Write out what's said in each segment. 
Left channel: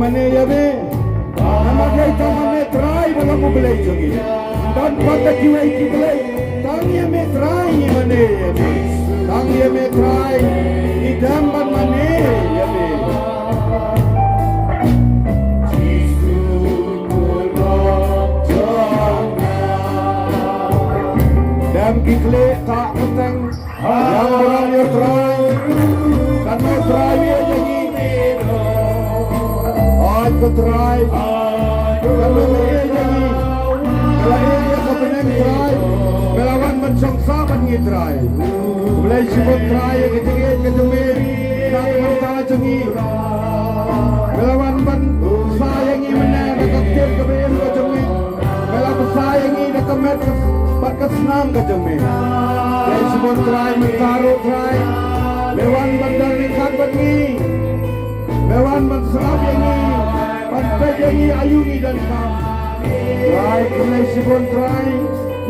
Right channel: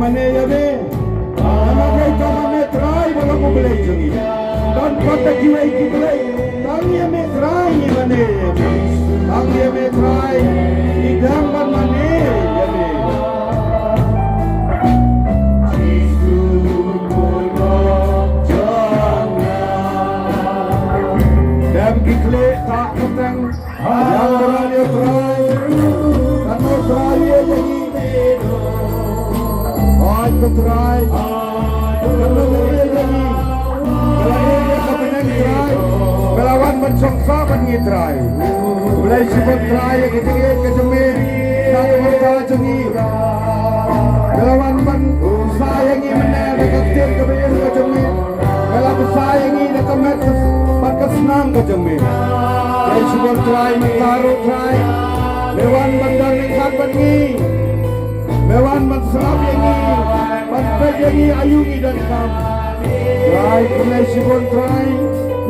jingmane yabe amage tamane try bala mo belay jongi don kota kiwai kiblay tangi me try mane yabe tangi me try idam ban mane yabe dam kikle ta katang yang berani try kami try lagi aku try kalau lagi kalau dia kepengen try melawan mensongsa kan ni try mulai sebut try kecil kecemir nak mereka cengi melawan kan sayangi mana kecil kebir kecemir kalau sayangi dekemet berkesenang kecemir mulai sebut try mentaruh try melawan bandar ringkat pergi melawan menserap yang ini pantai yang ini ayungi dan kam try mulai sebut try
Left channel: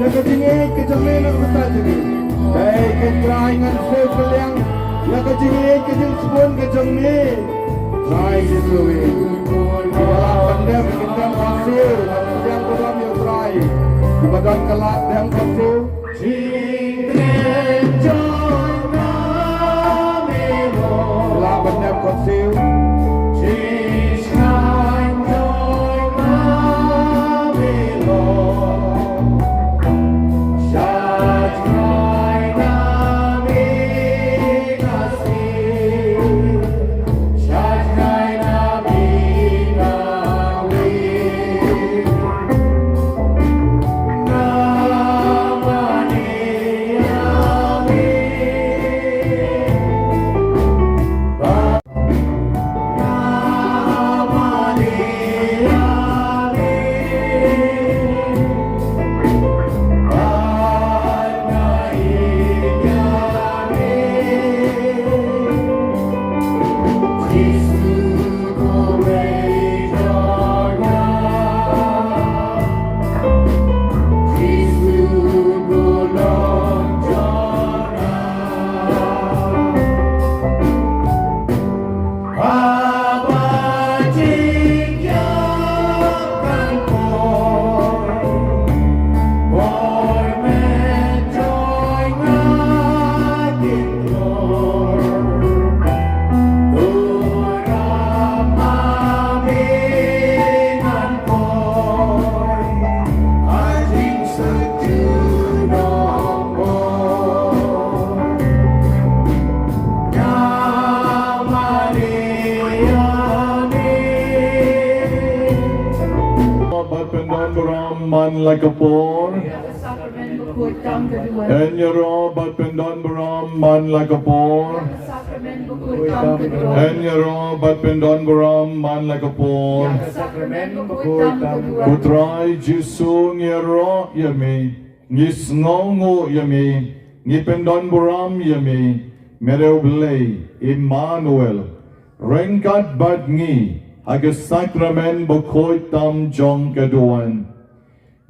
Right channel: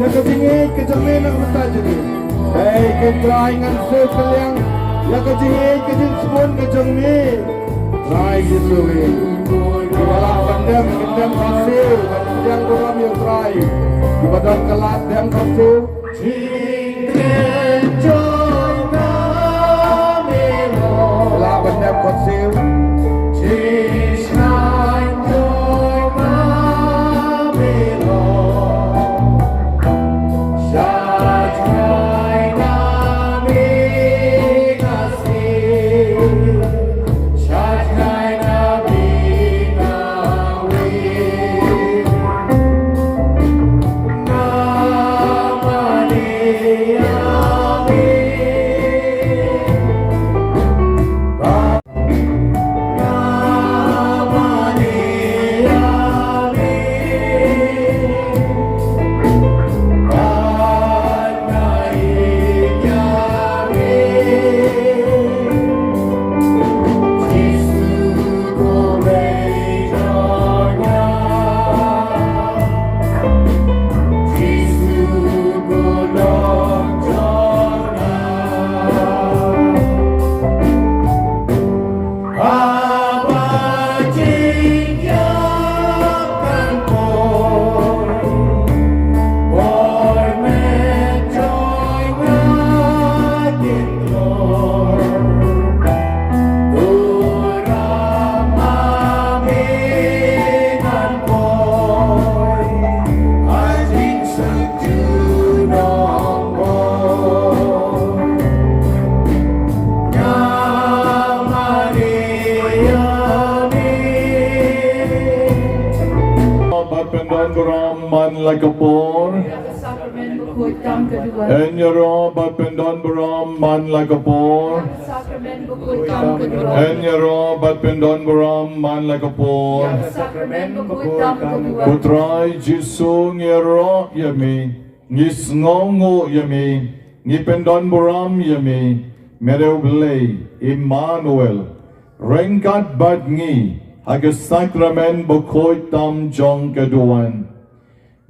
yang ketinggi kecemir nak minta jadi ke try ngan sekalian yang ketinggi keting sebut kecemir try sesuai dalam pandang kendam hasil yang dalam yang try di badan kelak dan hasil dalam pandang hasil like a ball, and your robe up and down Baram, man like a ball, and your robe up and down Baram, man like a ball. Putrai Jisu ngero yami, ngis ngongo yami, ngipendon Baram yami, mereublei Emmanuel, rengkat badngi, agus Sakrament bukoi tam jong keduan.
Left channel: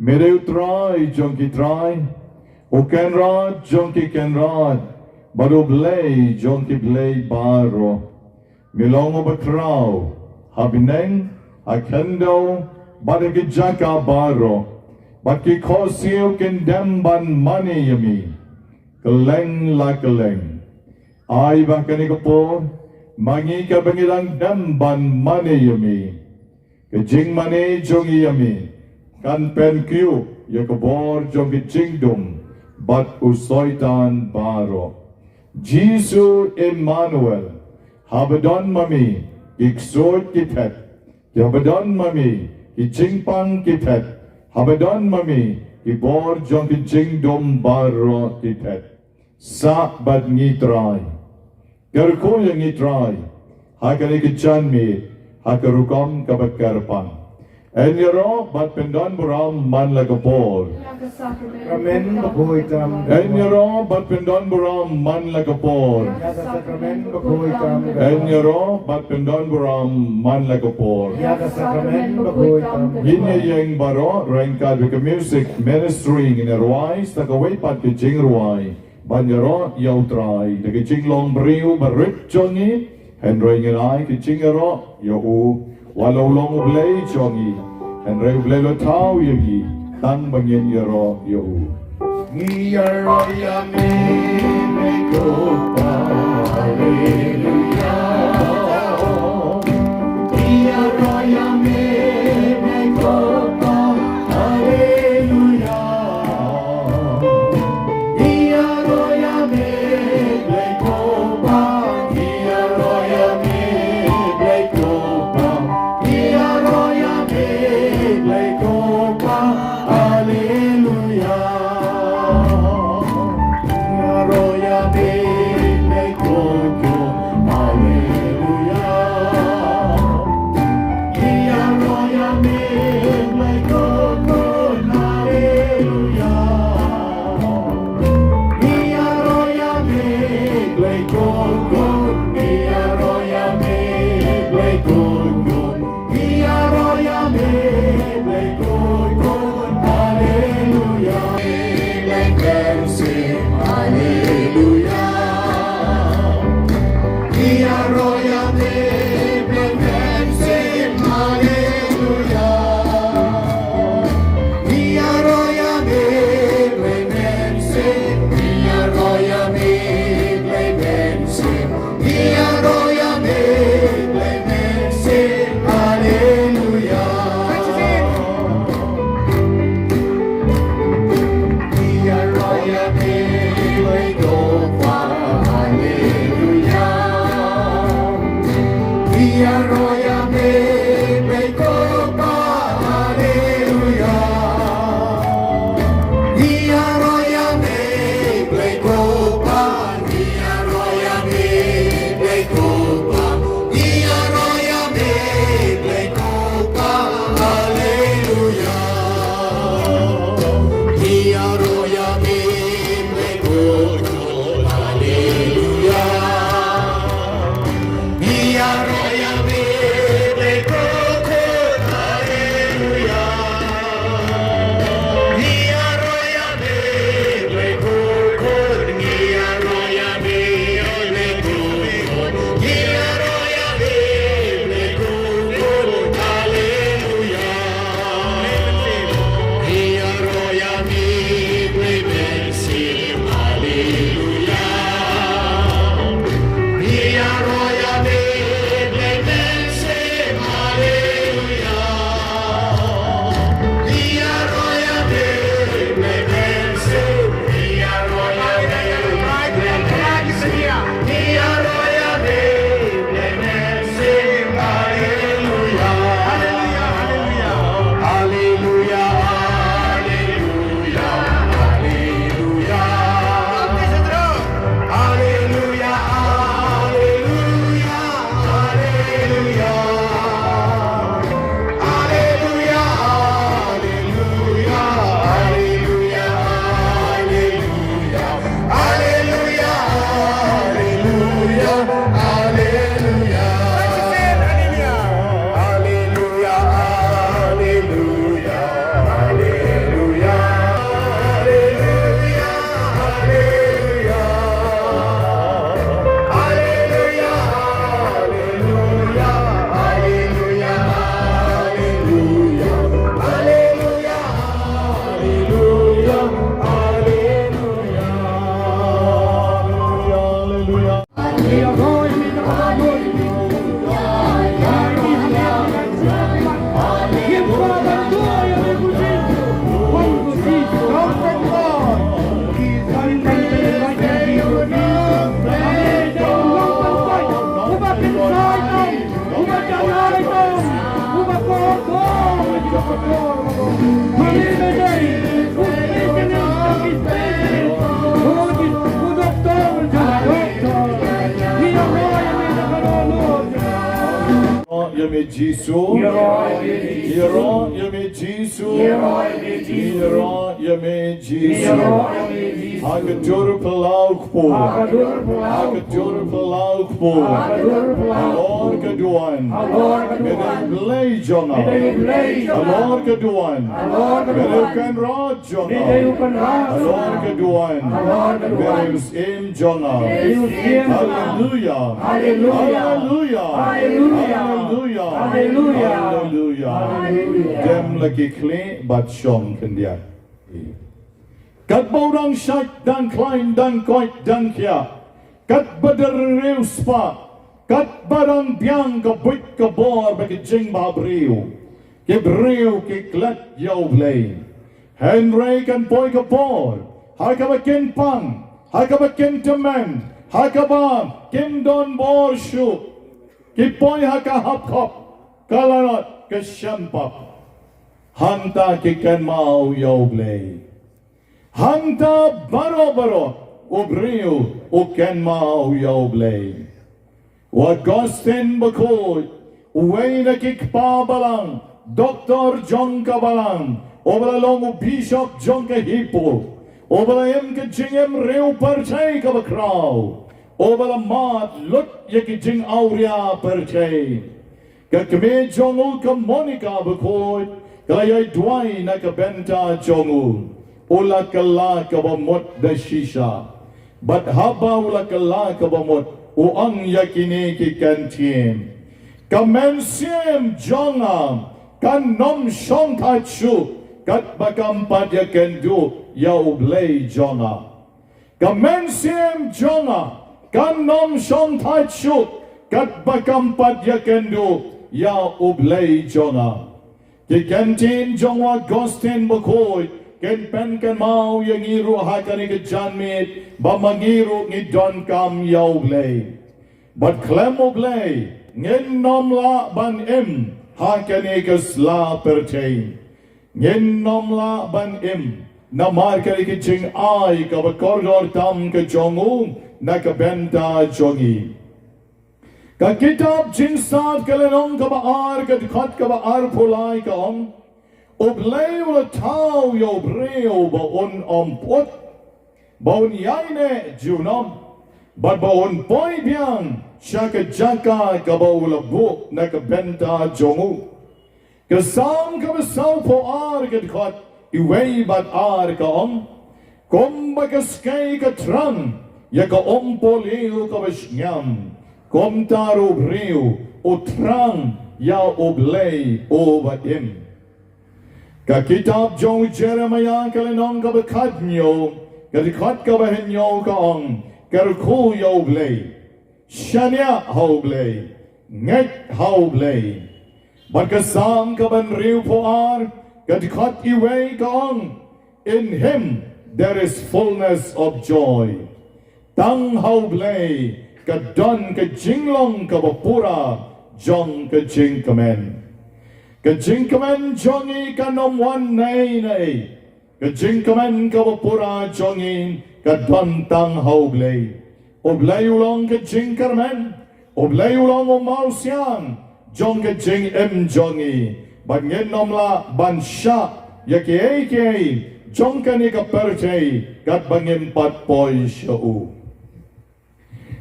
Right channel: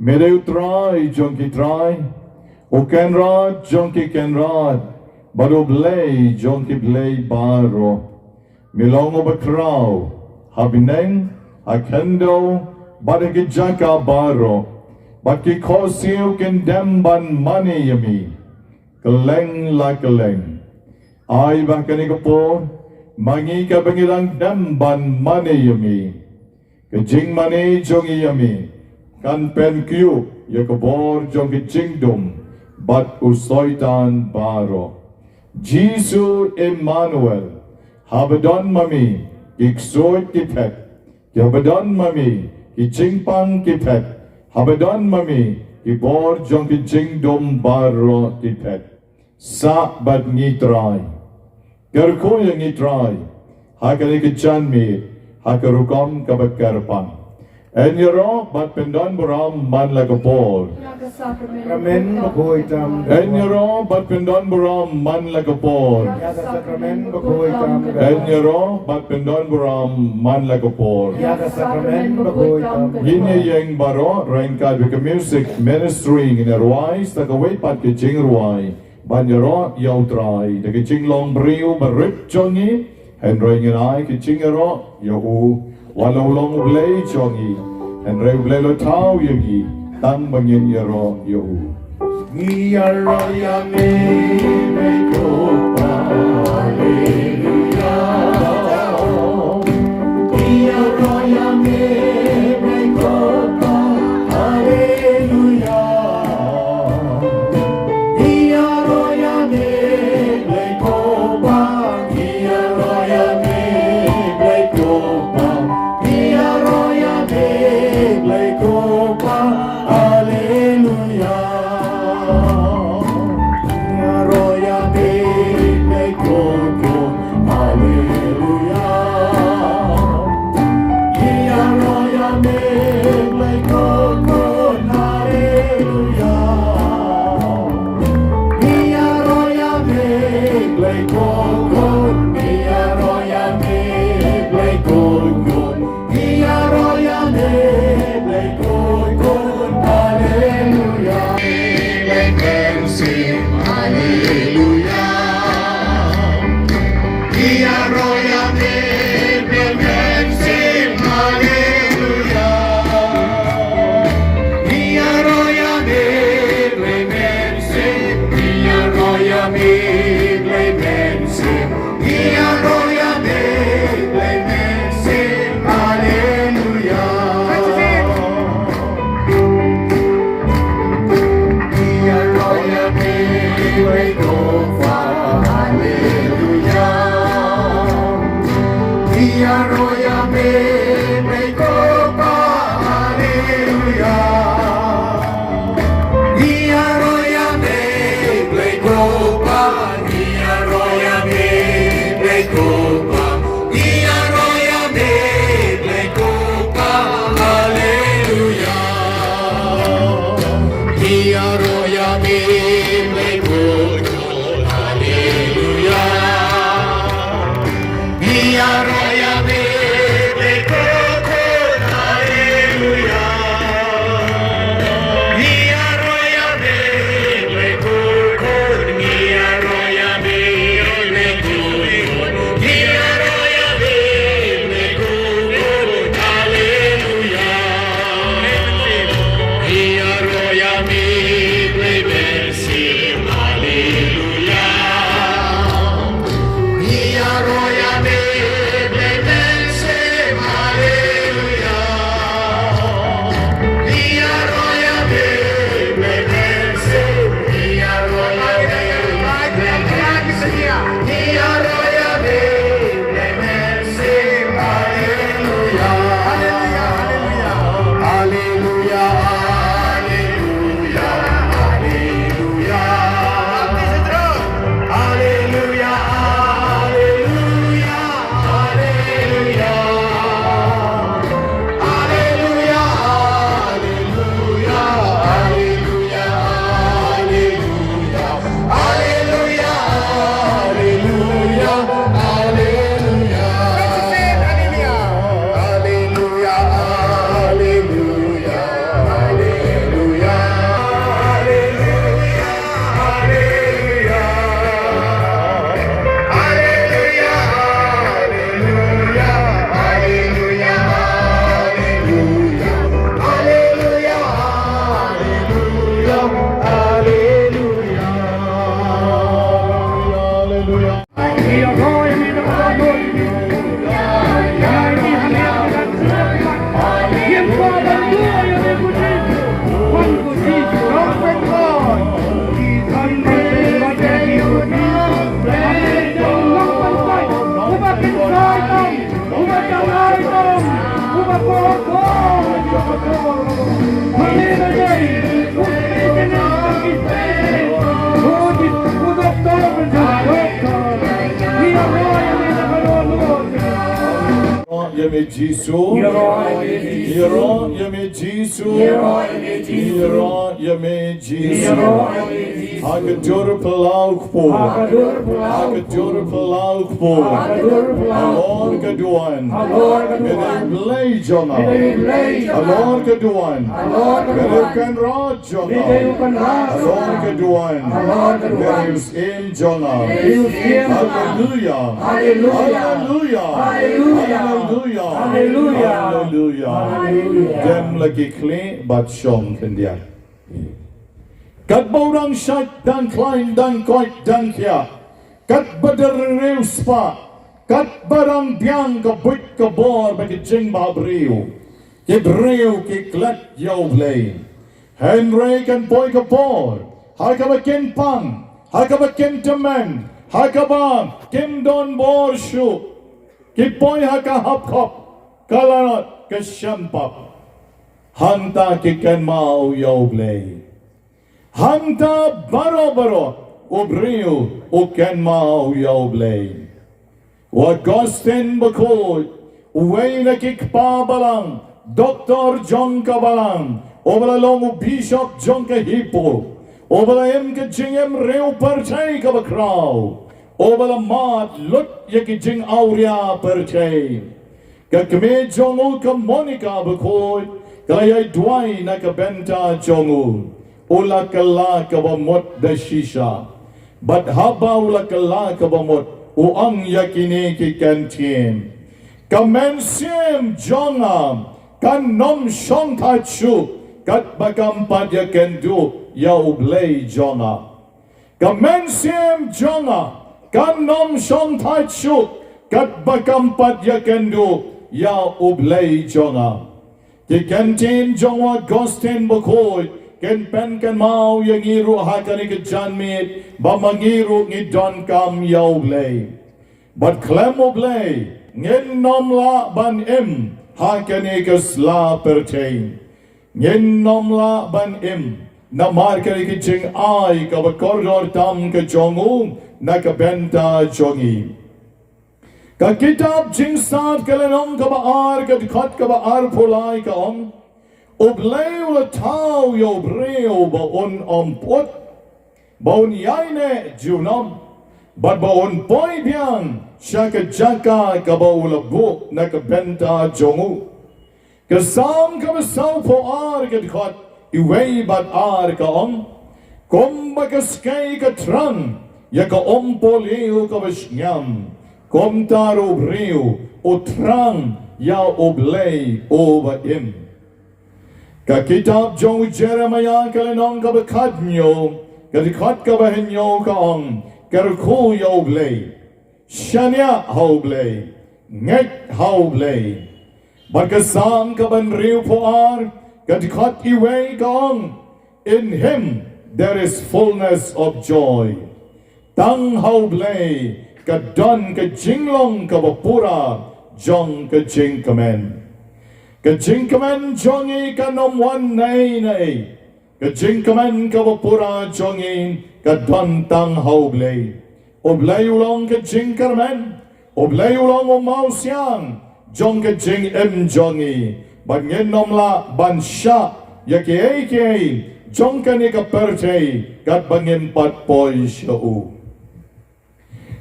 Mereu try, jonki try, o kenrad, jonki kenrad, baro blay, jonki blay baro. Milongo bakraw, habineng, akendo, badagijaka baro, baki kosio kendemban mani yami, kaleng la kaleng. Ay bakani ko po, mangi ka bangilang demban mani yami, jingmane jongi yami. Kan pen kyu yakobor jong jingdum bat usoitan baro Jisu Emmanuel habadon mami iksoit kipet habadon mami ichingpang kipet habadon mami ibor jong jingdum baro kipet sa bad ngitray kerko yang ngitray hakani kichan mi hakarukom kabat karpang. And you're but pendon buram man like a ball. And you're but pendon buram man like a ball. And you're but pendon buram man like a ball. Hini yang baro rengka with music ministering in a rise like a way pat ke jing ruai. Ban yaro yau try the jing long brio barip jongi and ring and I ke jing yaro yo walau long blei chongi and reu blei lo tau yagi tang mangin yaro yo yaro yami me kopa hallelujah yaro yami me kopa hallelujah yaro yami me kopa yaro yami me kopa yaro yami me kopa hallelujah yaro yami me kopa hallelujah yaro yami me kopa hallelujah yaro yami me kopa yaro yami me kopa yaro yami me kopa hallelujah we can sing hallelujah yaro yami we can sing hallelujah yaro yami we can sing yaro yami we can sing yaro yami we can sing hallelujah yaro yami we go for hallelujah yaro yami we go for hallelujah yaro yami we go for yaro yami we go for yaro yami we go for hallelujah yaro yami we go for hallelujah yaro yami we go for hallelujah yaro yami we go for yaro yami we go for yaro yami we go for hallelujah yaro yami we will sing hallelujah yaro yami we will sing hallelujah yaro yami we will sing yaro yami we will sing yaro yami we will sing hallelujah hallelujah hallelujah hallelujah Yami Jisu, Yaro Yami Jisu, Yaro Yami Jisu, Agadur Palauk Po, Agadur Palauk Po, Lord keduan. Alor keduan. Belay jonga. Belay jonga. Alor keduan. Alor keduan. Merukan rod jonga. Merukan rod. Alor keduan. Alor keduan. Merus im jonga. Hallelujah. Hallelujah. Hallelujah. Hallelujah. Hallelujah. Hallelujah. Hallelujah. Dem lagi kli bat shom kendia. Kat borang syait dan klein dan koit dan kia. Kat badereu spa. Kat barang biang ke buit ke bor bagi jing ba breu. Ke breu ke klat yau blay. Henry kan poi ke bor. Hai ka bakin pang. Hai ka bakin teman. Hai ka ba kim don bor shu. Ke poi ha ka hap kop. Kalanot ke shampap. Hanta ke kan mau yau blay. Hanta baro-baro obreu o ken mau yau blay. Wa gosten bakoy uway na kikpa balang Dr. John Kabalang obala long Bishop John Kahipo obala em ka jingem reu perchay ka bakraw obala mat lut yaki jing auria perchay ka kame jongu ka Monica bakoy kaya duay na ka benta jongu ula kala ka bamot da shisha but haba ula kala ka bamot uang yakini ki kantien kamensiem jongam kan nom shong tachu kat bakampat yakendu ya ublay jonga kamensiem jonga kan nom shong tachu kat bakampat yakendu ya ublay jonga ki kantin jonga gosten bokoy ken pen kan mau yang iru hakani ke janmit bamangiru ngi don kam yau blay but klemo blay ngen nom la ban im hakani ke sla pertain ngen nom la ban im na markani ke jing ai ka ba korridor tam ke jongu na ka benta jongi ka kitab jing saat kalenong ka ba ar ka dikhat ka ba ar pulai ka om Oblay ula tau yo breo ba on ompot ba on yaine junom ba on boy biang shaka jaka ka ba ula buk na ka benta jongu ka sam ka ba sau po ar ka dikhat iway bat ar ka om kom ba ka skay ka tran ya ka ompo leo ka ba snyam kom taro breo o tran ya oblay o ba im ka kitab jong Jeremiah kalenong ka bakadnyo ka dikhat ka bahenyo ka ong karku yo blay shanya how blay nget how blay bagkasam ka ban riu po ar ka dikhat iway ka ong in him there is fullness of joy tang how blay ka don ka jinglong ka bapura jong ka jingkamen ka jingkamen jongi ka nomwan nay nay ka jingkamen ka wapura jongi ka dontang haublay oblay ulong ka jingkarmen oblay ulong umausyang jong ka jing em jongi bangen nomla bansya yaki eke jong ka ni ka percay kat bangen patpoy siya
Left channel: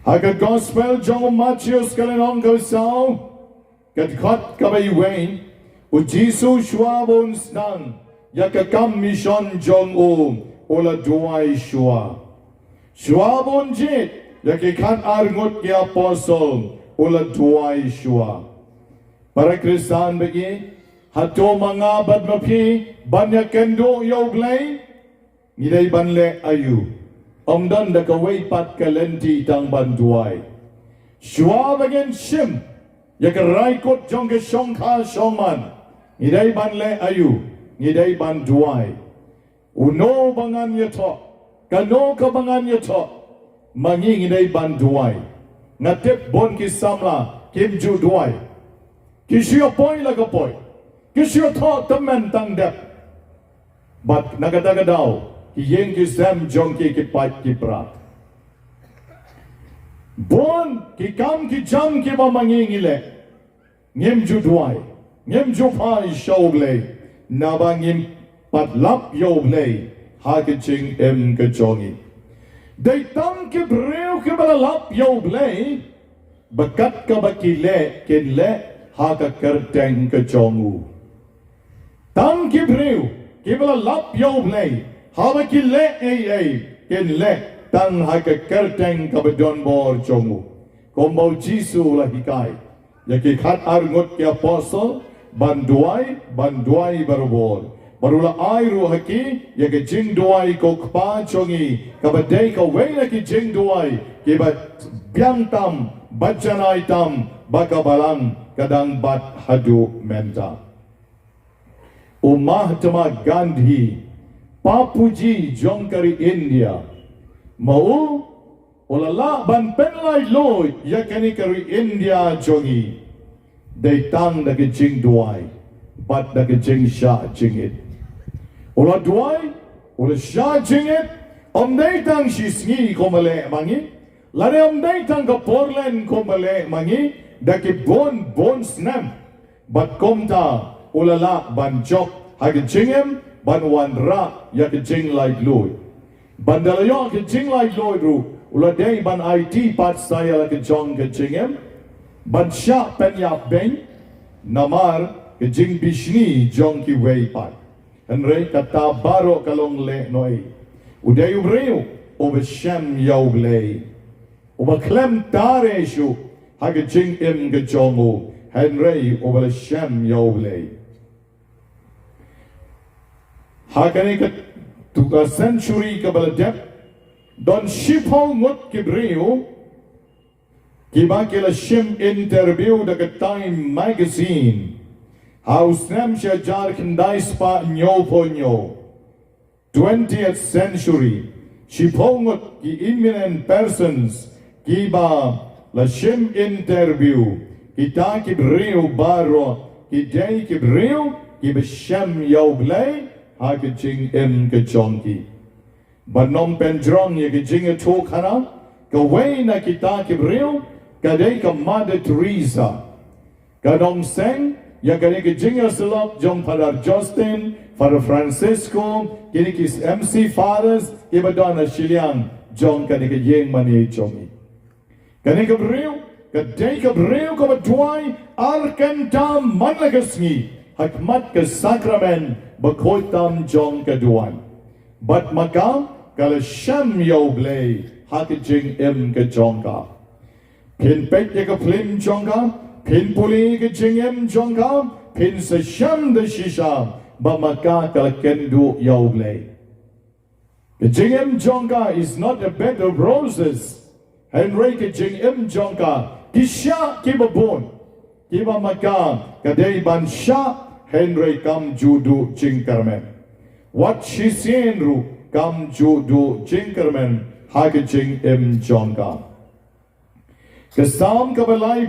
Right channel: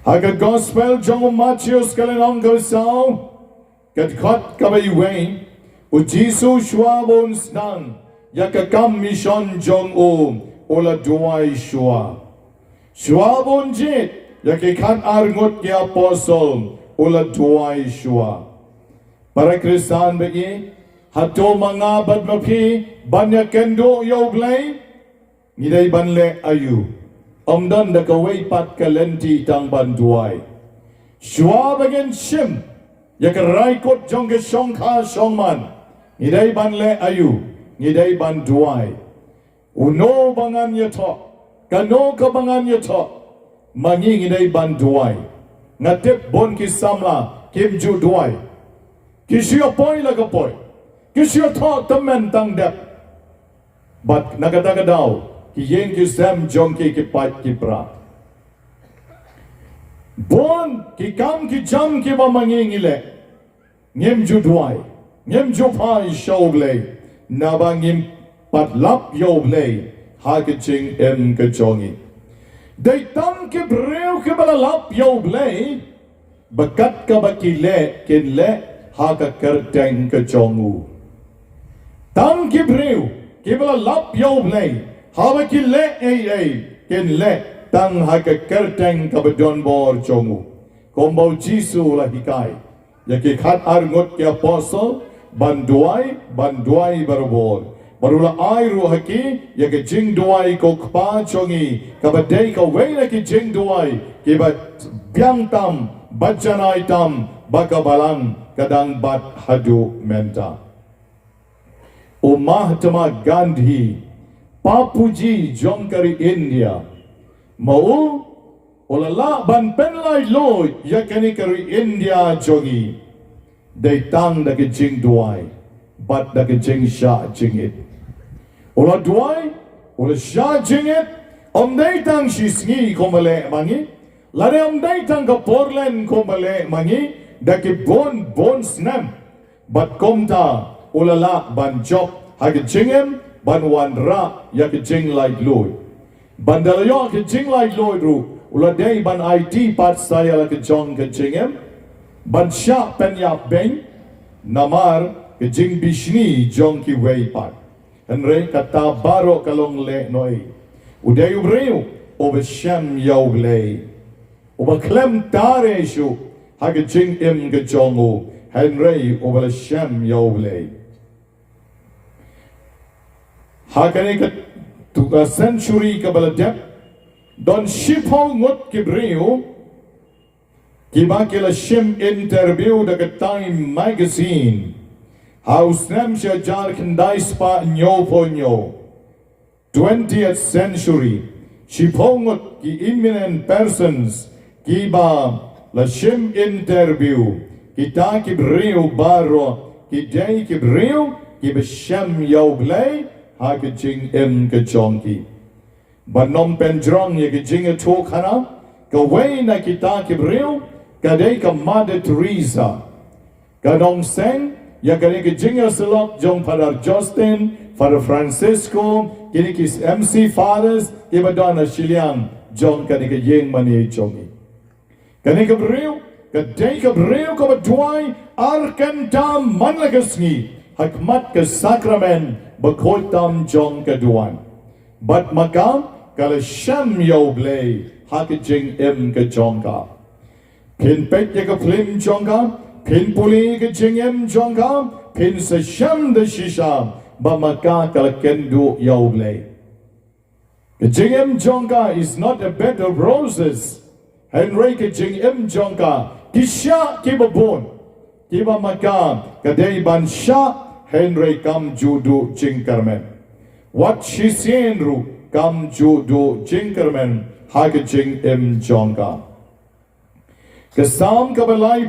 Haga gospel jong Matthews kalenong kalsaw kat kat kabayway O Jesus shwabon snang yakakam mission jong ola duay shwa. Shwabon jit yakikan arngot ki apostle ola duay shwa. Para Kristan bagi hato mga badmapi banyakendo yoglay ngiday banle ayu. Omdan da kaway pat kalenti tang banduay. Shwa bagen shim yakaraykot jong ke shongka shongman. Ngiday banle ayu, ngiday banduay. Uno bangan yato, kano ka bangan yato, mangi ngiday banduay. Ngatip bon kisamla, kimju duay. Kisyo poy lagapoy, kisyo to tamen tang dep. But nagatagadaw, kiyeng kisem jongki kipat kipra. Bon kikam kijam kiba mangi ngile, ngimju duay. Ngim jupai shoglay nabangim patlap yoglay hakaching kajongi. They tam ke breu ke balalap yoglay bakat ka bakile kinle haka kerteng ke jongu tang kibriu kibla lap yo blay hawa kile kinle tang haka kerteng ka bedon bor jongu kombo jisu lahikai yaki khat arngot ke apostle banduai barobor barula airu haki yaki jingduwai ko kpa chongi kabadai ka wela ki jingduwai kiba biang tam bajanai tam bakabalang kadang bat hadu menta Mahatma Gandhi papuji jongkari India mau olala ban penlai loy yakani kari India jongi they tang da ke jingduwai bat da ke jing sha jingit ola duai ola sha jingit they tang shi sngi komale mangi lare they tang ka porlen komale mangi da ke bon snam bat komta olala ban job ha ke jingem ban wan ra ya ke jing lai loy ban da yo ke jing lai loy ru ula day ban IT pat saya la ke jong ke jingem ban sha pen ya beng namar ke jing bishni jong ki wei pat enre kata baro kalong le noi uday ubreu obe sham yaw le obe klem tare shu ha ke jing em ke jongo henre obe sham yaw le ha kane ke tu a century ka baladep don shipo ngot kibreu kiba kila shim interview da Time magazine house nam jar kendai spa nyo ponyo 20th century shipo ngot ki eminent persons kiba la shim interview kita kibreu baro kidai kibreu kibasham yauglay ha ke jing em ke chongki banom pendrong ye ke jing tok hana ka way na kita kibreu kadai ka Mother Teresa kadong seng ya kani ke jing salop jong Father Justin Father Francisco kini kis MC Fathers ibadana Shillong jong kani ke jingmane chongi kani kibreu kadai kibreu ka badwai arkantam manlagasngi hakmat ke Sakrament bakoitam jong kaduan bat maka kala sham yo blay hati jing em ke jongka pin pek ye ke plim jongka pin puli ke jing em jongka pin se sham de shisha ba maka kala kendu yo blay ke jing em jongka is not a bed of roses henry ke jing em jongka kisha kibabon kiba maka kadai ban sha henry kam judu jingkarmen what she seen ru kam judu jingkarmen hake jing em jongka kasam kabalai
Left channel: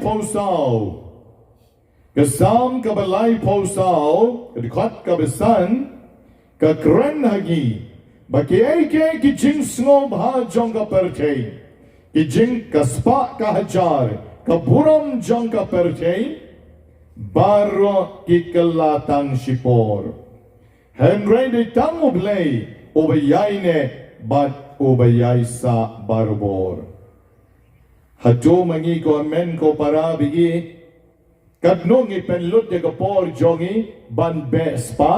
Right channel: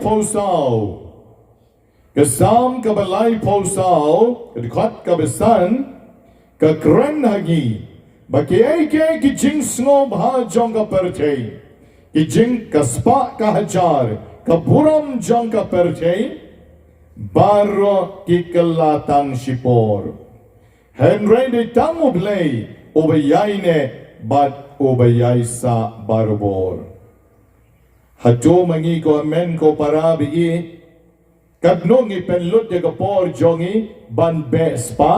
posao dekat kabesan ka kren hagi bakiai ki jing snob ha jongka pertei ki jing kaspa ka hajar ka buram jongka pertei baro kikelatan shipor henry de tamublay obayaine bat obayay sa barbor hato mangi ko amen ko parabi kadnong ipenlut ya kapor jongi banbe spa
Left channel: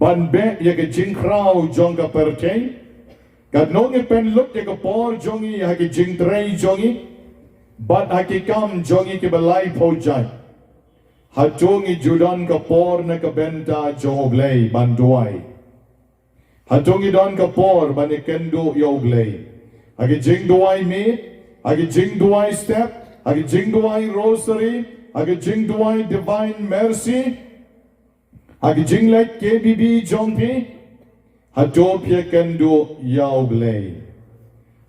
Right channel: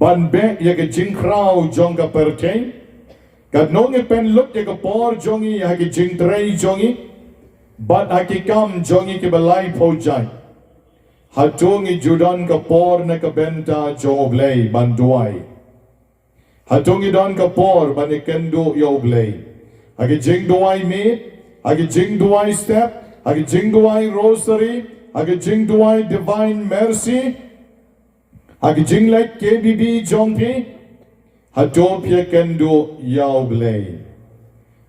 banbe ya ke jingkraw jong ka perteng kadnong ipenlut ya kapor jongi ya ke jingtrei jongi bat hakikam jongi ke balai pojai hatungi judan kapor na kabenta joblay banduay hatungi don kapor banikendo yoblay hagi jingduwai meat hagi jingduwai step hagi jingduwai rosary hagi jingduwai divine mercy hagi jinglet KBB jompi hatopya kendo yoblay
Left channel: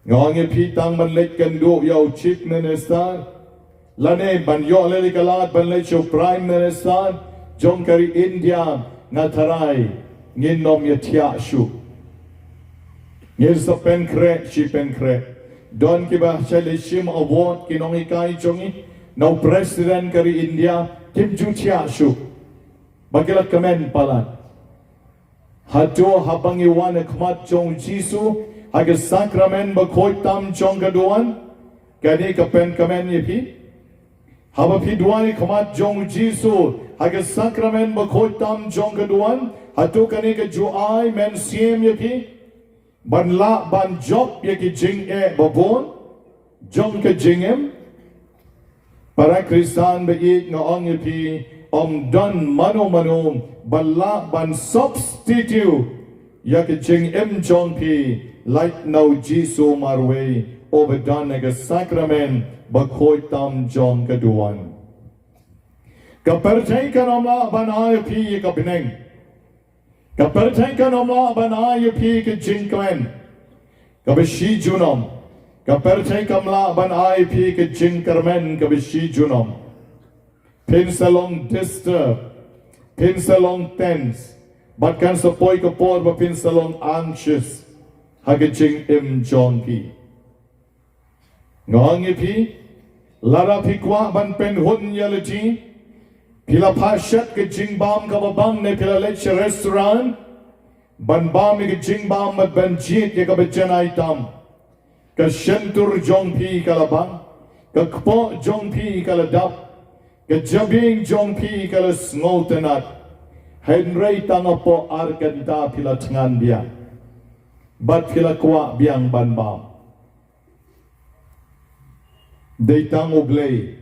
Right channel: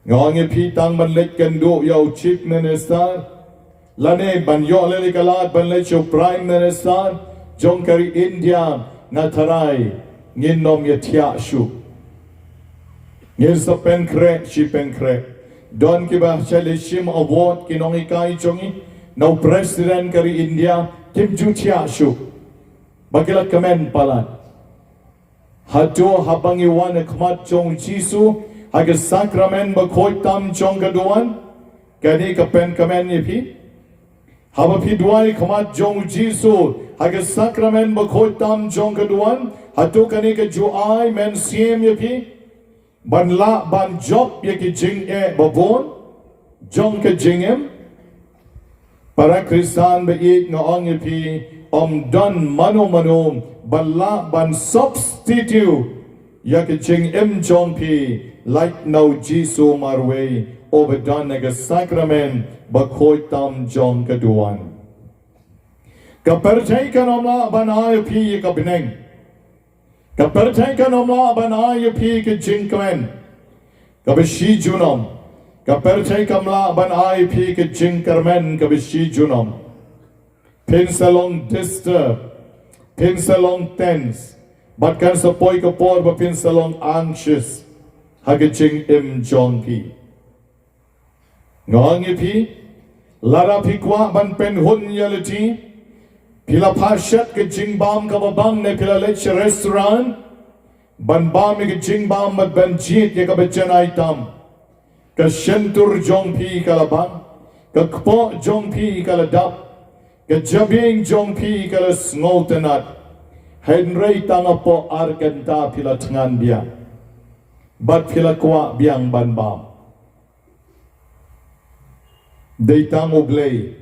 ngonge pitang manlet kendo yo chief minister lane banyo lele kalat banle cho prime minister jongkari India natharai nginom yathia shu ngir sa penkre shi penkre don ki ba chale shim award kinong ikai chongi no president kari India kim ju thia shu bagilat kamen palat hato habangi wan khmat chong jisu hage Sakrament bakoitam chong gaduan kani ka pen kamen ye phi haba phi duai khamat jong jisu haga sakrament ba khoi tam jong ka duan hatu kani ka juai men siem ye phi ban la ban job ye ki jing e babon jong ka jingem para Kristan ba ik no ong ye phi don mano ban la ban substitute ya ki jing em jong phi like no jisu marway obedon naga sakrament ba khoi tam jong ka duan ka perchay ka namla ban ay phi ka bineng ka perchay ka namla ban ay phi ka jing kwen ka bishi junom ka perchay ka namla ban ay phi ka jing karmen ka bishi junom pin salong disturb pin salong tense but kan sa poi ka por ba pin salong anxious hagaching im jong pi ngong pi lara pi kwa ban pen hun yalati pila pashat ke jing bam ka babang ne pila lech restaurant ban bam ke jing bam mat ban jit ke ka bachanai tam ka shentur jong pi ka labang ka kpo jong pi ka ladap ka jabing jong pi ka snoltenat henry tangapo arkanta pila tangan dia bat pila kwa biang ban bam Deitang oblay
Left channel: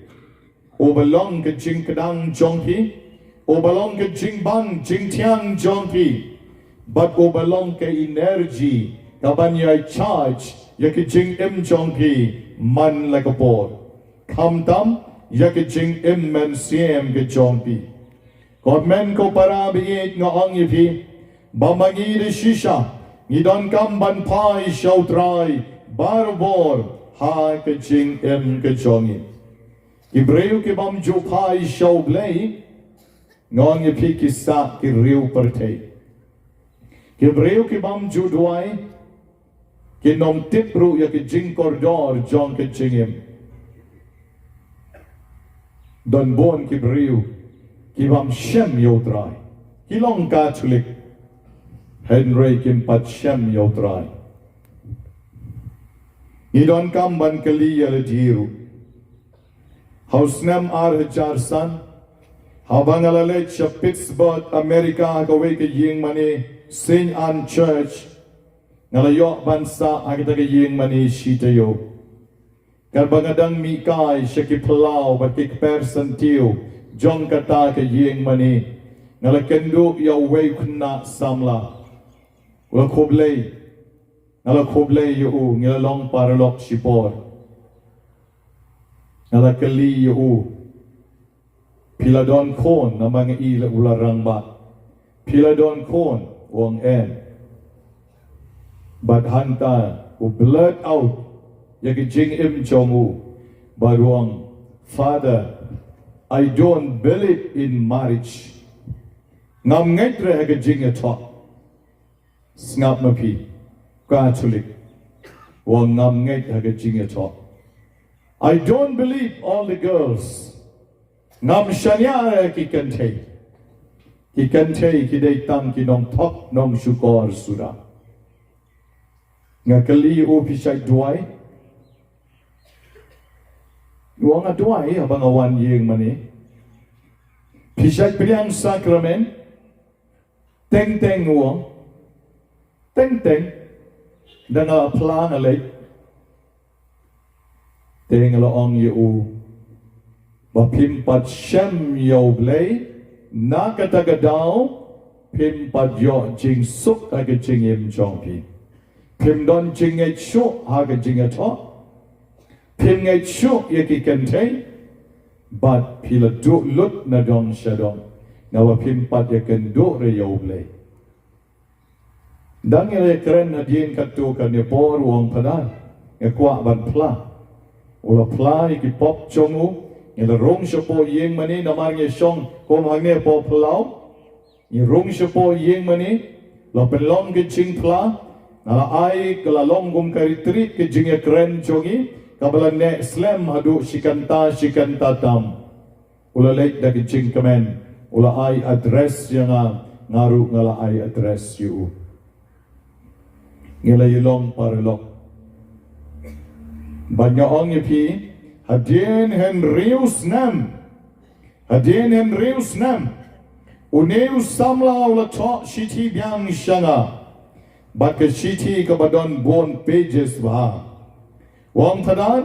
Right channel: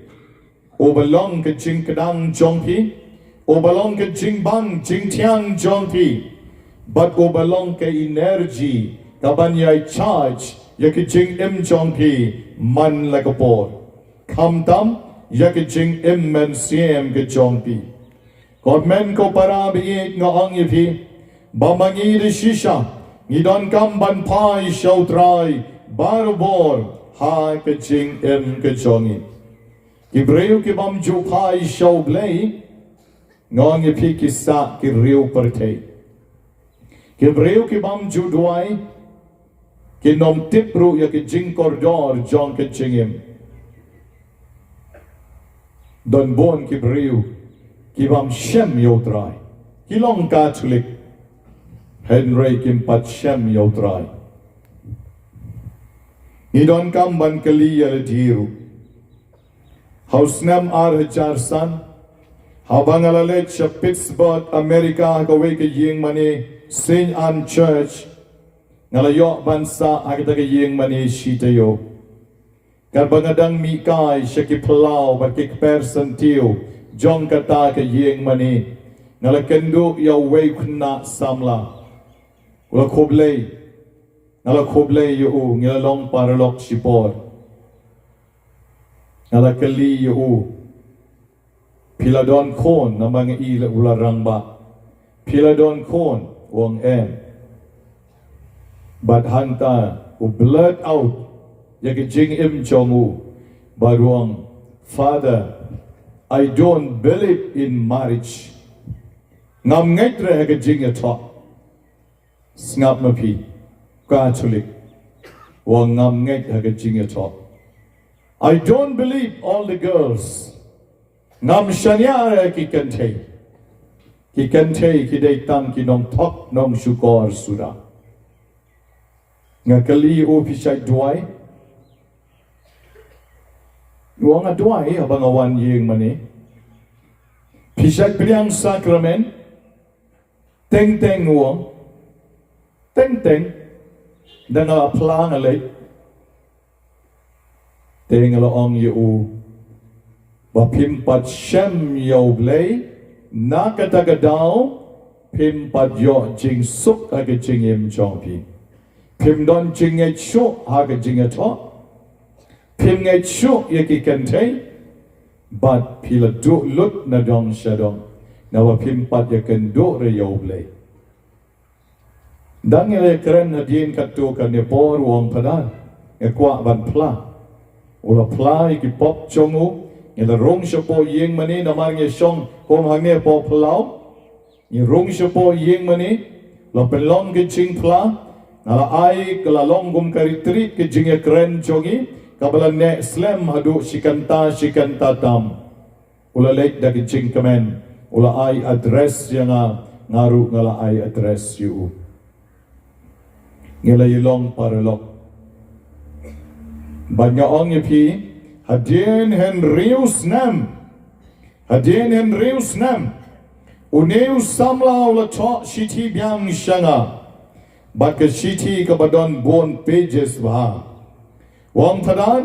obalong ke jing kadang jongpi obalong ke jing bang jing tiang jongpi but obalong ke energy kabanyay charge ya ke jing im jongpi man like a ball kam tam ya ke jing im men siem ke jongpi God men ko para biit no ang ipi bamangi de shisha ngidon kam ban pai show try barbor ha ke jing em ke jongi Ibreu ke bam jo pai show blay ngong ye pi ki sa ki riu pertei Ibreu ke bam jo duai ke nom tipru ya ke jing kordor jong ke jingem don bon ki breu ki bam shem yo trai ki long catholic henry kim pat shem yo trai Idon kam ban kali ya diru Hausnam ar hacharsan Habang alalet sa Pittsburgh, America Kaway ka jingmane St. Anne Church Ngalayo bansa agita ka jingmane shitayo Karbangadang mikay siya kipalaw Bat kikpersan tiyo Jong kata ka jingmane Ngalakendo yaway kuna samla Wala koblay Ngala koblay yu ngilalong paralok sipor Ngala kali yu Piladon kon na mga ila ularang ba Piladon kon wong en But hanta blurt out Yagi jing im chongu Baruang Father I don't believe in marriage Ngam ngaitre yagi jing yatok Ngap mapi Catholic wong ngam ngai haga jinga talk I don't believe all the girls ngam shanyara ki kante ki dei tang ki nom tok nom shukor sura ngakali o pisai duai wong a duai abang awan yeng mani pisai priang sakrament teng wong teng dan ala plan alay teng ala ong yu ba pimpat shem yo blay nakatagadaw pimpat yo jing suk aga jing im jongpi pim don jing et shu aga jing ato pim et shu yaki kante but pila du lut na dong shadong na wa pimpat yakan du re yo blay Dan yang keren na diin katukan ni por wong padan kwa ban pla ula pla iki pop chongu ila rong sha po yeng mani na mar nge shong ko mangne po plau ni rong sha po yeng mani lo pelong ke ching pla na ai kala long gum karitri ke jing keren chongi kabala ne slam hadu shikanta tam ula lek da ke ching kamen ula ai address yang ngaru ngala ai address you Ngila yulong paralok Banya ong yepi hadien hen rius nam uneu samla ula to shiti biang shanga bat ke shiti ka badon bon pages ba wong tadan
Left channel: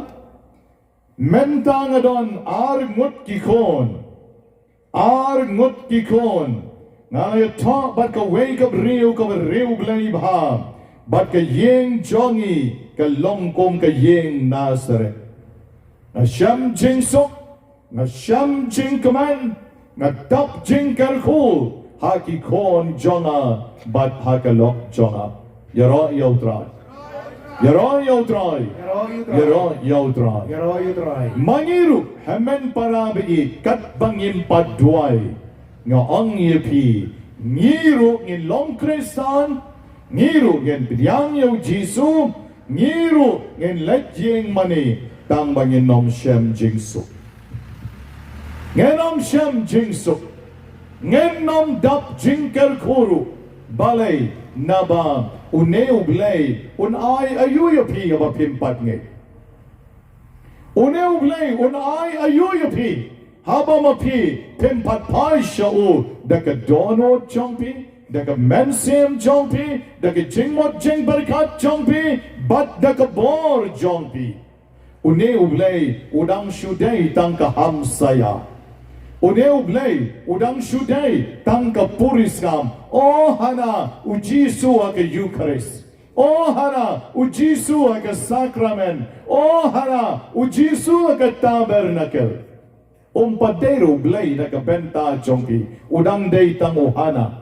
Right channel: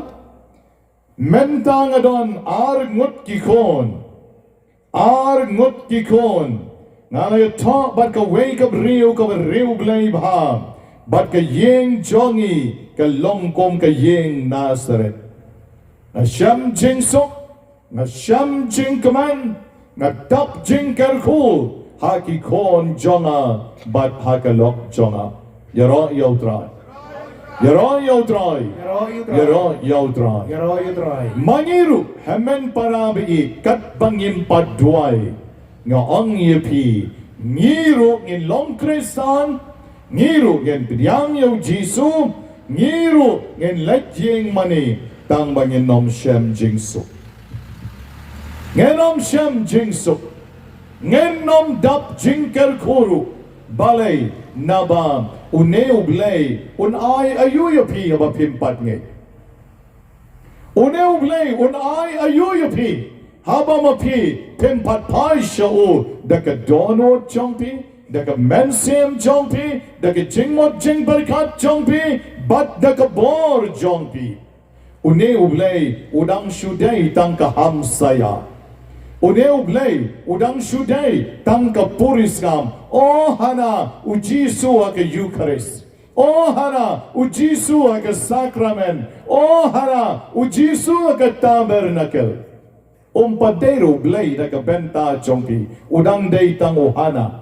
mentang adon ar ngut kikon ngale to bat ka wake up riu blai ba bat ka yeng jongi ka longkom ka yeng Nazareth na sham jing sok na sham jing kaman na tap jing karkul haki kon jonga bat hakalok jonga yaro yautrai mangiru hamen parabi kat bangin padwai nga ong yepi ngiru in long kristan ngiru gen pidyang yo jisu ngiru gen lejing mani tang bangin nom shem jingsuk ngenom shem jingsuk ngenom dap jingker kuru balay nabam uneu blay unai ayuyapi aba pimpat nge uneu blay unai ayuyapi haba mapi pimpat pai shau daka dono jongpi daka mensem jongpi daka jingmot jing berkat jongpi bat daka bor jongpi uneu blay udang shudai tangka hamsaya uneu blay udang shudai tangka puriskam oh hana ujisu aka Eucharist oh hana ujisu aka Sakrament oh hana ujisu aka Tabernacle padero blay daka benta jongki udang day tango hana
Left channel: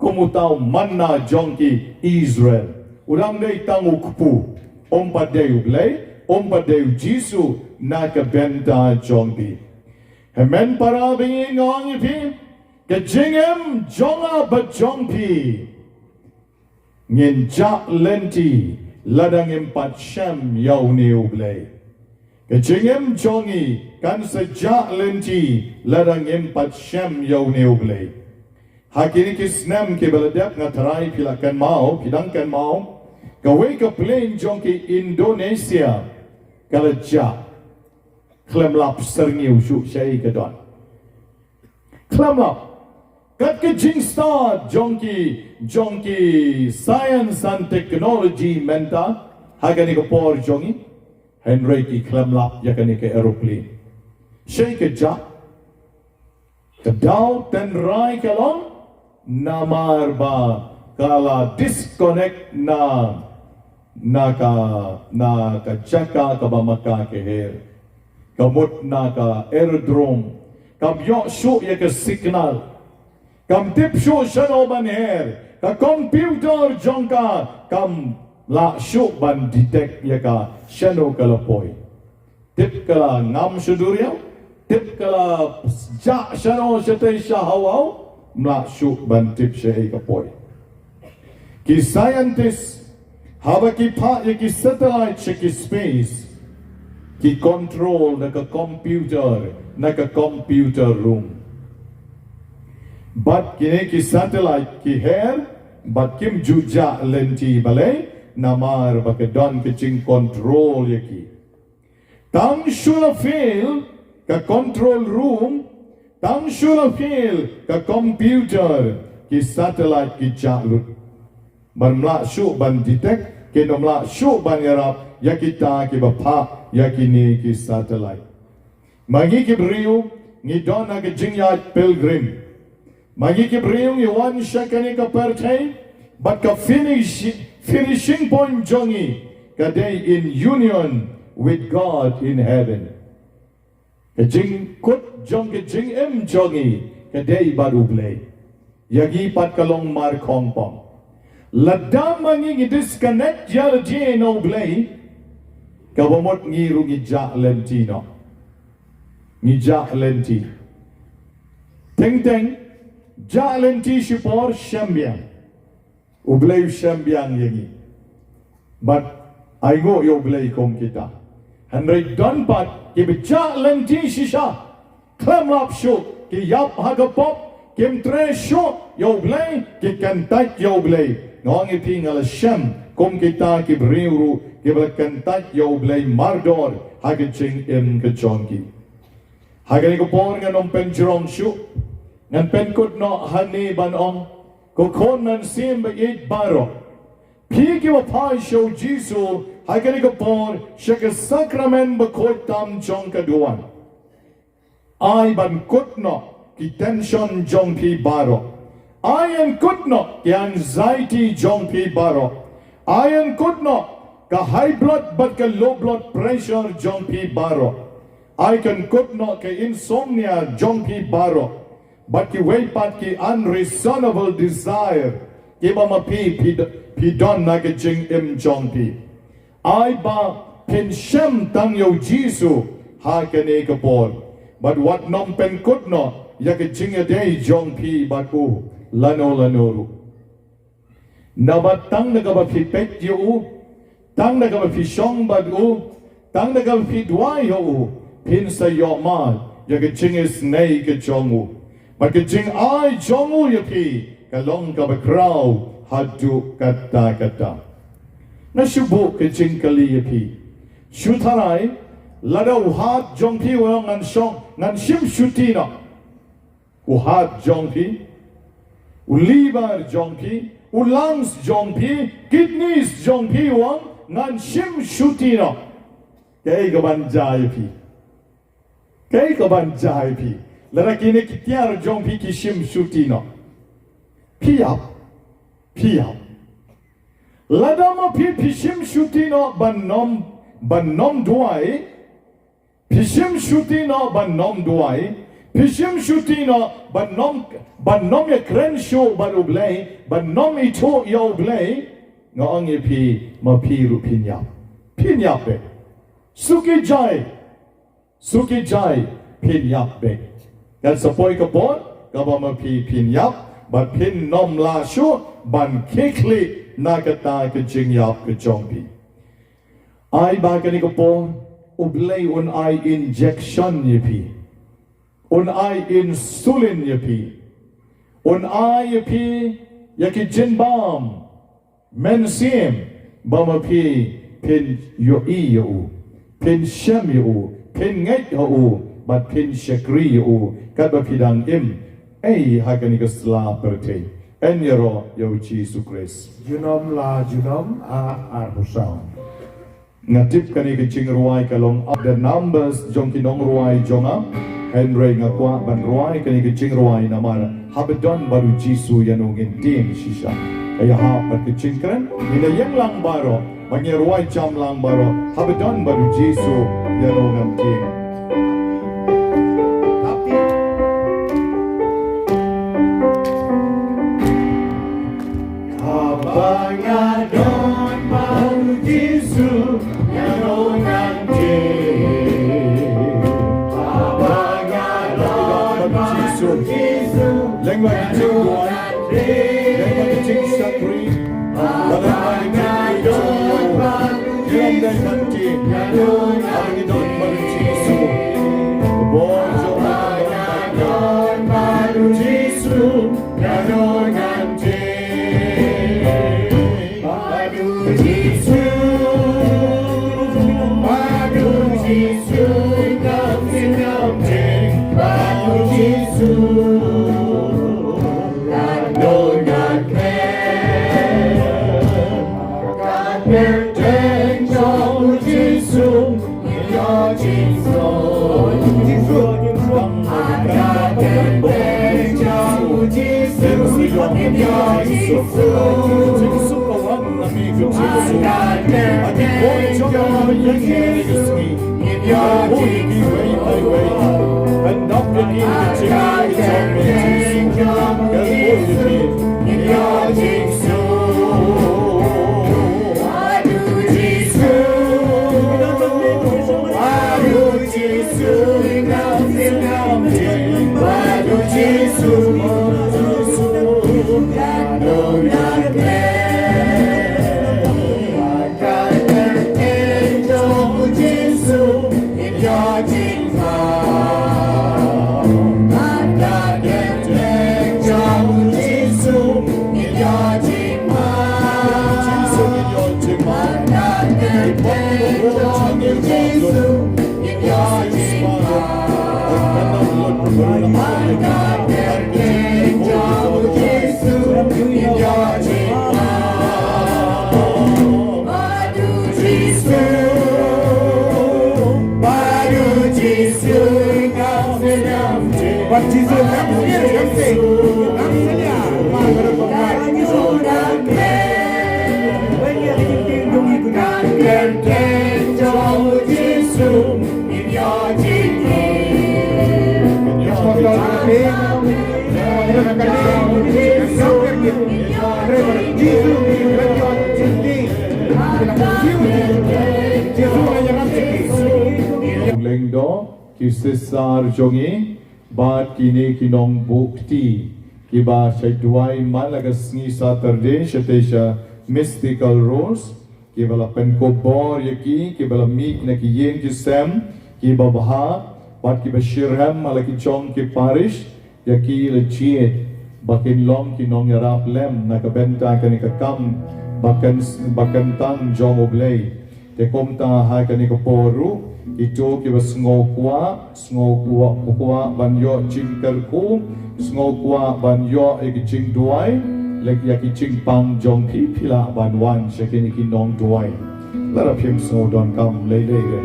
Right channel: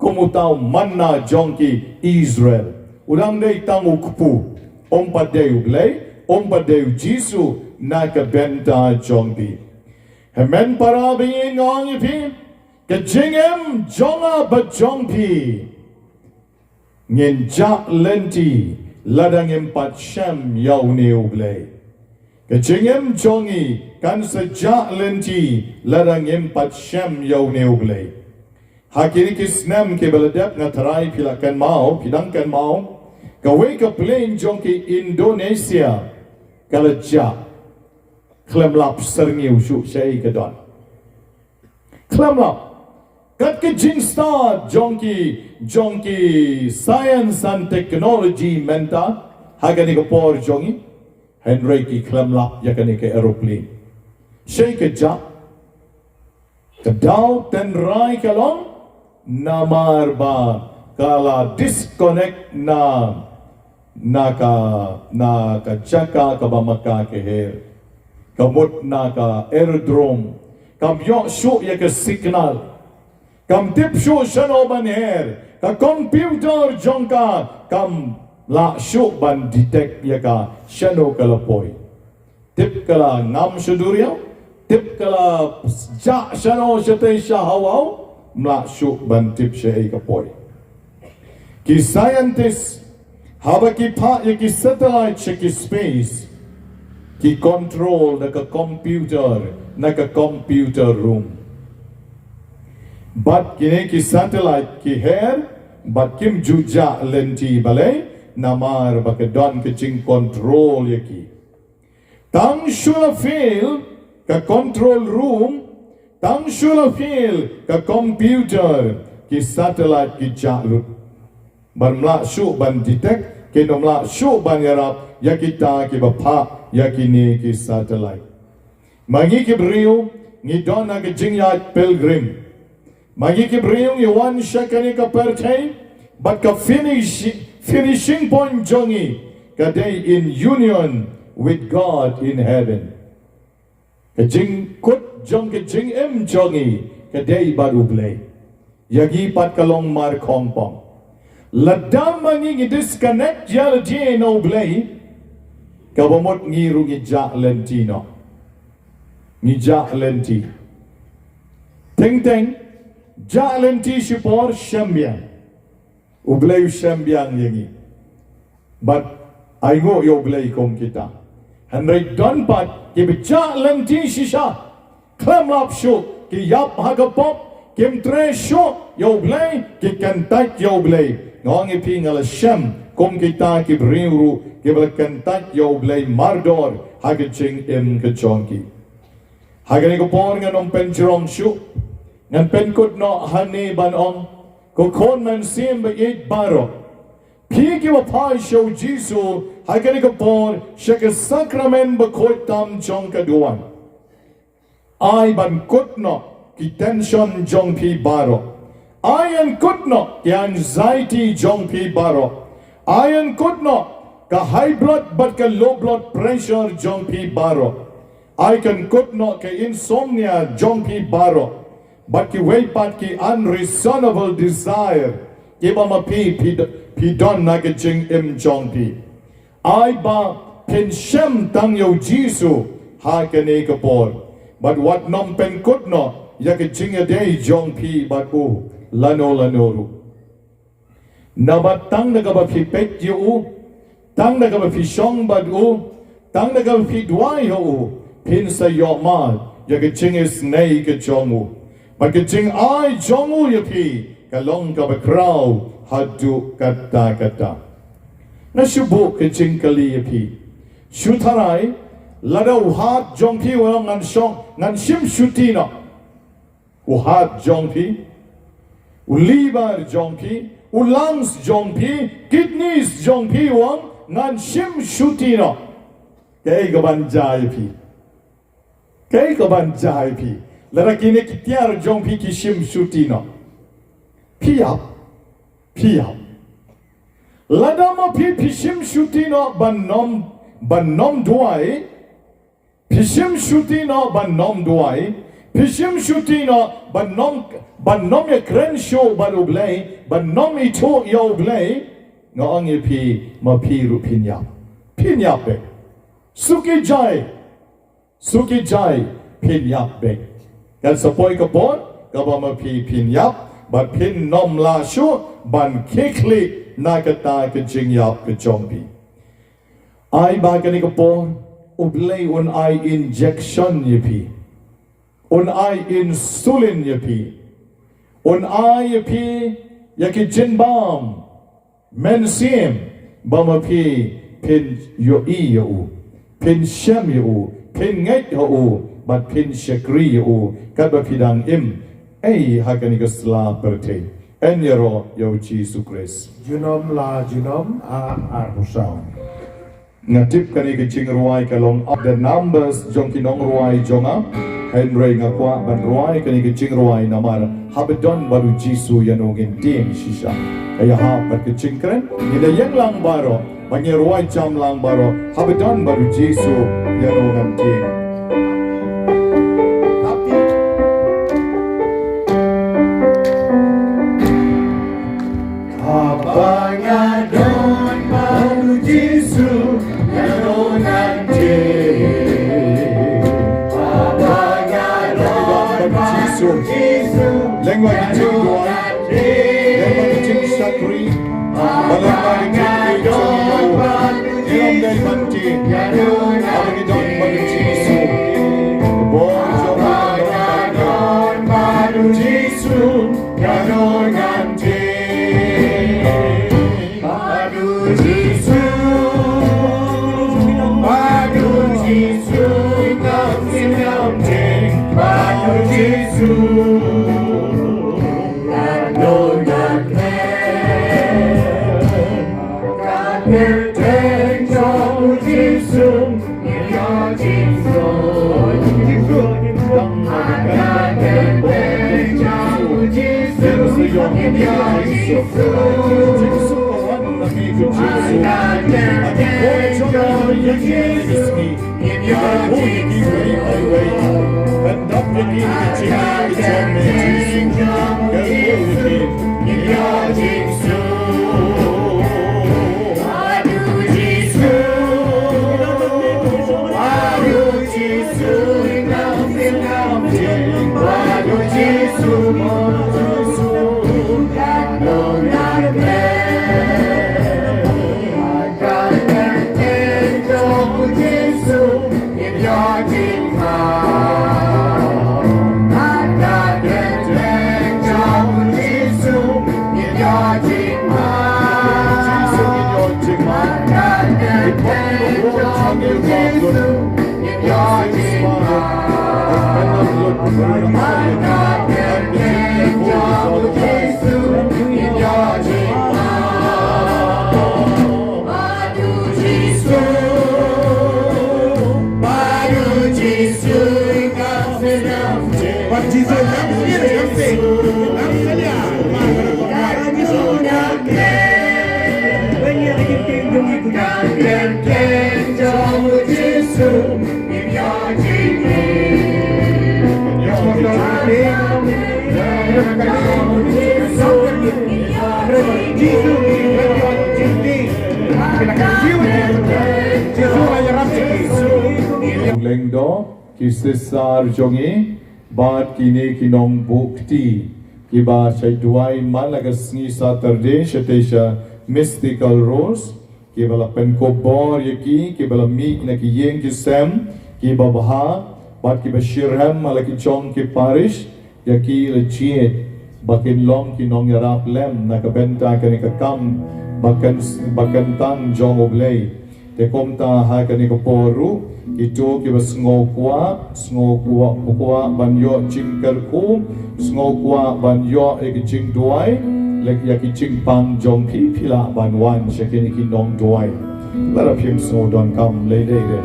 kumutaw manna jongki Israel udang day tango kupu padero blay padero jisu naka benta jongki Hemen para being on ipi kajingem jonga bajongpi ngin jak lenti ladang empat syam yau neu blay kajingem jongi kan sejak lenti ladang empat syam yau neu blay hakiri kisnam ke beladap ngatarai pilakan mau pidangkan mau kawe ke plane jongki Indonesia kalajak Klemlap serniu syuk syai kedon Klemlap kat ke jingstar jongki science and technology menta hagani ke por jongi Henry ki klemlap yakani ke aeroplane syai ke jak kedau ten rai kalong namar ba kala disconnect na jaka ka bamaka ke her kamut na ka aerodrome kam yok syuk ya ke signal kam tip syuk syano ban her ka computer jongka kam la syuk ban detect ya ka syano kalapoi tip kala ngam syuduriau tip kala jak syano syate syahawau mla syuk ban tip syai kapoi ki scientist haba ki pa ya ki satellite ki space ki control naka computer room but kini ki satellite ki hair but kim juja lenti balai namar bakedon kicing control yaki tang shula feel ka control room tang shula feel ka computer ki satellite ki jalut ban syuk ban detect kinomla syuk ban yarap yakita ki bapa yakini ki satellite magi ki brio ni dona ki jingyat pilgrim magi ki brio ni one shakani ka pertain but ka finishing point jongi ka day in union with God in heaven ka jing kut jong ka jing em jongi ka day baru play yagi pat kalong mar kongpong ladam mangi disconnect yal je no play kabomot ngiru ngijak lenti no ngijak lenti teng jak lenti shipor shambiang ublay shambiang yangi but aingo yo ublay kom kita hanray don pat ke jak lenti shisha klamlap shuk ki yap hagapop kim tre shuk yo ublay ki kantak yo ublay ngong iping ala sham kum kita kibriu kibla kentat yo blay mardor hagen ching im kechongki hagen ko por ngan om pen jrong shu ngan pen kut no hani ban om ko kon nan sim ba it baro pi ki wa pai show jisu hagen ko por shek sakrament ba khoi tam chong ka duan ai ban kut no ki tension jong pi baro I am good not, the anxiety jong pi baro. I am good not, the high blood but the low blood pressure jong pi baro. I can good not the insomnia jong pi baro. But the way but the unreasonable desire, give a pi don na ke jing im jong pi. I ba pen shem tang yo jisu ha ke ne ke por. But what non pen good not, ya ke jing a day jong pi but oh. Lano nabat tang na gaba pi pet yu tang na gaba pi shong bad tang na gaba pi dwai yu pin sa yo mal ya ke ching is nei ke chong but ke ching ai chong ya pi ka long gaba kraw hadu kata na shubu ke ching kali ya pi shutarai lado hat jong pi wang ngan shong ngan shim shutina hat jong pi liver jongpi, lungs jongpi, kidneys jongpi wang ngan shim shutino. Kay kaban jai pi. Lalaki ne kitiar jongpi ki shim shutino. Pia. Ladama pi shim shutino banom duai. Pishim shutino banom duai. Pishim shutino banom ye krensho barublay banom ito yoblay noong ye pi mapiru pinyap be suki jai pinyap be kan sapoy kapon kaba mapi pinyap but pin nom la shu ban kikli nakata ke jingyap ke jongpi ai ba kan kapon ublay un ai injection ye pi un ai insulin ye pi un ai ye pi yaki jinbam mensim bama pi pin yo i yo pin shem yo pin ngai yo but pin shakri yo kad ba pidang im ai hakani kasla perte enyero yo Jesus Christ junom ar husam ngatip kani ke ching ruai kalong of the numbers jong kinong ruai jonga Henry ngakwa ban ruai kani ke ching ruai namar habedon baru jisu yanongin tin shisha kaya ha pat ke ching kren ina yang lang baro banya ruai jam lang baro habedon baru jisu yanongin tin abanya don baru jisu lengua jingduwai, lengua jing sakri, balai jingduwai, ilam dan mati, abang don baru jisu, bonjo don baru jisu, don nanti, baru jisu, baru jisu. Lengdo kisesar jongi bat kini kinong bukti kiba jingduwai malagas ni Saturday shatesha mystical rose kibala penkobor yaki kibala mi na kiyeng kisem kiba baha bat kiba shirham malaki chong ki parish yaki legit bakin long kinong yarap lem na kabenta kani kakam bakan tam jong oblay te komta ha kani koporu itu kiba ngokwa banyo jingkar ku ngokwa banyo eki jingduwai lek yaki jingpang jong pi pila banwan shakini kinong duwai lara pim snow don kam leide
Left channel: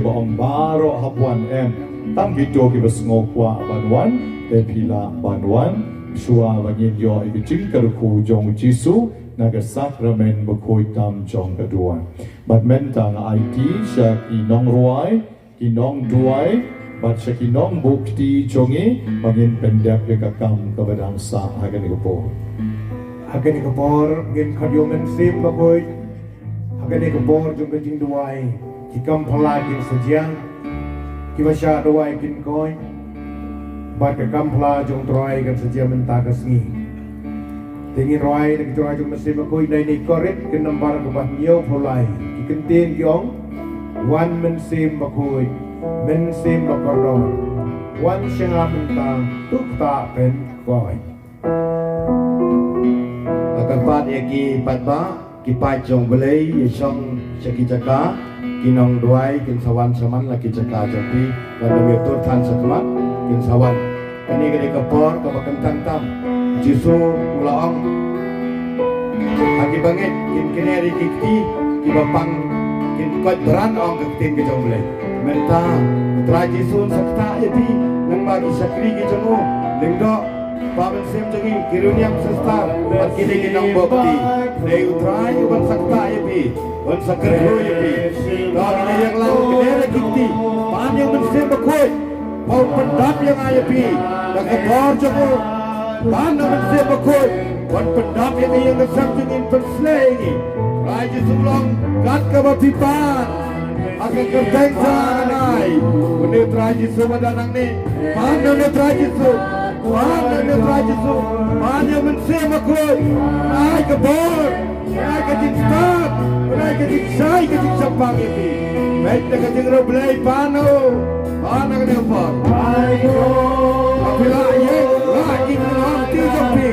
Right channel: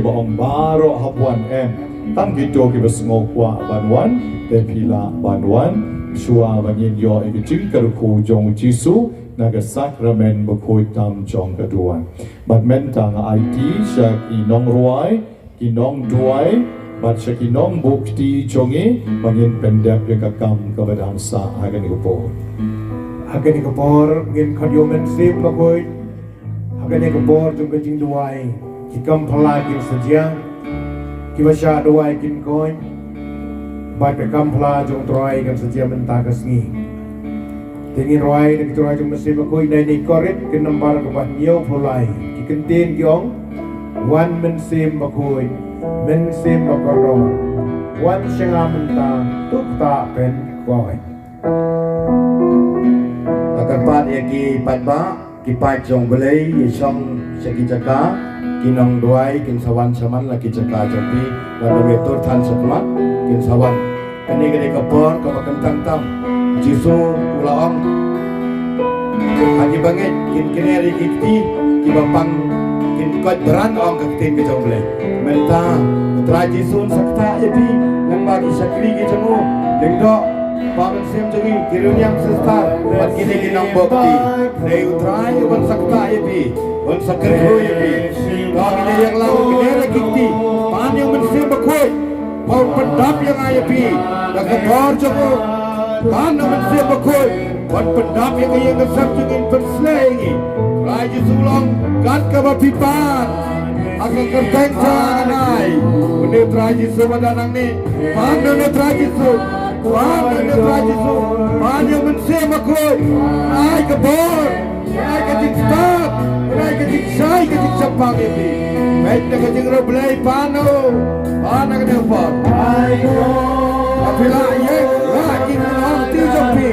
ba ong baro hapwan em tang itu kiba ngokwa banwan te pila banwan shua bangin yo eki jingkar ku jong jisu naga Sakrament bukoi tam jong kaduan. Bat mentang IT sya Nongrah Shillong bat sya kinong bukti jongi bangin pendek yang kakam kepada sa agan ikupo. Agan ikupor ngin kadyomen sim bukoi. Agan ikupor jong jingduwai kikam palagin sadyang kibasya duwai kin koi bat kakam pala jong troy kan sadyang mentakas ngi. Tingin roy na kito ay masih makoy na ikorit kinambar kabat niyo pulay ikentin gyong wan mensim makoy mensim makoron wan siya menta tukta pen koy akan pat yaki patba kipat jong belay yisong syakijaka kinong duay kinsawan saman laki jaka jopi lalu betul tan sakmat kinsawan kani kapor kabakan tam jisu ulaang agi bangit kin kineri kikti kibapang kin kot beran ong kaktin ke jomble menta tra jisu sakta yapi nang bagi sakri ke jamu lengdo pangan sem jagi kirunyam sestar at kini kinang bokti nei utrai bang sakta yapi bang sakri yapi kami na yang lang kineri kikti pan yang mensem bakoy pau pendap yang ayapi nakapor jamu Ano man siya bakoy wan pendap yang iyang nasabjungin perslengi Raja Shillong kat ka mapipan akan kerteng sa anay Unit Raja Sumadanang ni Paano unit Raja Su Paano unit Raja Su Paano man siya bakoy Ay kabor Ay katingstat Ay katingsay katingsapang ibi Kahit na kating reblay Paano Paano ka niya pa Ay no Kapila yan Lagi na Jopi,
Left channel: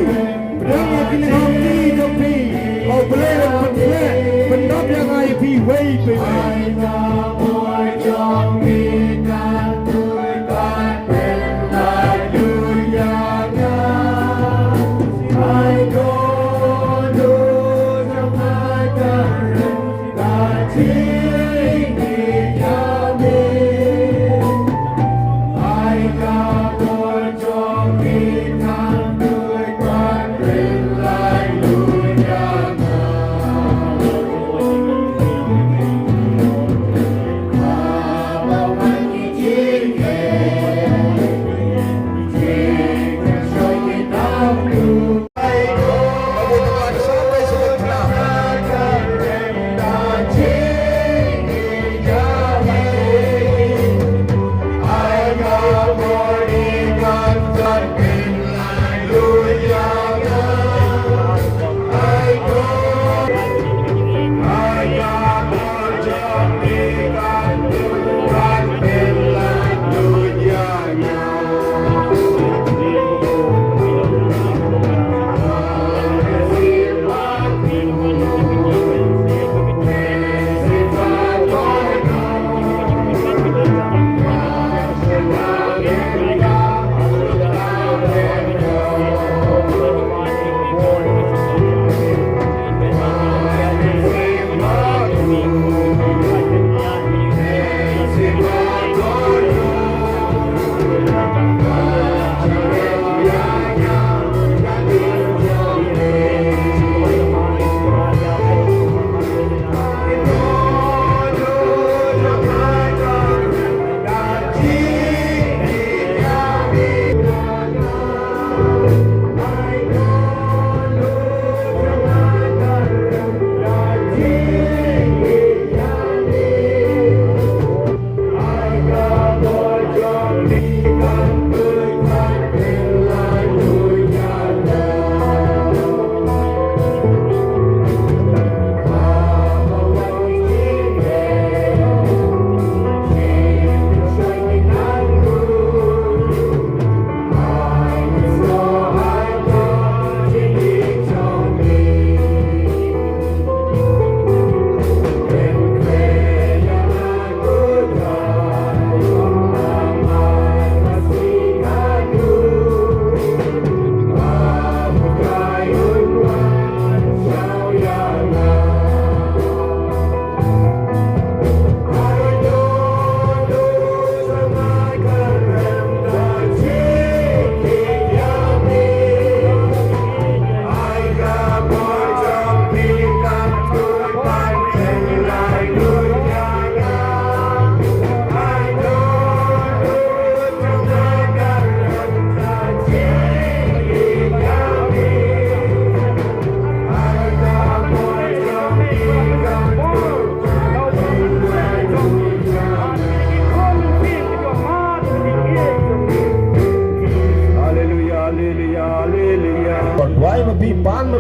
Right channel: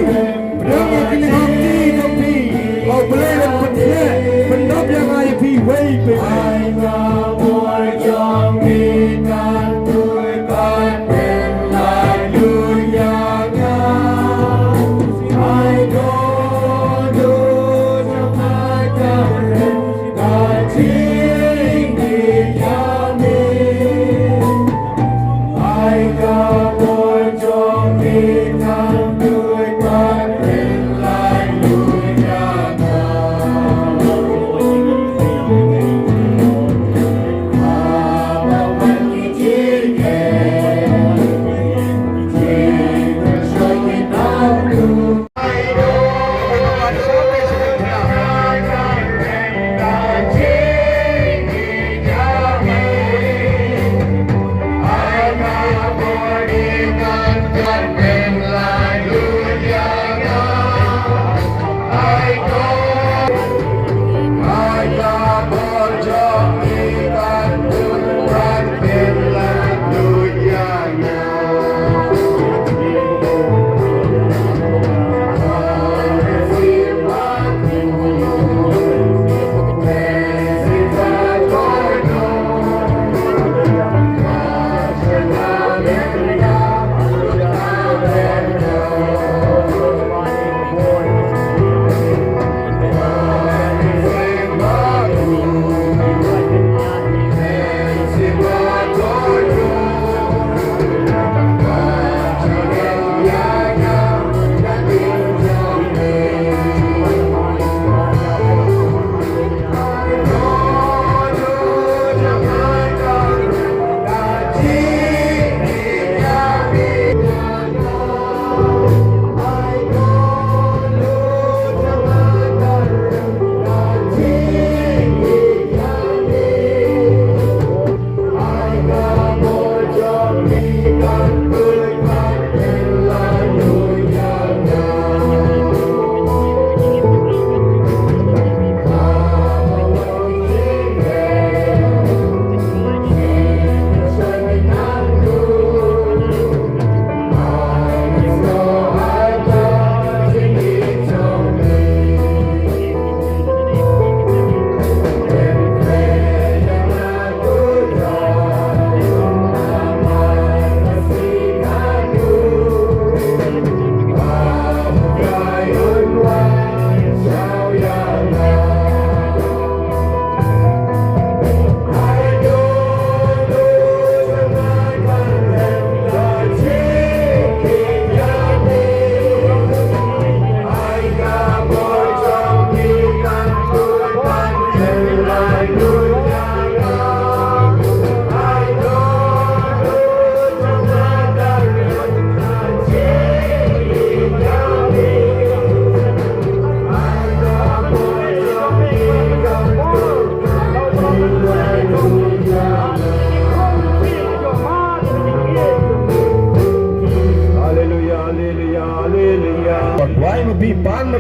pedang yang kini hati Jopi, oh belayan pendek, pendap yang api way baby.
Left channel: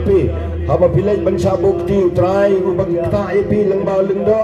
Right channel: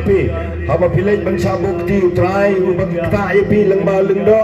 pi haba pilai bangsa bukti try ubang ta pi lang ba lengdo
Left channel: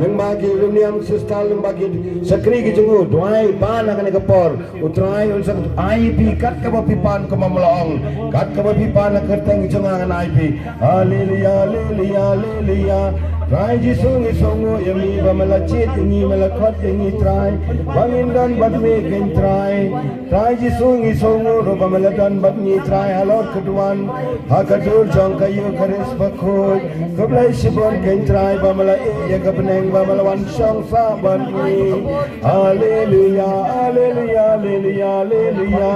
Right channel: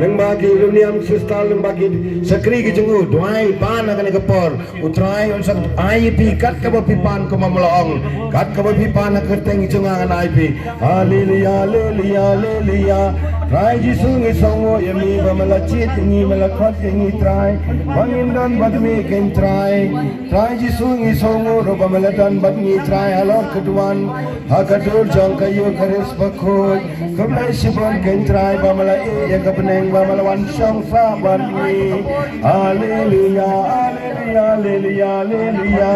lang ba ki runiam sista lang ba ki sakri ki jengu doai pa na kan kapor utrai on sak ai pi kat ka ba pi pan ko mamlaong kat ka ba pi pan na kerteng jengang ai pi haleluya haleluya haleluya Try Jisu ngi songo yemi ba malachit ni malakot ni try bangin dan bat me ken try Jisu ngi songo ro ba maladan bat ni try alor keduan hakadur jang kayu keris bakoi keblai sibon ken try ba mala ya kepeneng ba malawan song sa ban ni haleluya haleluya haleluya haleluya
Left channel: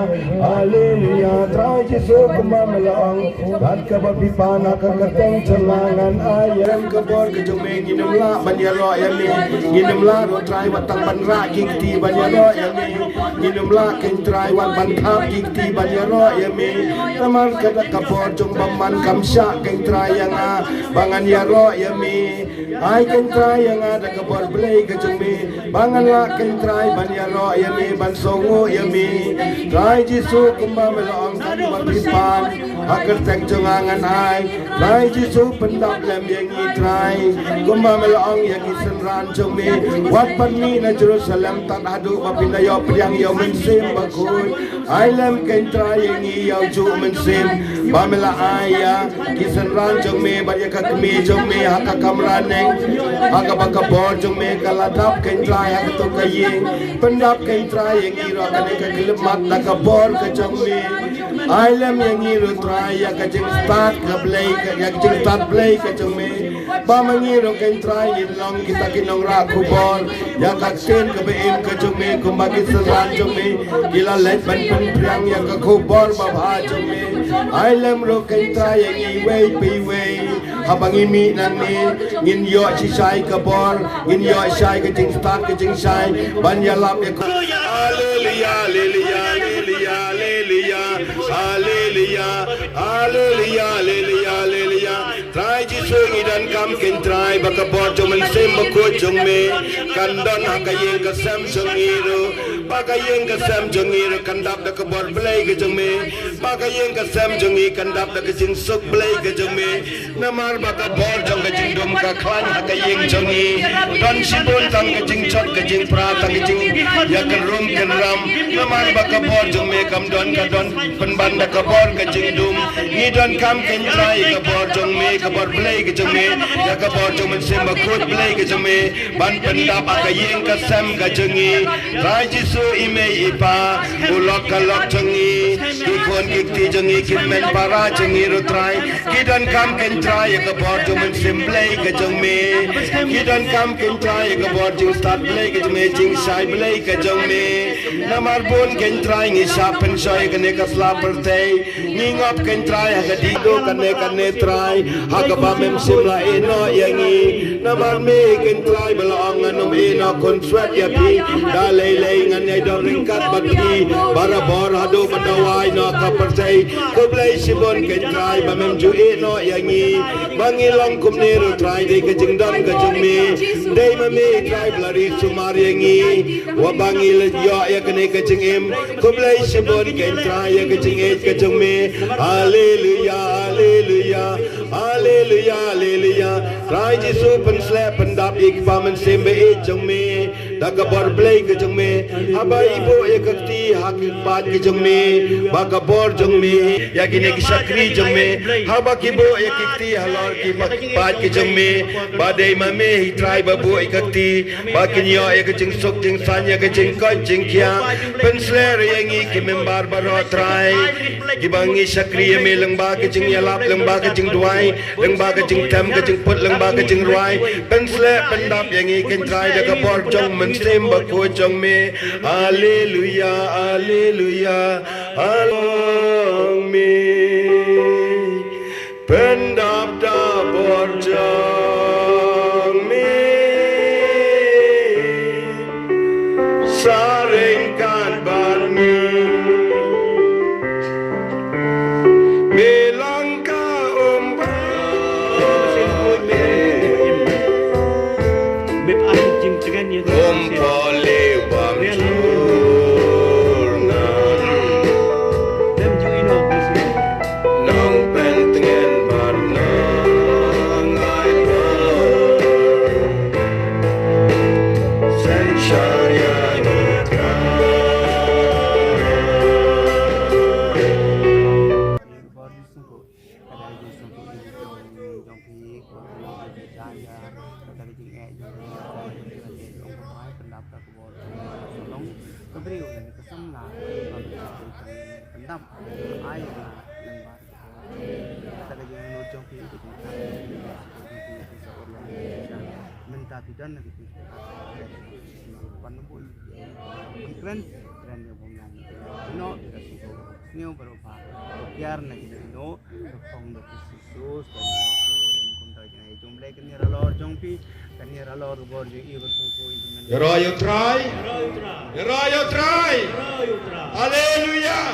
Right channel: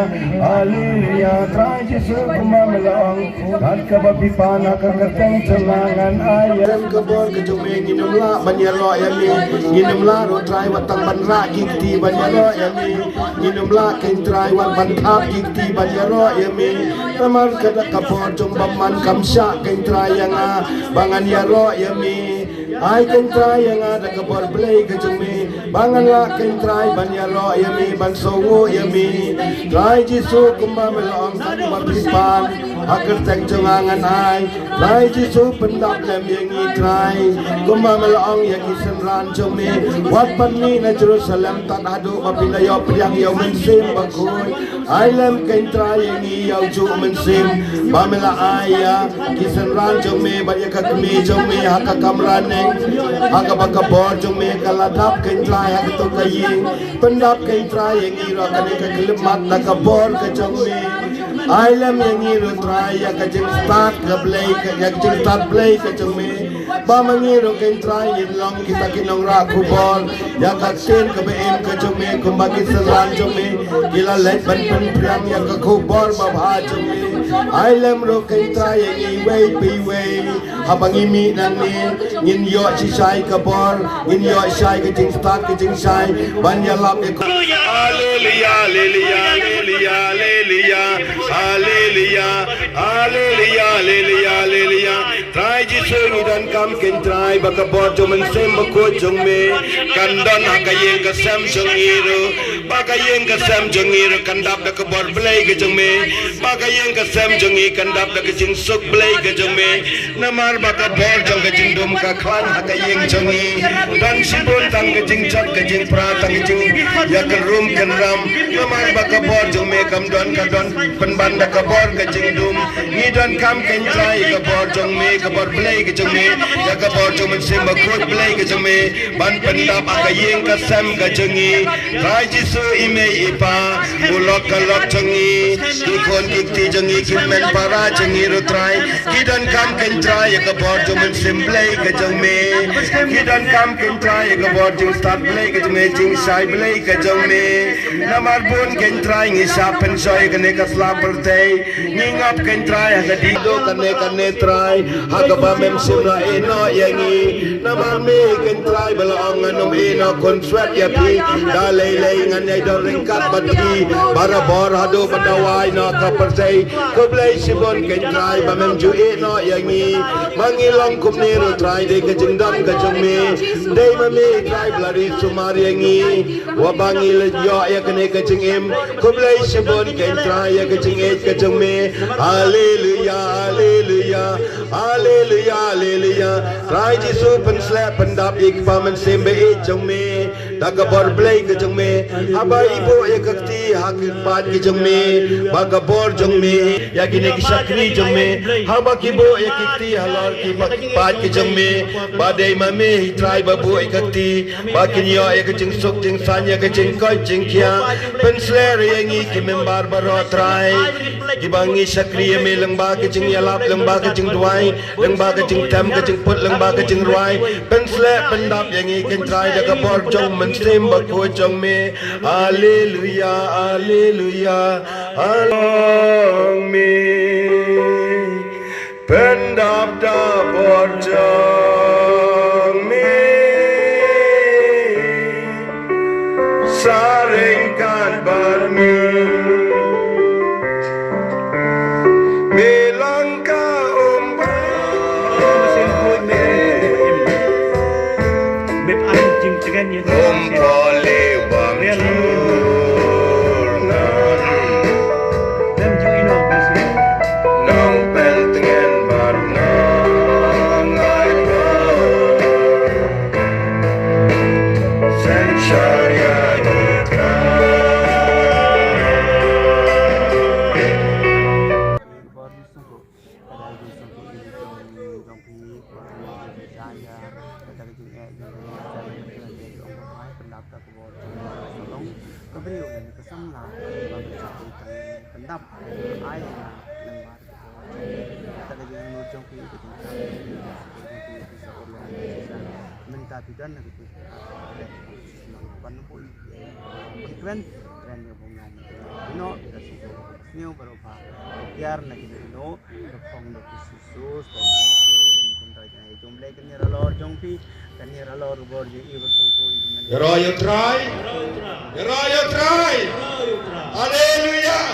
haleluya try Jisu kuma malaang kat ka ba pipana ka kerteng celangan ayam kebol Jume ni namla banyalo yami ni namla ro try watang banra kikti banyalo yami ni namla ken try wan banthap kikti banyalo yami taman kada kapor jong bamman kamsya ken try yang bangan yaro yami ai ken try yang ada kapor blay ke jume bangan la ken try banyalo yami bansongo yami try Jisu kumba melong kali berpipang agar teng jangan ai try Jisu pendap lem yengi try kumba melong yang isen rancung mi wat pan mi na Jerusalem tan adu mapinayo priang yaw mensim bakul ai lem ken try yengi yaw ju mensim pamela aya kisen rancung mi bari kakmi jong mi haka kamraneng haka bakabor jong mi kaladap ken try haka to kayi pendap ken try yengi ro kani kakilmat nakabor ka jong mi ai lem yengi ro try ya ka jing start ka play ka ya jing start play ka jong mi ba mangiro ken try long kita kinongrah kubol ya ka ten ka bein ka jong mi kumbagi seran jong mi kila let ban pun priang ya ka kubol ba bha jong mi ai lem ro ken try yengi way pi way habang imi nani ngin yo si sai ka bor ngin yo sai ka jing start ka jing sai ban ya lap e haleluya haleluya haleluya haleluya haleluya haleluya haleluya haleluya try Jisu ngidan kam ken try baka bor jong sem bako jong me kandon hakayeng ka sam jong iro bakayeng ka sam jong iro kandap da ka bor blay ka jong me bakayeng ka sam jong i kandap da ka jing suk blay ka jong me namar baka bor jong ka jing dum ka khan hakayeng jong i dan sibon tang ka jing chot ka jing pra tang ka jing ya ka rum kan ram namar baka bor jong me kam don ka don penban da ka bor ka jing dum ni don kam ken try ka bor jong me ka bor blay ka jong me ya ka bor jong men sem bakut blay ka jong me ban pendap akayeng ka sam ka jong i try Jisu ime ipa ulok ka lok jong i kikon kikti jong i kimen para jong i ro try kidan kam ken try ya ka bor jong men sem blay ka jong me kidan kam ken try ya ka bor jong start blay ka jong me jing sai blay ka jong me namar bon ken try ngi sapen soy ka ne ka slapper tay ngingap ken try ha di do ka ne try ha ka ba mem sim la eno yangi namar me ken try belong nganom eno konstrat ya pi da lei ngan ai do ringkat bati bara bor hado badawai na ka percay ko blay sibon ken try ba mem ju eno yangi mangilong kum ne ro try de ka jing dam ka jong me de ma me try blari sumar yangi wa bangil yo ya kene ka jing em ko blay sibon ken try ya ka jing et ka jong me haleluya haleluya haleluya haleluya try Jisu pen slap pendap ik pamen sembe e jong me daga bor blay ke jong me aba ibu ya kakti hak pat ke jong me baga bor jong me ya gine ki sakri jong me haba ki bo ya kakti halor ki pat ke jong me badai ma me try babu ya kakti bakin yo ya ke jing sok jing san ya ke jing ko jing kya pen sler yang i ki membar baro try ki bangi sakri ya me lengba ke jing ya lap lengba ke jing duai lengba ke jing tam ke jing put lengba ke jing ruai pen sler pendap yang i ken try daga bor jong men sem bako jong me haleluya haleluya along me pendap da bor jong me saringkan barmi melangka Then you know nap ai na lembar kita lagi nojong pi itu kan bisa orang minta bidan gitu panupul keren yang bongong no new berupa biar lagi no kong do susus dan kuntai jumlah kenira lor jongpi kenira lor bor je ibu tu Royo try. Hallelujah.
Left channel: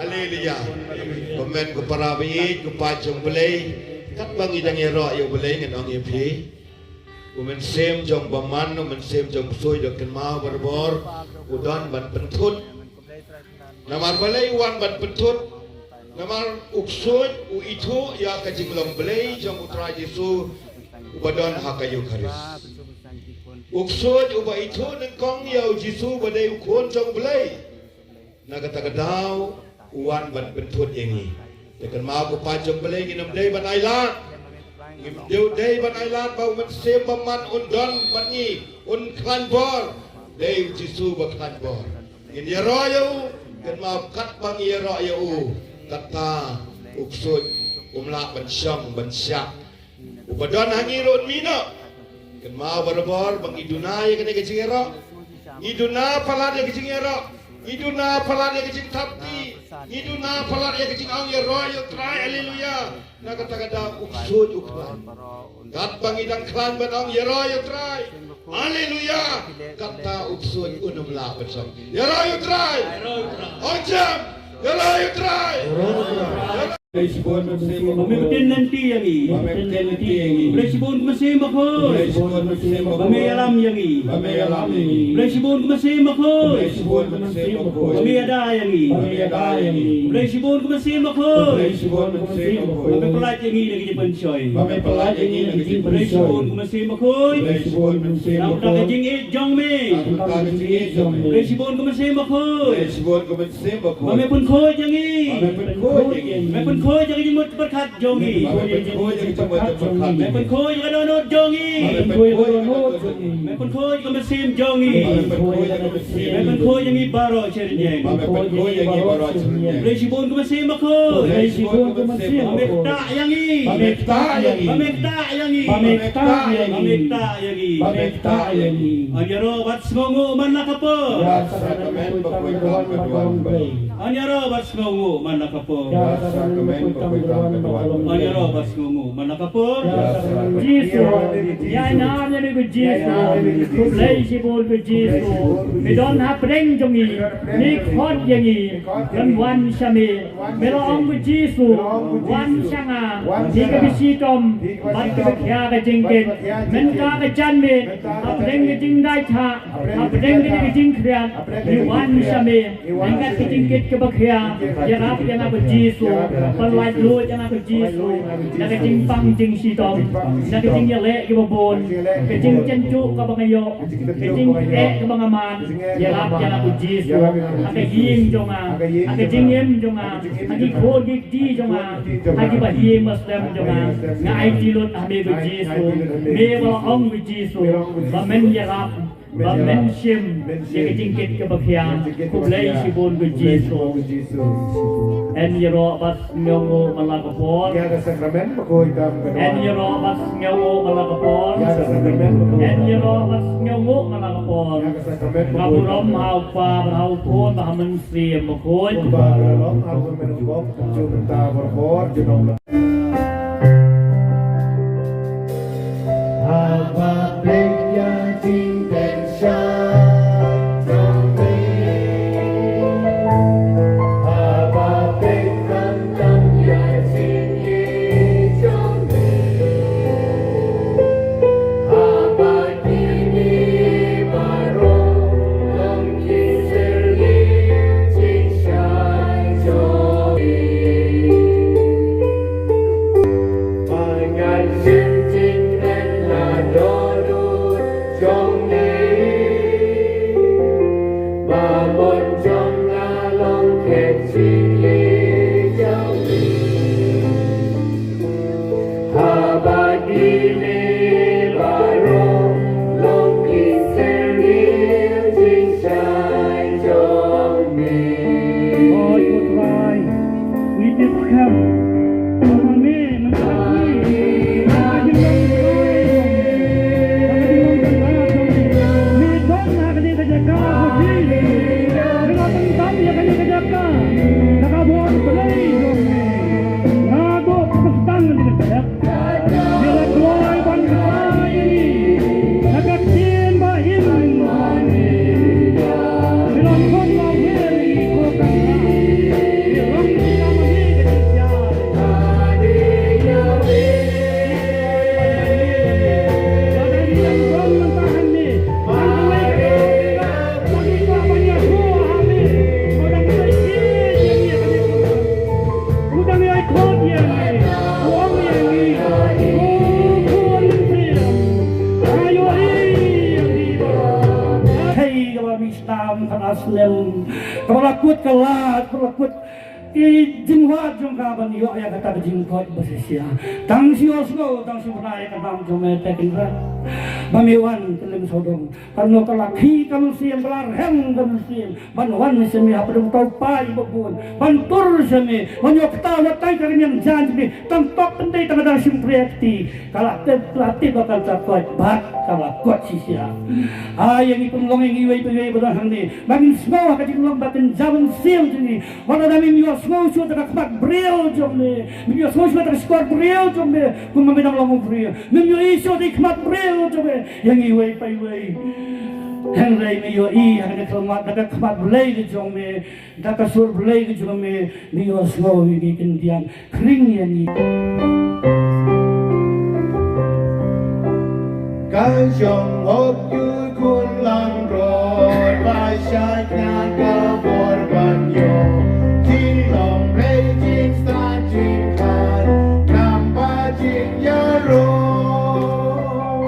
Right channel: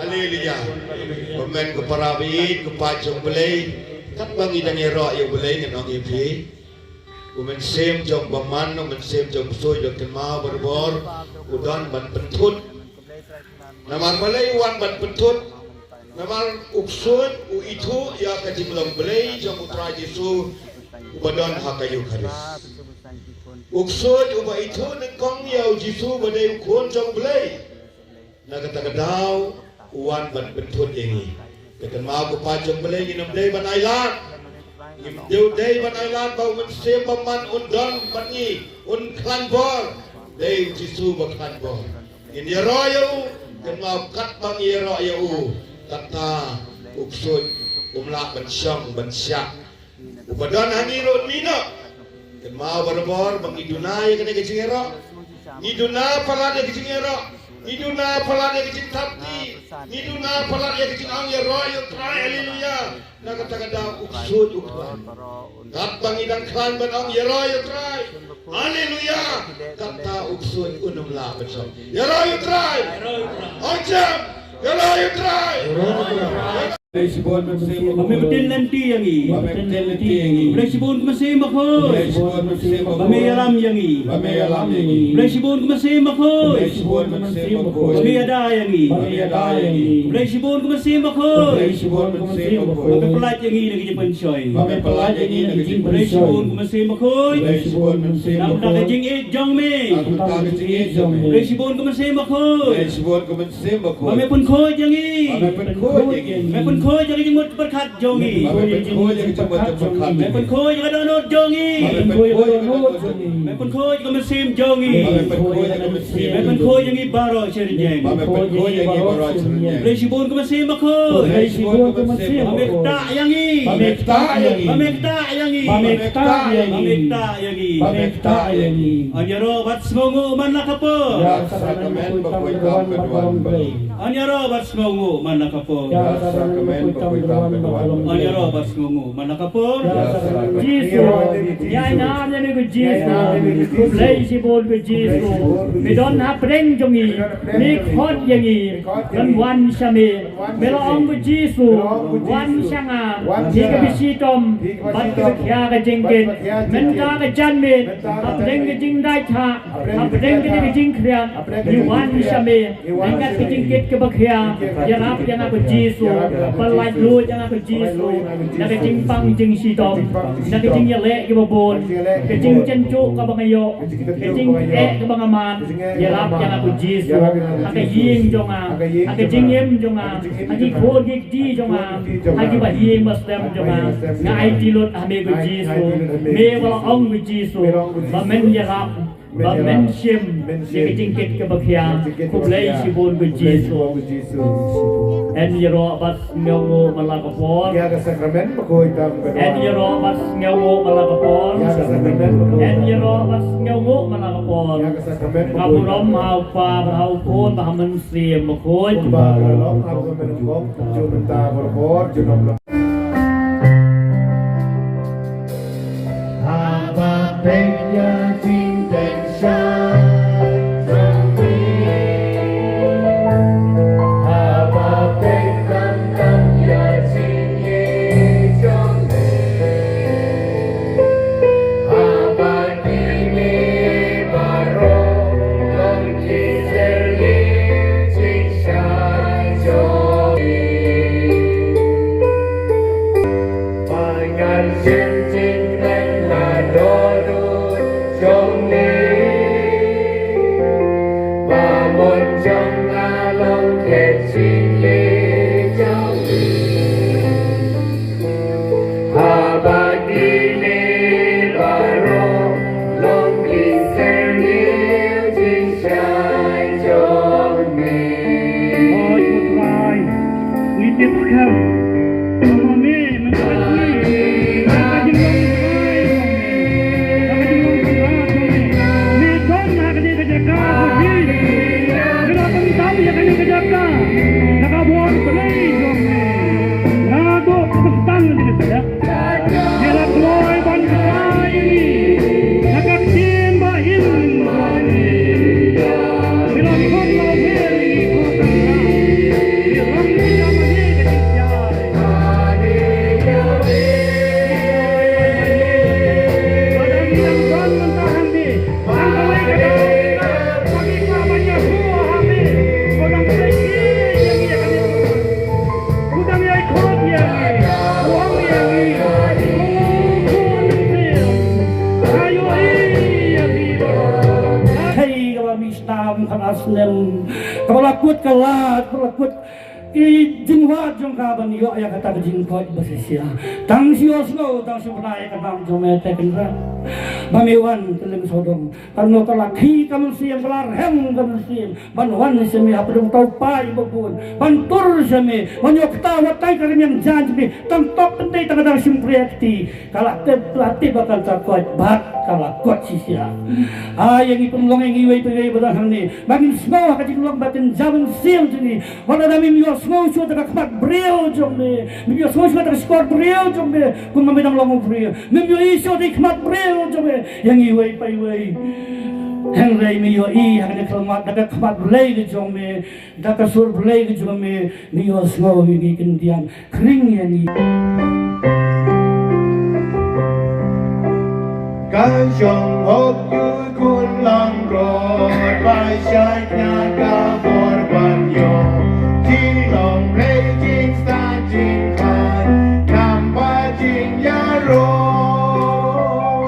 Hallelujah. Komen ke parawi ke pajong belai kat bang idang ero yo belai ngan ong yepi. Umen sem jong baman umen sem jong soy dok ken mau berbor udan ban pentut. Naman belai wan ban pentut. Naman uksun u itu ya kajinglong belai jong utra Yesu ubadon hakayu karis. Uksun uba itu nengkong ya Yesu badai ukun jong belai. Nagatagadaw uwan ban pentut ini. Dekan mau ke pajong belai ni nam day ban ailat. Deu day ban ailat bau men sem baman undon ban ni un klan bor. Day Yesu ba klan bor. In ya royo kan mau kat bang ya royo kata uksun umlak ban syong ban syak. Ubadon hangi rod mina. Kan mau berbor bang iduna ya kena kecingero. Iduna pala dia kecingero. Iduna pala dia kecing tapti. Iduna pala dia kecing ang ya royo try haleluya. Na kata kata uksun ukban. Kat bang idang klan ban ang ya royo try. Haleluya. Kata uksun unumla bersam. Ya royo try. Ojam. Ya royo try. Pemimpin nanti yang ini, Presibun masih makhluk, kami alam yang ini, Presibun masih makhluk, kami ada yang ini, Presibun masih makhluk, kami pelat yang ini lagi pencoy, Presibun masih makhluk, nak kajing jongme, Presibun masih makhluk, kami pun koi yang ini. Khôi cho cái một bất khát jongi, mẹ con khôi cho cái đó nốt jongi, mẹ con khôi cho cái mất sim jongi, mẹ con khôi cho cái baro chơi nheng, lấy si bồn cái mất sim mà khôi, mẹ ta yang i, mẹ ta yang i, anh nhớ bắt ngô man nak apa, anh nhớ bắt ngô man nak apa. Ayaro bas ngungu mana kapur Jesus ya naam ne be Jesus play si bol be Jesus me don ha preng jongi me khot yangi dan wan shame me ong be Jesus wan shanga hi ke shitom bat ke kya ke jengken men ka ke jan me preng ke jing dai tha preng ke jing khrian hi wan shame men ka ke jing ket ke bakhya ya na be Jesus Palai lu jangan ke Yesu, nak kecing pang kecing shitom, nak kecing yelek ke babon, kecing cencuk ke bangayo, kecing ke bangaman, yelap jangan ke Yesu, nak kecing jonga, nak kecing yem jonga, nak kikol kikdi jonga, nak kibahim maslam jonga, ngai tilot ame ke Yesu, mewah ong ke Yesu, bamen yelap. Bamen sim, kecing ke bakhya, kulai sibon ke Yesu. En yero bas ngewo malakapor. Ya sakrament ko itam kedua. En yero bas ngewo malakapor. Ya sakrament. En yero bas ngewo malakapor. Ya sakrament. Kaburam hau pa hau kon bahamen siem mokoi. Baharom aku menunggu jumenta berkor jumenta. Apa penya cinten syah. Dengan cincin dan adoro asnem tolakut kalat tolakut i jingwa jongka ban yo ya kata jingkoi besia tang sios no tang simrai ka bang jome tekinra bamiwan kelim sodom karno tala khi kam siam rar hem kam siam ban wan semi apdum tau pai bobun ban tur semi ban yo kta watai karmian janji tan top pentai tang dang simpreti kala te plati bakal takwat bat kala kuat sisia yang ipun longeng iwei pengai berang ni bangin semua ka jinglang batin jabun siam sini wana dami yo semua sudah terkemat beliau jomne, mimpi semua sudah terkemat beliau jomne, kumam bidang longong beliau, mimpi isu terkemat beliau jomne, yang iwei pai wei, henry mio i, yang terkemat, terkemat beliau jomne, terkesur beliau jomne, mio semua ini kendian kering yang ini. Cái dòng hộp như cuốn lang rồi vai trái nhà cao buồn bận rộn khi lòng mê chính xa chính khăn nằm ba chính nhà rồi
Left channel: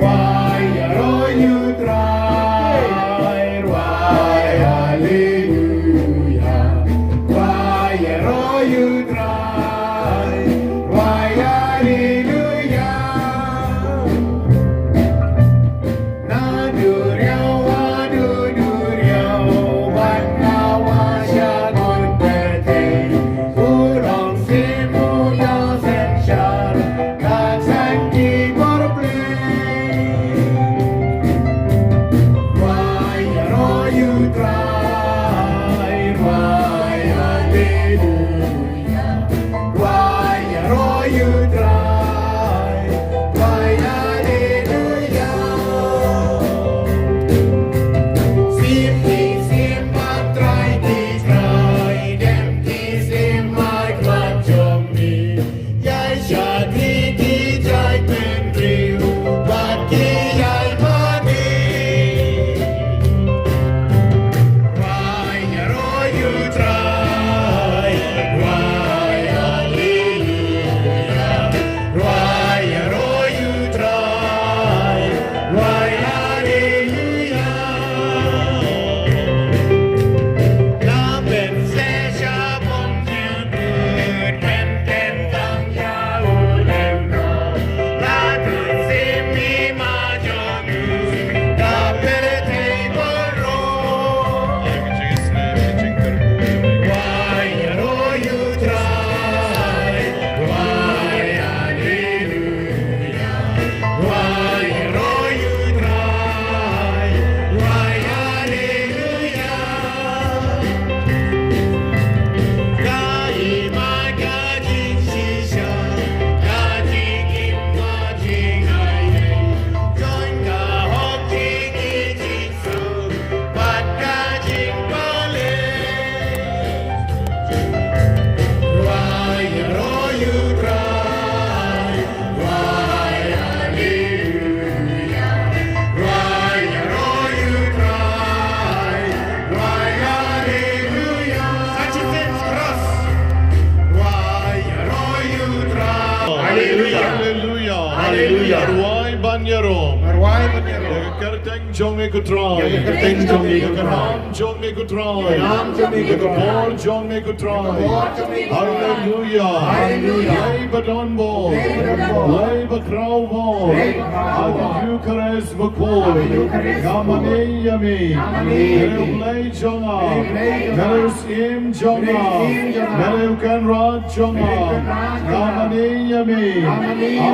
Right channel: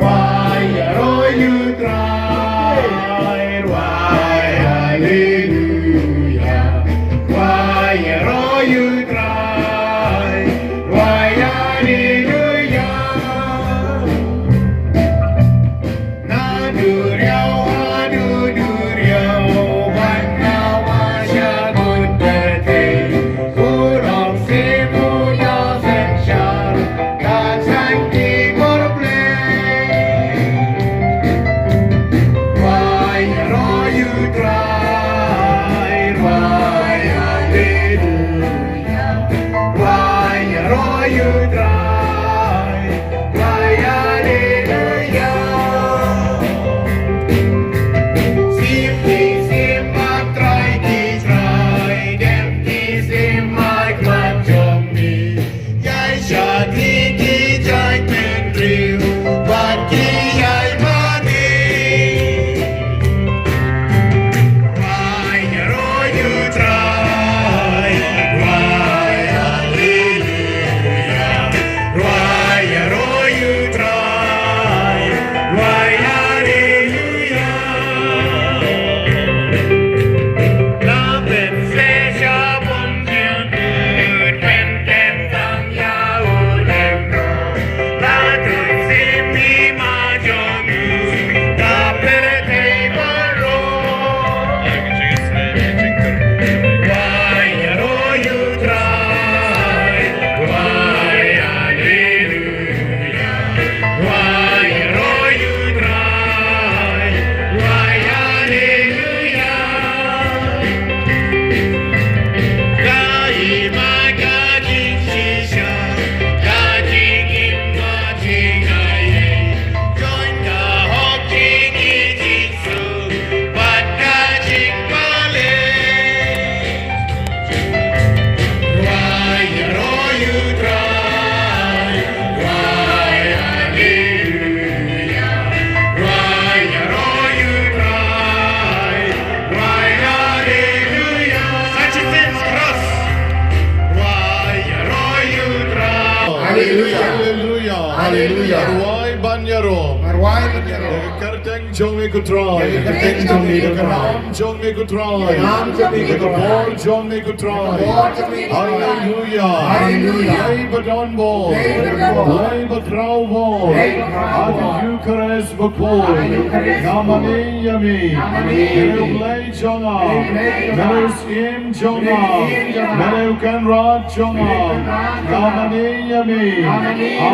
hoài rồi như trái hoài hallelujah hoài rồi như trái hoài hallelujah Jong me could try. Jong me could try. Jong me could try. Hallelujah. Hallelujah. Lay don ball. Lay crow ball. Ad Eucharist ball. Namane yami. Lay jonga. Mereus im jonga. Mereu kan rat jonga. Namane yami.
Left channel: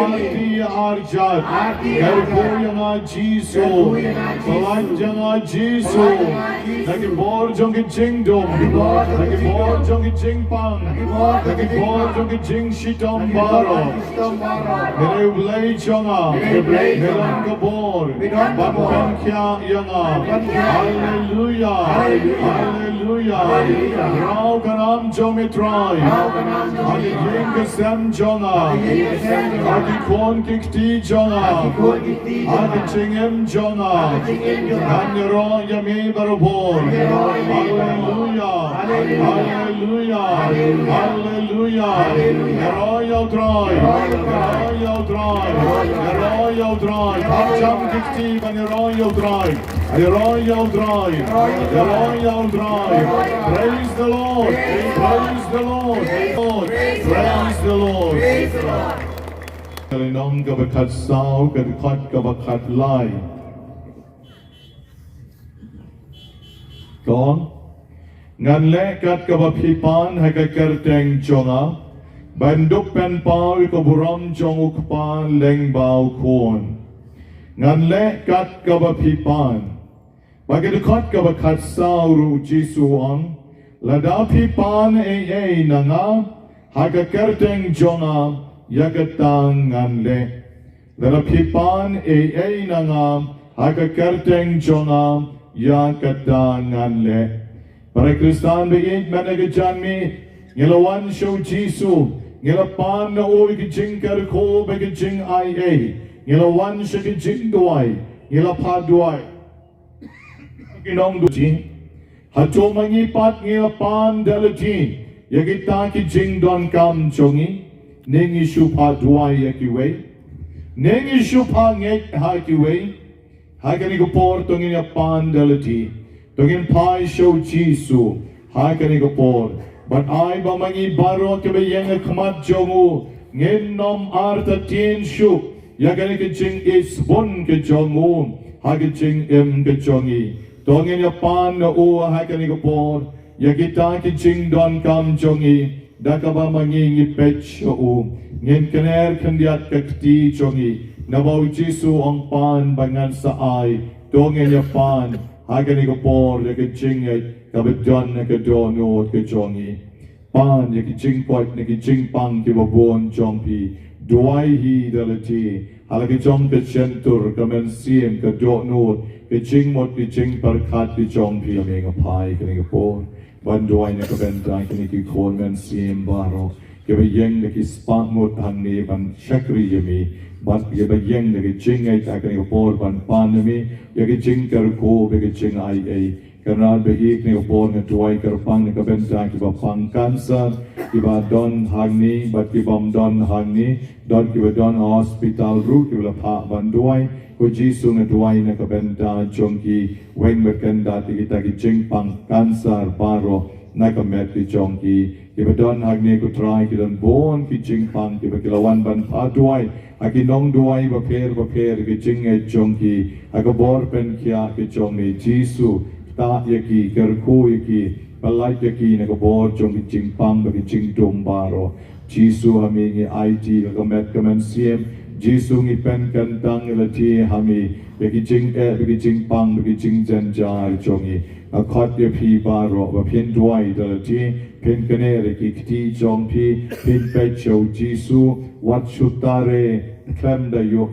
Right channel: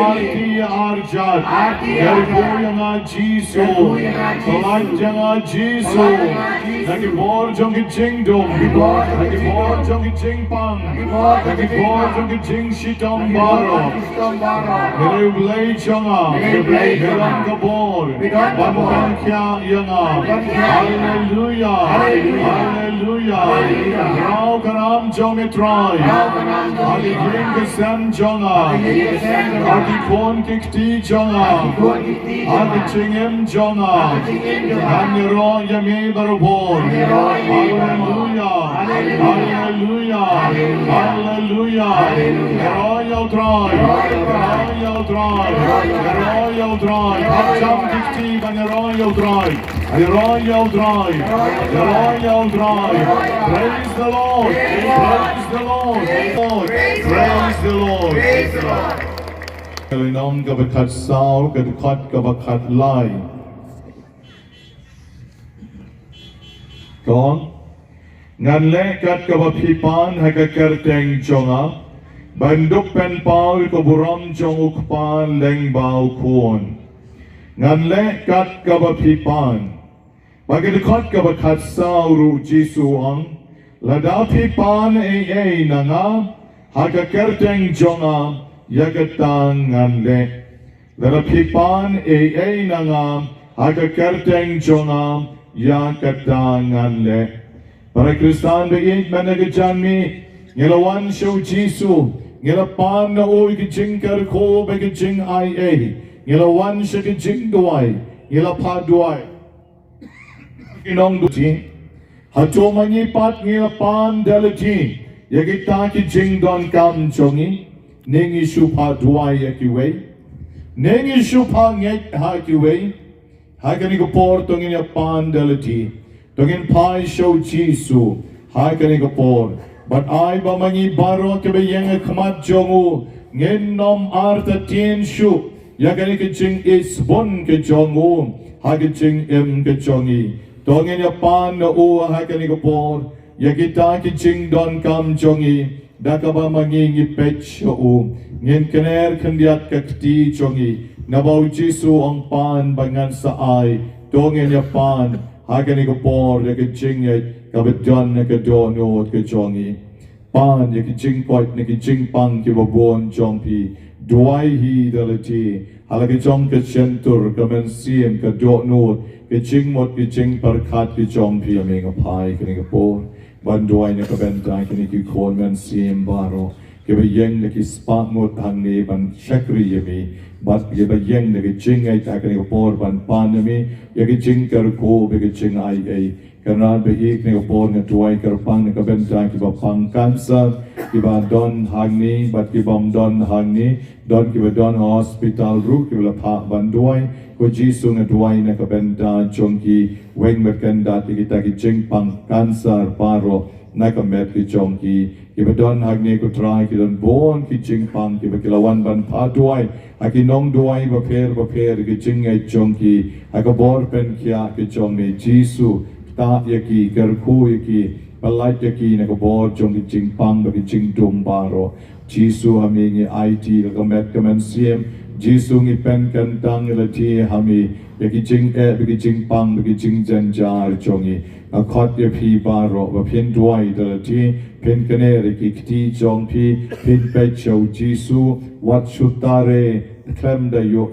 Arti arjat. Erboyanga jisu. Kalajanga jisu. Lagi bor jongi jingdum. Lagi bor jongi jingpang. Lagi bor jongi jing shitom baro. Mereu lay jonga. Merang kabor. Bankan kya yanga. Hallelujah. Hallelujah. Rao kanam jongi try. Adi jing kesem jonga. Adi kon kikti jonga. Adi jingem jonga. Kami roh yami barupon. Hallelujah. Hallelujah. Hallelujah. Royal drive. Royal drive. Royal drive. Hacham dikti ban royal drive. Royal drive. Royal drive. Praise the Lord. Praise the Lord. Praise the Lord. Praise the Lord. น้องกับขัดสาวกับขัดกับขัดไล่ก่อนงานเล็กกัดกับพี่ปานให้กับเกิดแตงจงอ่ะบรรดุเป็นเปากับบุรมจงอุกปานเล็งเบาควรงานเล็กกัดกับพี่ปานบางทีขัดกับขัดสาวรู้จีสุอังและดาวพี่ปานเอนังอ่ะให้กับเกิดแตงจงอ่ะYagatang ngamle, dala pipan nangam, haka kerteng jongam, yagatang ngamle. Para Kristan being managajanmi, ngelawan show Jisu, ngelapan na oi kijing kerko begijing ngelawan siya jingduwai, ngelapaduai. Inong duji, hato mangipat ngelapan dalaji, yagita kijing don kam jongi. Nengi shupa duai akiwe, nengi shupa ngek hakiwe, hakani ko por tongin yapan dalati, tongin pai show Jisu, hakani ko por. But I ba mangi baro ke bayeng khamat jongu, ngen nom arta tien shu, yakani ke jing isbon ke jongu, hakani jing ke jongi, tongin yapan na u hakani ko por, yakita ke jing don kam jongi. Dakaba mangingi pech o ngin kener kendiat kakti chongi nabaw Jisu ang pan bangan sa ay dongen ya pan hagani ko por ya kijing ya kabedon na kadono ke chongi pan ya kijing point na kijing pang kibabon chongpi duai hi dalati halaki chong ke centur kamen siem kadono kijing mot kijing parkat ki chongpi aming apai kani ko por Banduay na kabentay kini kikon ngan siem baro kebayeng na kispak mo tangni ban shakri yami bat kebayeng na kijing ay takani upor ban panami ya kijing karko be kijing ay karena beik ni upor na tuay karpang na kabentay kibapang kansa kiba don hangni bat kibam don hangni don kiba don hospital room kibla pa banduay ko Jisu na duay na kabenta chongki weng berkenda kita kijing pang kansar paro na kamet ki chongki kibadon hagni ko try kidon bon kijing pang kibakilawan ban pa duay akinong duay baper kijing ay chongki agabor pen kya ki chongni Jisu ta yaki karko yaki palait yaki na kabor chong kijing pang kijing dum paro Jisu hamingi IT kamet kamen siem Jisu ngi pen kantang lati hami begijing begijing pang begijing janjar chongi akhat ye phi baro ba phin duai dalati phin kane re kiti chongpi phin pe chau Jisu wat shutare klam da yo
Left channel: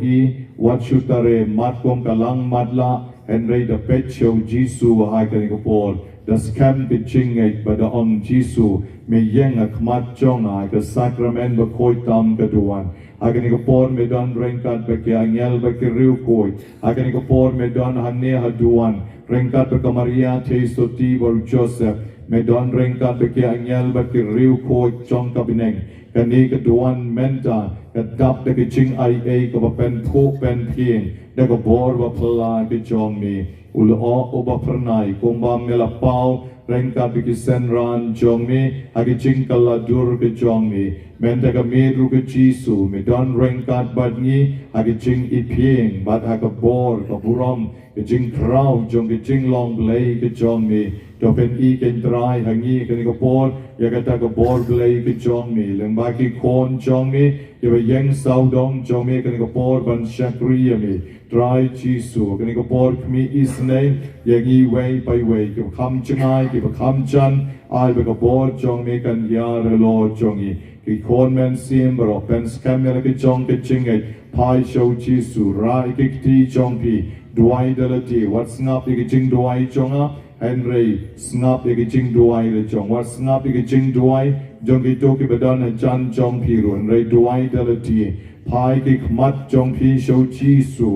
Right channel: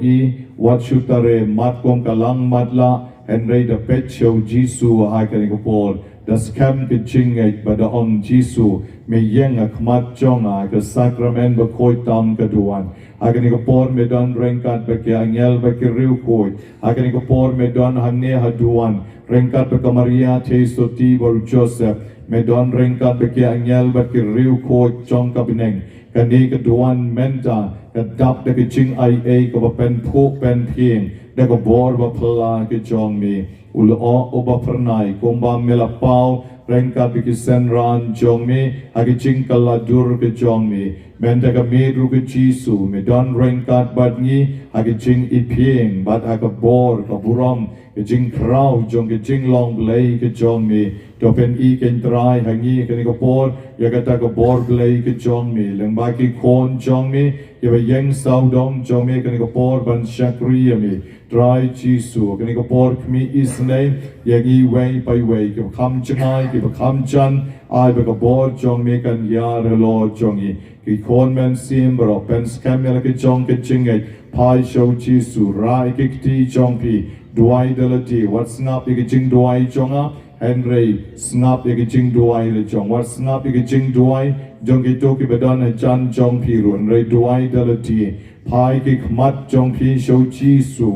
wat shutare mat kong kalang matla henry da pe chau Jisu hai kani ko por das kan bijing ai ba da ong Jisu me yeng akmat chong ai ka Sakrament ba koi tam ka duan Agani ko por me don rengkat beke angel beke riu koi. Agani ko por me don hamne haduan. Rengkat beke Maria Teso Tibor Joseph. Me don rengkat beke angel beke riu koi chong kabineng. Kani keduan menta. Kedap beke ching ai ko pen po pen ping. Deko bor ba pela ke chong ni. Ulo o ba pernai komba melapau. Rengkat beke senran chong ni. Agi ching kaladur ke chong ni. Menta ka medru ke Jisu, me don rengkat bad ngi, hagi jing iping, bad haka bor, ka buram, ke jing krau, jong ke jing long lay ke jong ni, to pen I ken try, hangi ke ni ka bor, ya kata ka bor lay ke jong ni, leng baki kon jong ni, ya be yeng sao dong jong ni, ke ni ka bor ban shakri mi, try Jisu, ke ni ka bor kmi isnay, yang I way by way, ke kam changay, ke kam chan, ai be ka bor jong ni kan yar Lord jong ni, ki kon men sim bro pen skamela ki jong ki chingay pai show Jisu rai ki ti jong pi duai dalati what's ngap ki jing duai jonga Henry snap ege jingduwai le jong wat snap ege jingduwai jong ki to ki badan jan jong pi run re duwai dalati pai ki khmat jong pi show jisu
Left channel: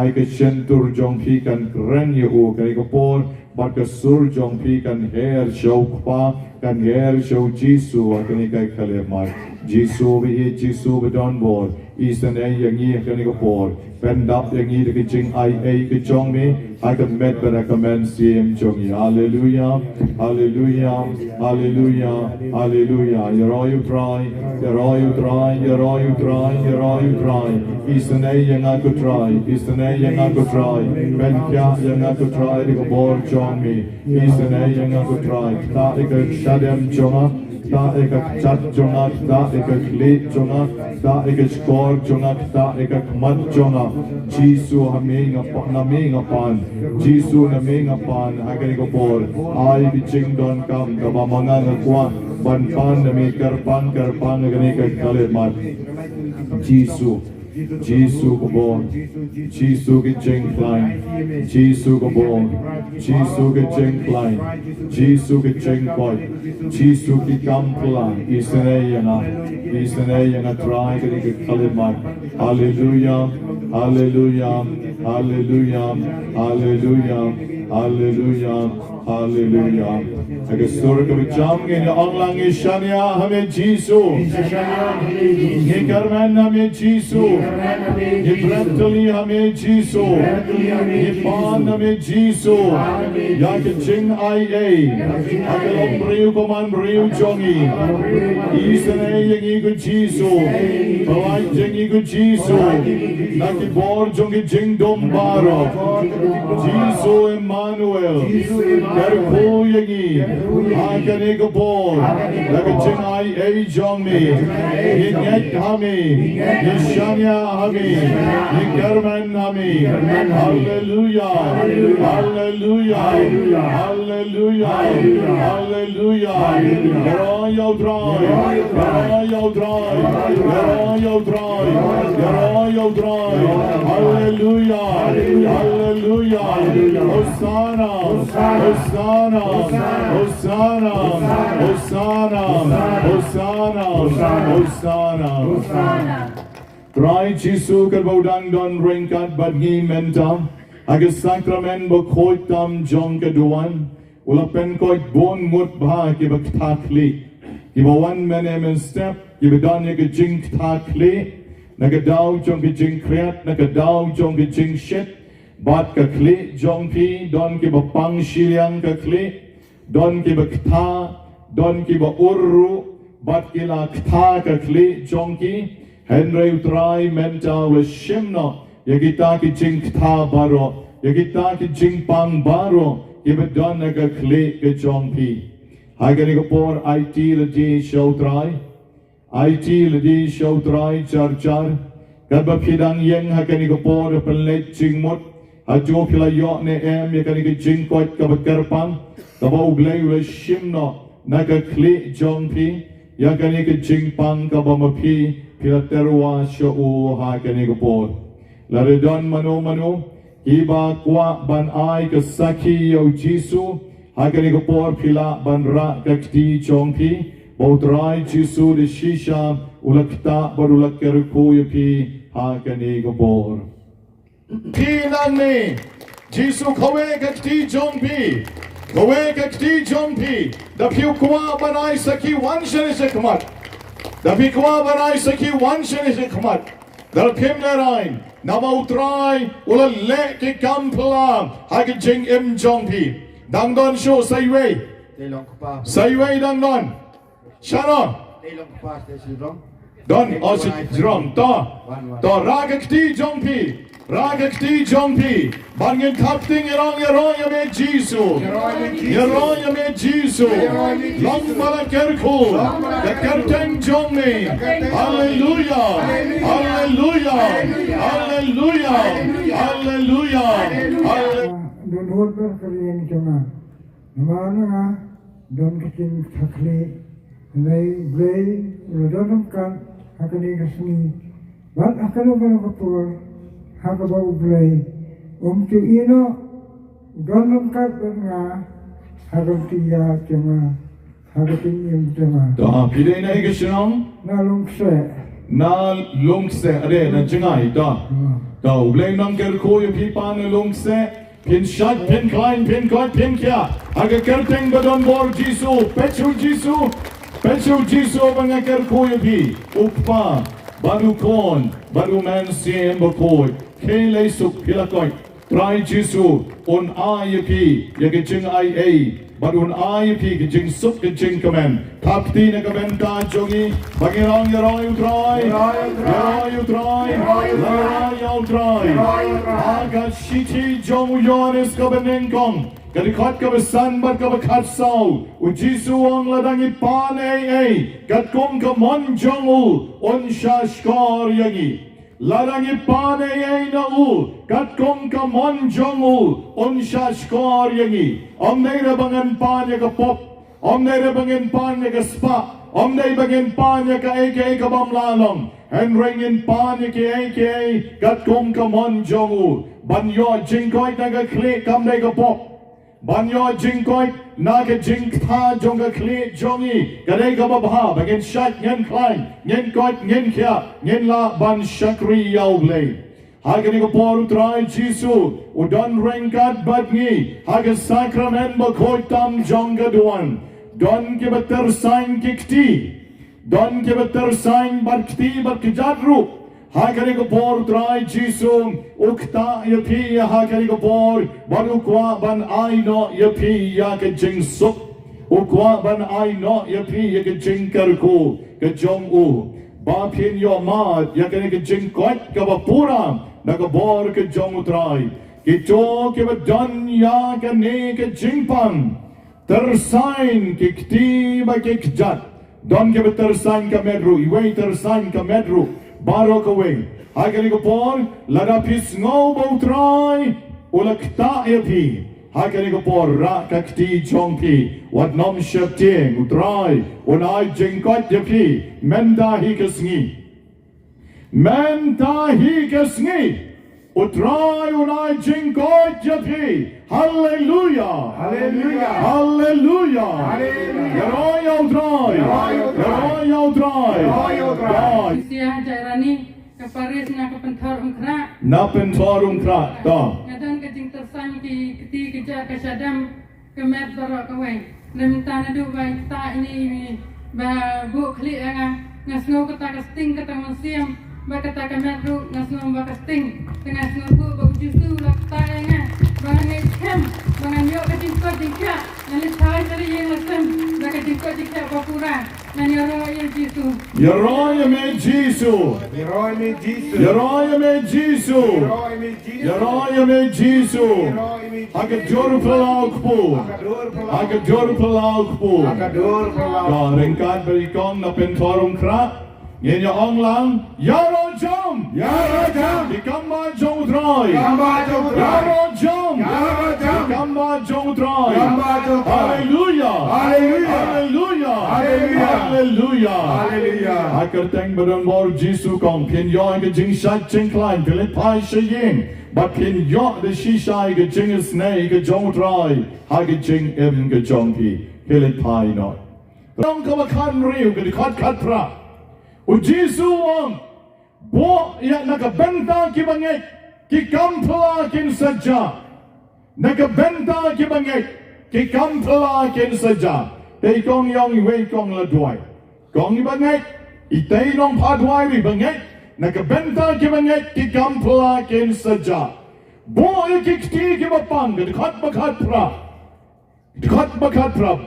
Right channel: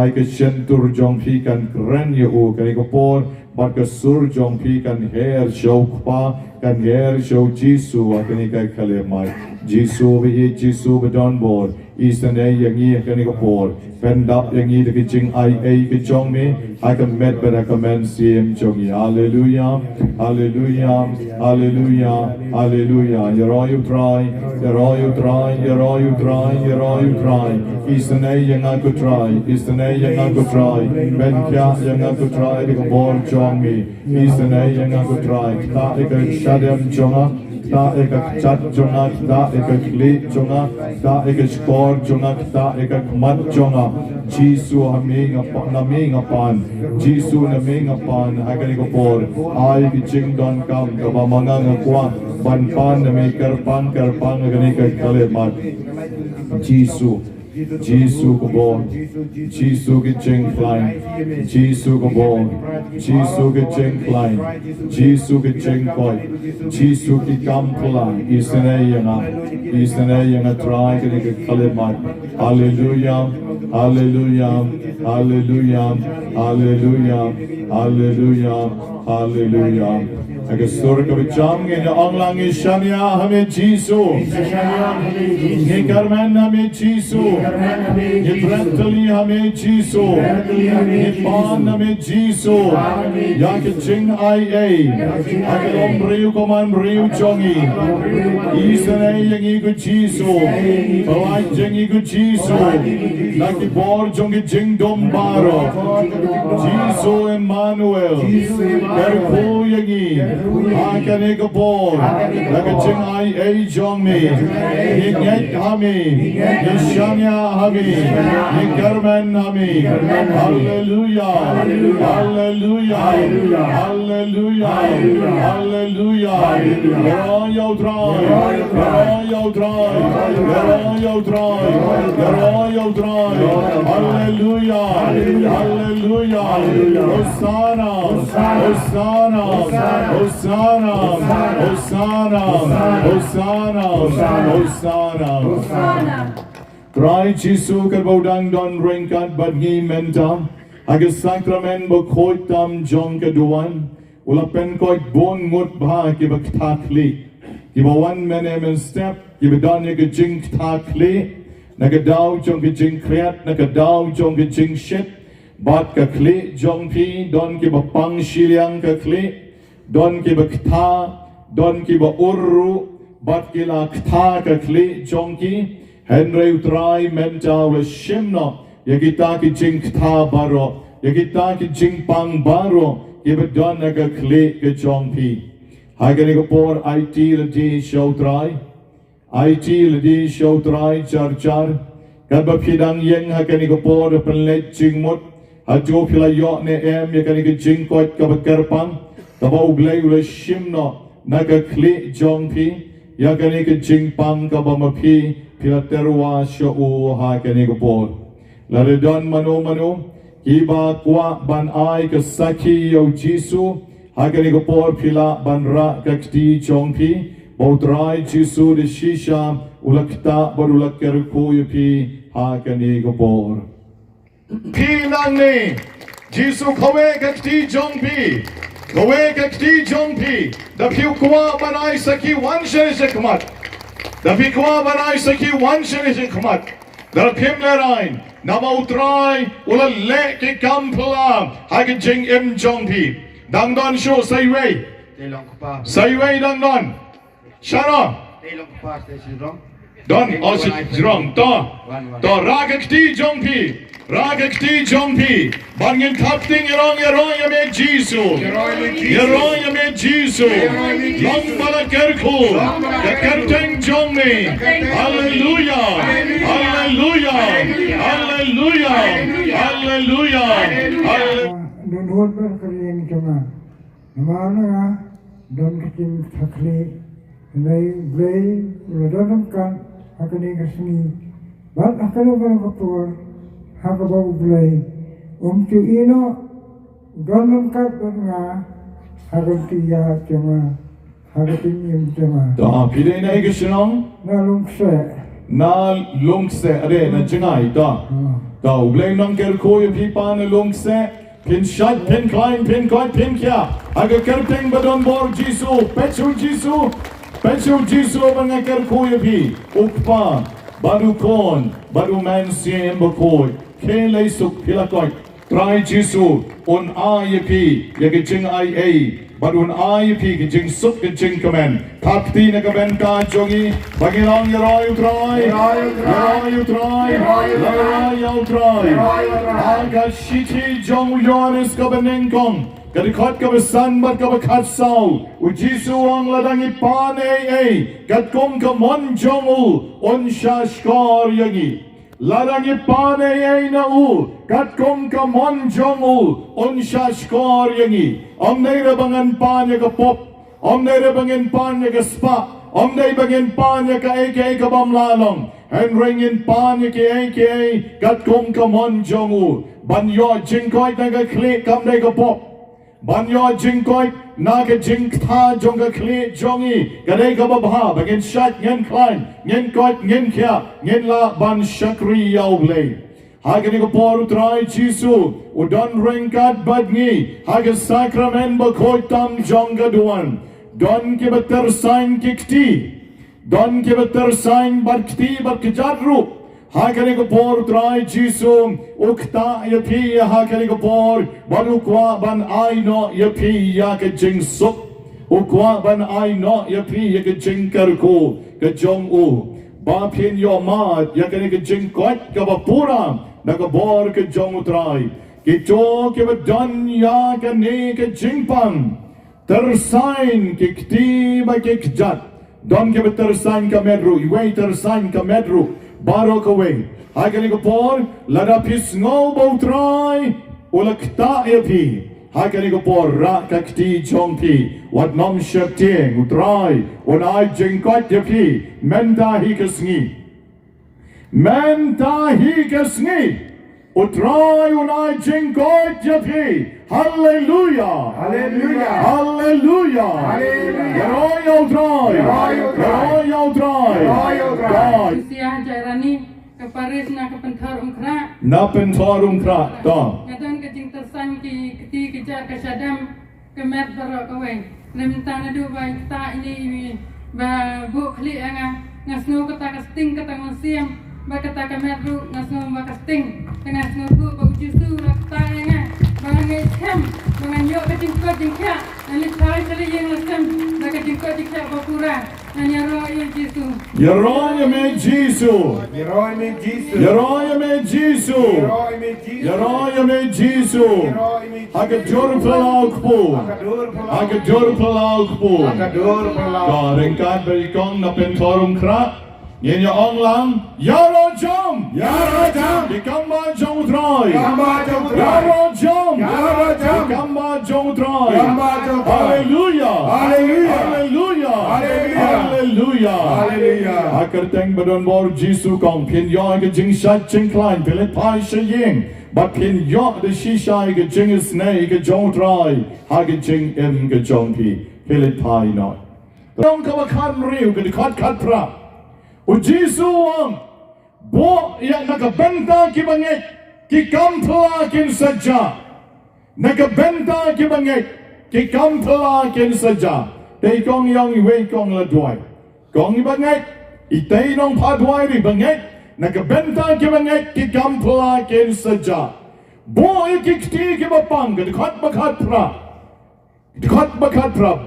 ai ke shentur jong pi kan kren ye o kai ko por bat ke sur jong pi kan her show pa kan her show jisu akani kai khale mai jisu bi jisu badan bor Eastern A yang ini akan ikut pendap yang ini dekat jing IA ke jong ni I can met pada komen CM jong ni Hallelujah Hallelujah Hallelujah Hallelujah You're all you try You're all you try You're all you try You're all you try Eastern A yang aku try Eastern A yang aku try Benkia yang aku try dekat bon jong ni Eastern A yang aku try tak dekat shadem jong ta ekak chat jonga ta ekak le jonga ta ekak skor jonga ta ekak mat jonga jisu hame ngapan jisu name ngapan agani ko por ai ki ching don kam ka mamanga ngakwa ban pan name karpan agani ka kale mat jisu Jisu ko bon Jisu ki ching klein Jisu ko bon Jisu ki ching klein Jisu ki ching koi Jisu ki kam pulang Isane yang try ka ni kalimat Hallelujah Hallelujah Hallelujah Hallelujah Hallelujah Hallelujah Agar surga berjam ke orang langit syania hame Jisu Ye karman hame Jisu Ye bratali hame Jisu Ye pan hame Jisu Ya ke jing IA Agar omriu koman riu jongi Isane yang ikut Jisu Kawai jing ikut Jisu Naki bor jongi jing dombaro Jisu Emmanuel Kerpo yang ini Akan ego bor Laga jing IA jong ni Ingay kami Yeshania kami Ingkarman kami Hallelujah Hallelujah Hallelujah Hallelujah Royal drive Royal drive Royal drive Royal drive Hallelujah Hallelujah Hosanna Hosanna Hosanna Hosanna Hosanna Hosanna Try Jisu kerbodang don ringkat badgi menta Agar sakrament berkhoitam jong keduan Ulapen koit bon mut bah kiba ktakli Kiba one men step Kiba don ke jing ktakli Nagadaw jong ke jing kriat Nagadaw jong ke jing shit Bat ke kli jong pi Don kiba pang shiliang ke kli Don kiba kta Don kiba urru Bat kila kta ke kli jong ki Henry utrai mentau le shimno Yagita ki jing kta baro Yagita ki jing pang baro Kiba don naga kli ke jong pi Hagani ko por IT le di show try IT le di show try char char Kadba pidang yeng hagani ko por penlet jing mut Hajo pila yok ne em Yagani ki jing koit kabakarpang Taba uglay le shimno Naga kli jong pi Yagani ki jing pang kabamapi Pila terwa sho'u hagani ko por Laredon mano Kiba kwa ban ai ke saki yo Jisu Hagani ko por pila ban ra kakti chongpi Bautrai Jisu de shisha Ulakta barulak kerko yupi Hagani ko por Pinang ni Jisu kawe kakti chongpi Kawe kakti chongpi Dapiu kwa ban ai saki wan shari shikmat Dapi kwa ban ai saki wan shari shikmat Dar pim lerain Nama utrai ula le ki kampla Hagen jing im jongpi Dang don show say way dang don Shana Don osi jrong To ragakti jongpi Bangin kapting yarong yame Jisu Yarong yame Jisu Long malakerku Yakerteng jongni Hallelujah Hallelujah Hallelujah Hallelujah Nunhut berkeliling cuma Mana don kecil sakli Nai blay Uladon kan Hakani kesini Bat akalo berkepur Hakabau blay Cu ino Don kat berna akan tiya cuma akan yang cuma Da pide na ke Shillong nalung se na long se ade na jingai da. Da ublay nang ker ko ye pi pa na long se pin shot pin klein pin koi pin kya. Aga kerteng badon bor Jisu pechu Jisu banga ker ko ye pi ukpa baru kon baru man siem bakoi kele suk pilakoi. Try Jisu on IEP ye jing IA badun IEP ke jing suk ke jing kamen tapti na kamen ka jogi bagilong yaroy try aga shiti jong yones kabeneng kong kadikhat ka besan bat ka bekhat sau u Jisu ang ladang ipan gat kong ka mon jongu on shashkar yagi Ladang ipan na kat kong kamon jongu on shashkor yangi om nei rabangan pan ya ka pop om nei rabangan pan ya ka spa om nei bangan pan ya ka aka ka bamlalong and ringin pan ya ka aka kat kong kamon jongu banyo jingkoi na ka klik kam nei ka pop banyo jingkoi na ka jingta jong ka klik jongi kadai ka babha bagen shat ngen klein ngen kot ngen kya ngen la ban shakri yauble hagani ko por utrai Jisu udan rengkat badngi haga sakrament bakoi tam jong ka duan don ke beter sain kikti don ke beter sain barkti barkjadru hagani ko por utrai Jisu ukta yapi hagani ko por baru kwa ban aino yapi ya ka jing suk ukwa ban aino yapi ya ka jing karko ka jong u ba pin yo mat ya ka jing kwat ka bapurang na ka bor ka jong utrai ki to ke badan ya ka ne ka jing pan tersain ki kti ba ki kjat don ke tersain ka medru iwe tersain ka medru barok away hagani ko por lada pis ngo bautrai ulakta yapi hagani ko por ra kakti chongpi wat nom shapting utrai unai jingkot yapi menta hi kasngi utrai unai jingkot yapi hallelujah utrai Siang jarani keparis na kepentar umkra. Napen tarung krak da. Ngadan kejing tersan ki keti kejak kasadam kemet barok kawe. Lemtan adu bai ta ini ba bu kli anga ngasno kata kasting kata mansiam ba kata kemet ru ngasno ba kasting tengah ngasno bu ba justu kata anga ba ngai kem ba nganyo kejing ko dikya nali thai tali yang ngasem ba kejing ko dikya ba pura. Yaroya me Jisu. Aga jor palaukpu. Da ringkat berikong na pentorum kra. Ngenya ong lang. Yaro jom. Ikamba jong troy. Yaro jom. Ikamba jong troy. Hallelujah. Akarteng badon bor Jisu kong pin yo ga jing shat jing klein pilit pai shaying. But pin yo the shisha ga jing is nay ga jong try. Ha ga jing in ga jong pi pilit pai not. Dong ka bakan riu ga kat pra. U Jisu wang bo ya nakabenta ki bangay ki kampla kin saja. Nakabenta ki bangay ki kampla kin saja. Tay kong yong iwe kong la duay. Kong ibangay, itay nong padway ri bangay, nakabenta ki bangay ki kampla kin saja. Boy kikti ki bapang, kadikhat bakhat pra.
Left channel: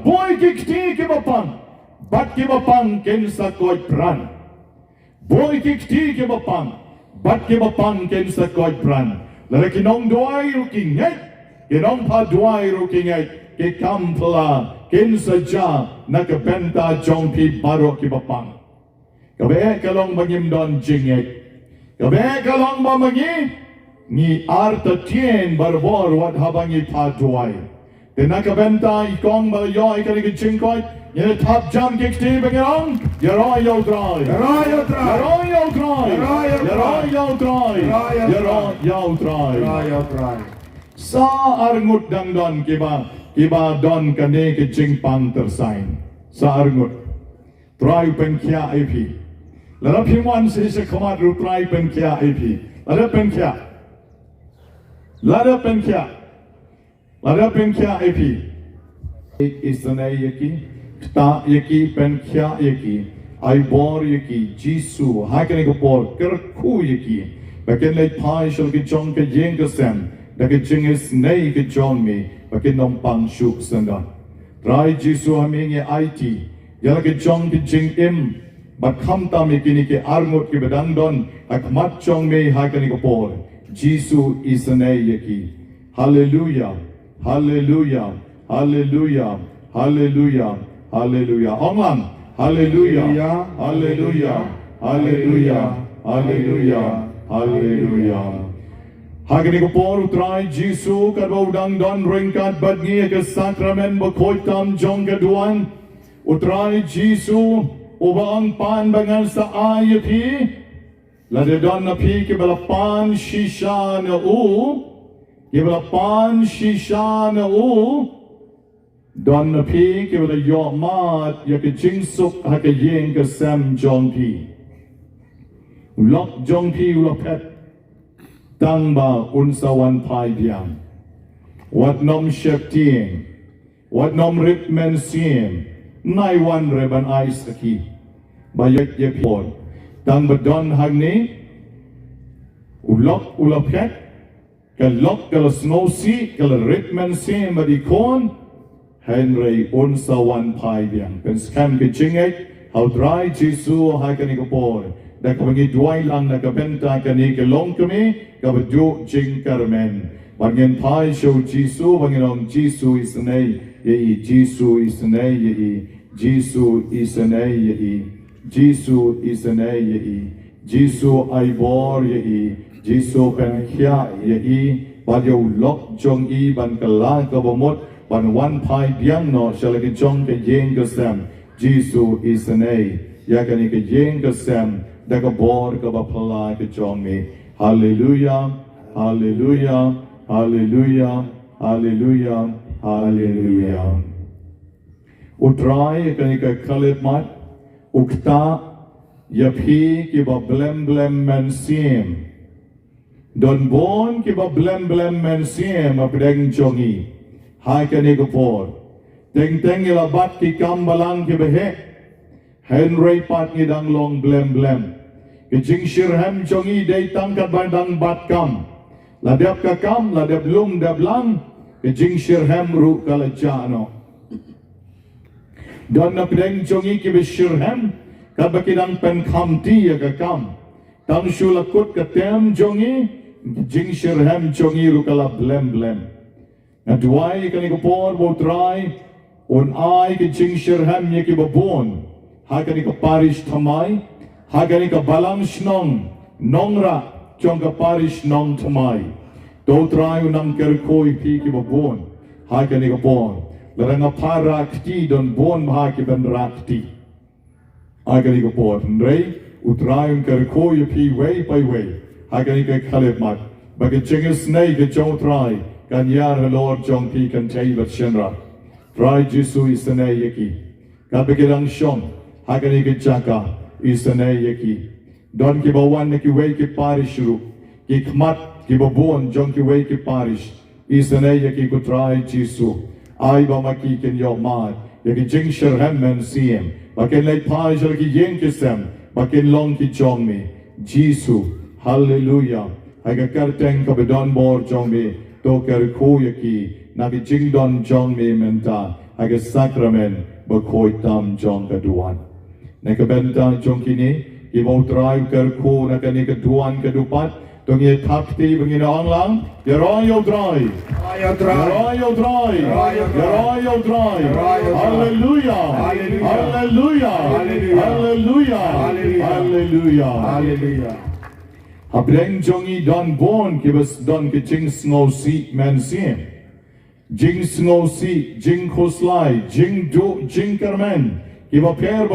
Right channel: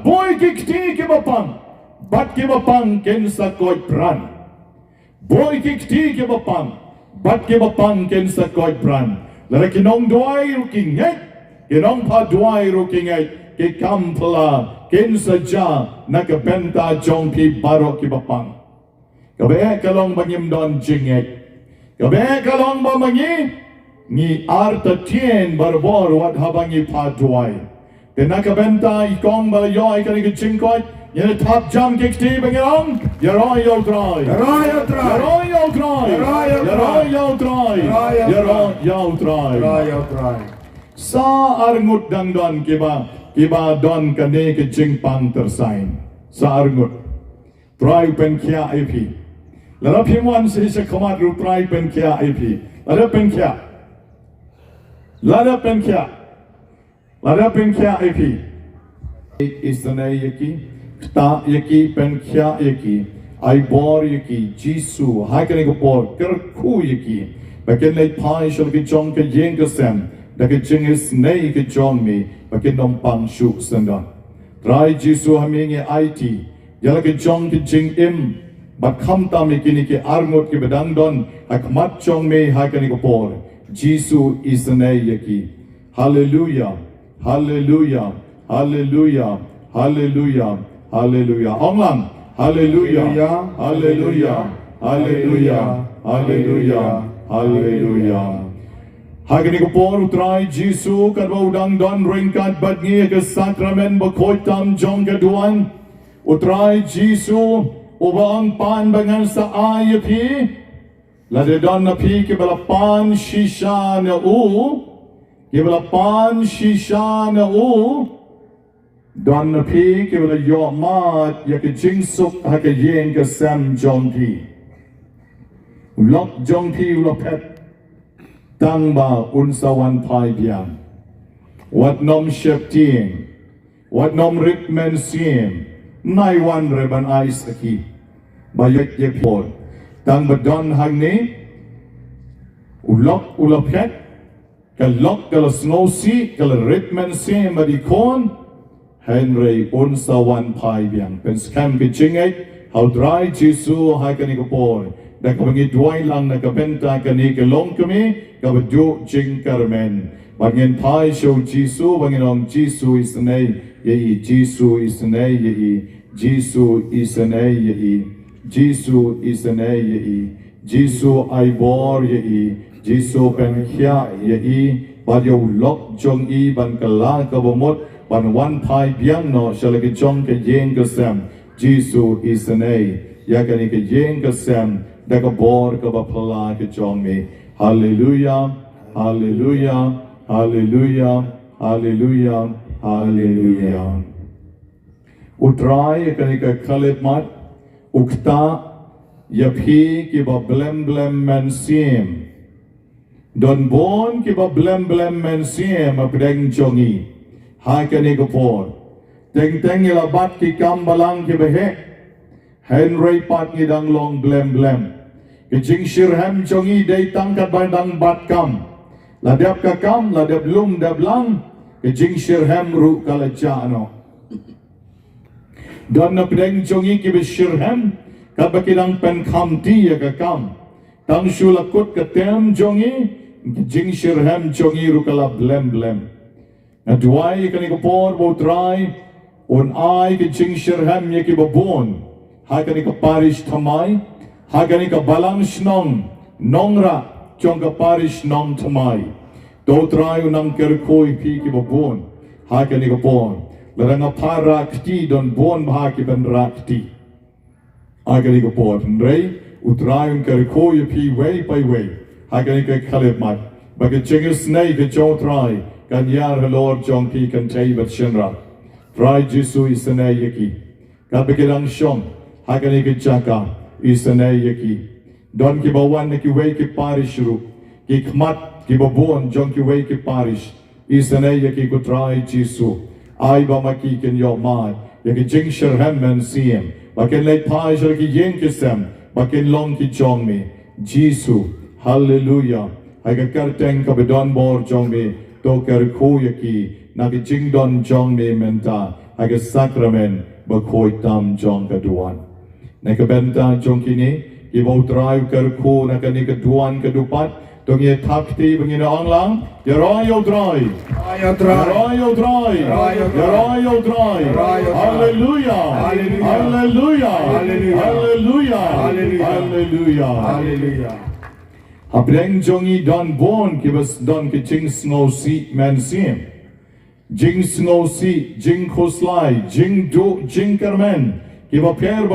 Boy kikti ki bapang, bat ki bapang kin sa koy pran. Boy kikti ki bapang, bat ki bapang kin sa koy pran. Lara kinong duay rukingay, kinong padway rukingay, ki kampla kin saja nakabenta jong pi barok ki bapang. Kabe kalong bangim don jingek. Kabe kalong bamangi ni arta tien barbor wat habangi padway. Nakabenta ikong balayo ay kanig jingkoy. Yan top jam kikti bangirong. Yaroyo dry. Sa arngut dangdon kiba kiba don kane ke jing pan tersain sa arngut try pen kia ip lara phimwan se se khamat ru try pen kia ip lara pen kia ip is the name yaki ta yaki pen kia yaki ai bor yaki jisu hai kane ko bor ker khu yaki baken lai pai shol ki jong ke yeng ke sem da ke jing is nei ke jong mi baken nom pang shuk sanga try jisu haming it yala ke jong ke jing im bat kham ta mi kini ke arngot ke bedang don akmat jong me hai kane ko bor jisu is the name yaki hallelujah hallelujah hallelujah hallelujah hallelujah onglam hallelujah hallelujah hallelujah hallelujah hallelujah hagani ko por utrai jisu kadwo dang don ringkat badngi ke sakrament bokoi tam jong gaduan utrai jisu ubang pan bangal sa ayapi lade don na pi ke balapan shisha na u Kibalapan shisha na u don na pi kibala yo mat ya ke jingsuk ha ke yen ke sam jong pi ulok jong pi ulopet tang ba unsawan pai biang wat nom shep tieng wat nom rik men siem nai wan reban ais aki bayek ye por tang ba don hang ni ulok ulopet kalok kala snosi kala ritman sim badikon Henry unsawan pai biang pen scam ke chingai how dry jisu hai kani ko por da ka bangi duai lang na ka benta kani ke long kami ka bdu jing karmen bangin pai show jisu bangin ong jisu is nei ye jisu is nei ye jisu is nei ye jisu is nei ye jisu ai bor ye jisu pen khia ye i ba yo lok jong i ban kala ka bomot ban wan pai biang no shalagi jong ke yeng ka sam jisu is nei ya kani ke yeng ka sam da ka bor ka ba phala ke jong me hallelujah hallelujah hallelujah hallelujah hallelujah utrai kani ka khalet mat ukta yaphi ki ba blem blem men sim don bon ki ba blem blem men sim apdeng jongi hai kani ko por teng teng ila bat ki kam balang ki behe henry pat ni dang long blem blem ki jing shirham jongi dei tangkat bandang bat kam la dep ka kam la dep lum dep lang ki jing shirham ru kala jano don na pdeng jongi ki be shirham ka bakidang pen kam ti ya ka kam tang shulakut ka tem jongi jing shirham jongi ru kala blem blem na duai kani ko por bo try on ai ke jing shirham ye ki babon ha kani ko parish thamai ha kani ko balang snong nongra chong ka parish nong thamai do try unang ker koi pi ki babon ha kani ko por laranga para kti don bon ha ki ben rakti agari ko por rei utrai ker koi pi way by way agari ko khaleb mat bag jing snai ke jo try kan yar lord jong pi kan tai bat shenra try jisu isnai yaki ka bekirang shom agari ke chaka isnai yaki don ki bawan ki way ki parish ru ki khmat ki babon jong ki way ki parish isnai yaki ko try jisu ai ba maki ken yo mai yaki jing sherham men siem baken late pai shall ki yen kisem baken long ki jong me jisu hallelujah ai ka karteng ka bedon bor jong me to ker ko yaki na ki jing don jong me menta ai ka sakrament ba koi tam jong ka duan na ka benta jong kini i mo drive ker ko na ka ni ka duan ka dupat tong ye takti bangina onglang ya royo dry hallelujah hallelujah hallelujah hallelujah hallelujah Abreng jongi don bon ki bas don ki jing snow si man sim jing snow si jing khoslai jing do jing karmen ki ba per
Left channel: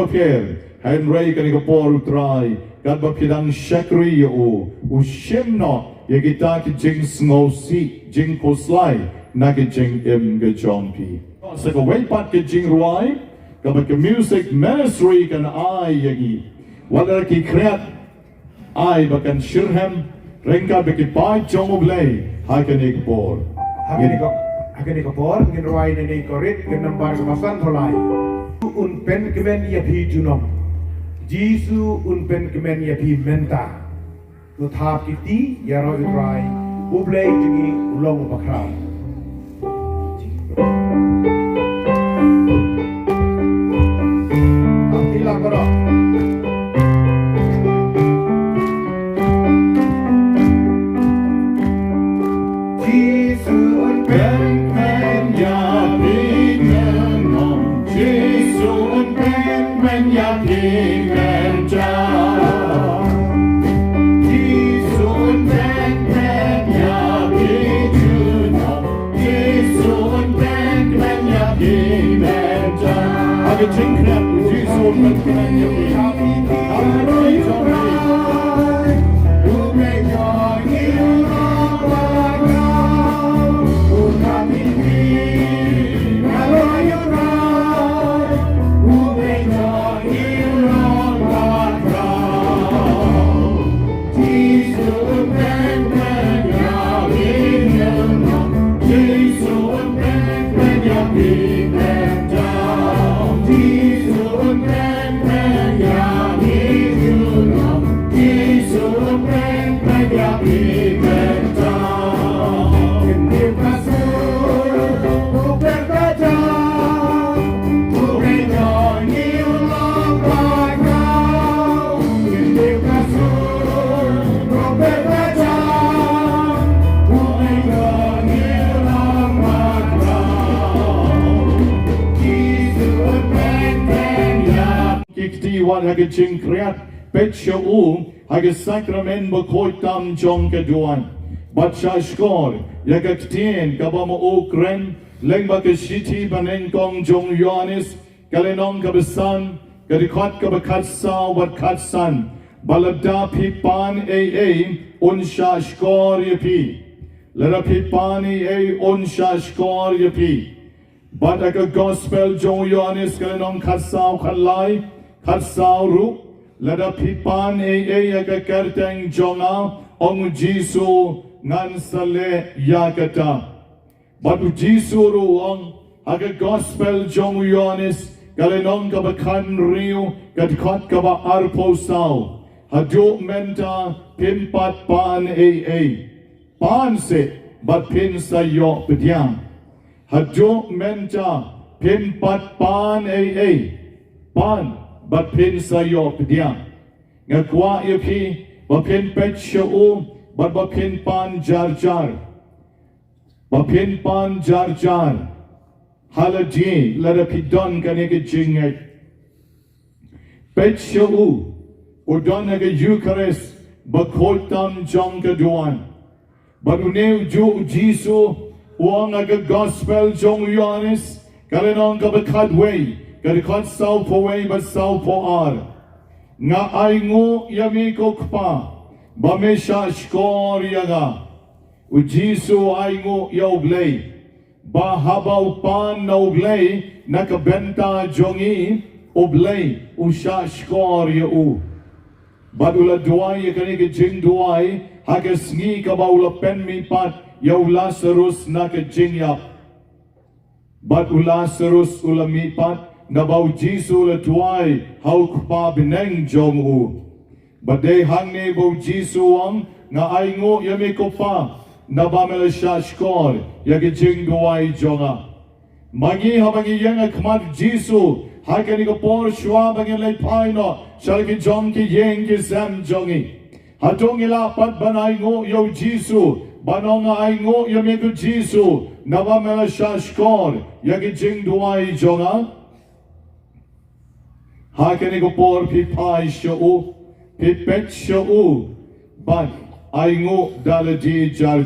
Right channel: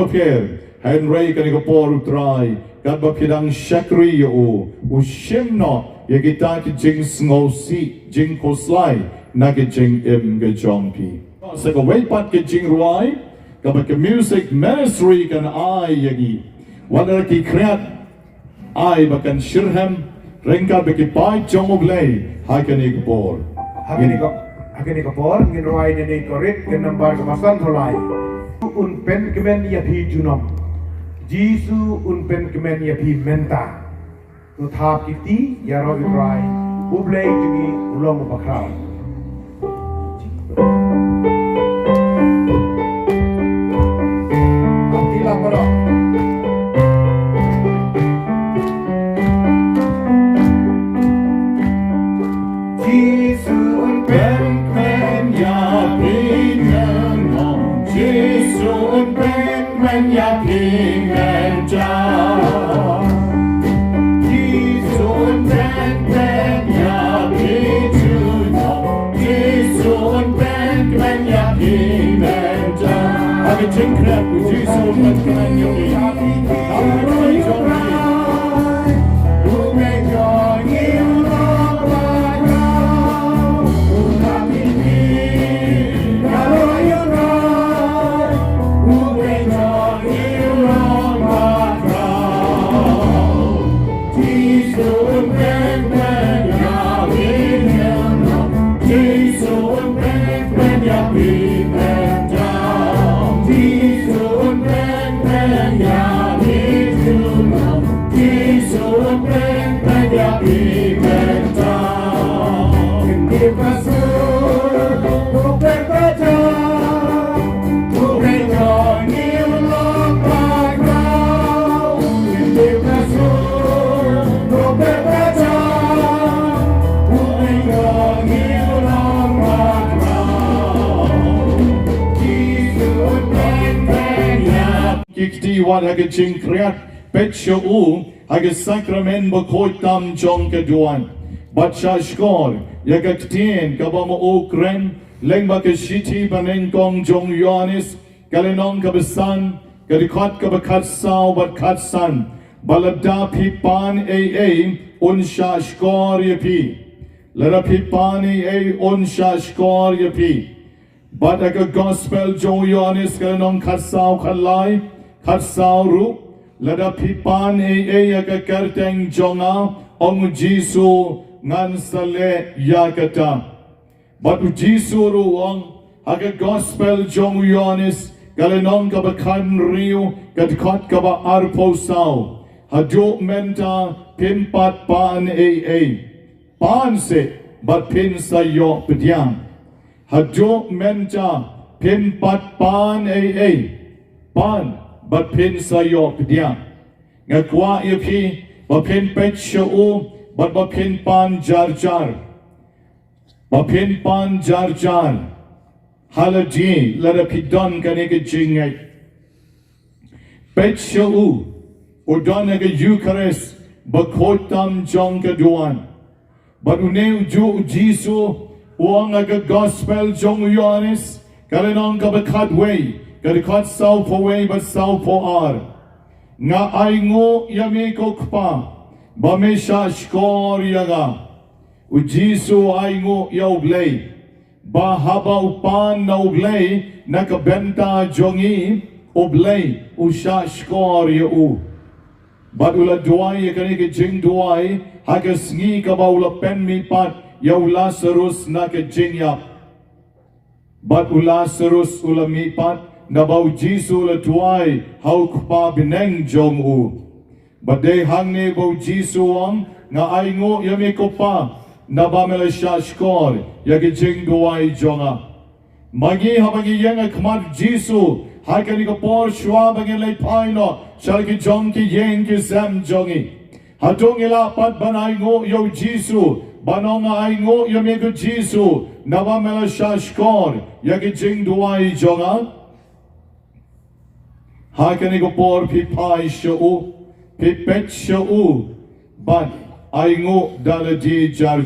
henry kan ko por utrai kad ba pidang shakri u shimno ye kita ki jing snow si jing khoslai na ke jing ke jong pi sa ka wei pat ke jing ruai ka ba ke music ministry kan ai yagi wala ki kreat ai ba kan shirham rengka be ke pai jong blai ha kan ik por Akan ikapor, ngin ruai nini korit, ngin nambar kemasan ruai. Un pen kemen ya pi junom. Jisu un pen kemen ya pi menta. Nu thap kiti ya roi ruai. Ublay jini ulong bakraw. Amtila koro. Jisu un pen Hage jing kreat petsho u hage sakrament bakoi tam jong keduan bacha skor yaga ktien kabama u kren lengba ke shiti banen kong jong yonis kalenong kabesan kadikot kabakat sao bat katsan balada pipan unsha skor yapi lera pipani unsha skor yapi bataga gospel jong yonis kalenong katsao kalai Katsauru lada pipan aga kerteng jonga ong Jisu ngan sale yakata. Batu Jisu ruang aga gospel jong yonis galenong kabakan riu kadkot kaba arpo sao. Haduk menta pimpat pan pan se bat pin sayo pediang. Haduk menta pimpat pan pan but pin sayo pediang ngakwa yapi ba pin pet show but ba pin pan jar ba pin pan jar halaji lada pidon kanike jingai pet show udon aga Eucharist ba kotam jong kaduan but uneu ju Jisu uang aga gospel jong yonis kalenong kabakadway Kadikat sao po way but sao po ar. Nga ay ngo yami kokpa. Bamesha skor yaga. U Jisu ay ngo yauglay. Bahabaw pan na uglay. Nakabenta jongi. Uglay. Usha skor yau. Badula duay kanike jingduwai. Hagas ngi kabawla penmi pat. Yaw Lazarus nakajingyap. Bad Lazarus ulami pat. Nabaw Jisu la tuay hau pa bineng jong u. Baday hangni baw Jisu ang nga ay ngo yami ko pa nabamela siya skor yagi jingduwai jonga. Magi habangi yang akmat Jisu hakani ko por shwa bangin lay paino shalaki jong ki yeng ki sam jongi. Hatong ila pat banay ngo yaw Jisu banong ay ngo yami ko Jisu nabamela siya skor yagi jingduwai jonga. Hakani ko por pipai show, pipet show, but ay ngo daladi jar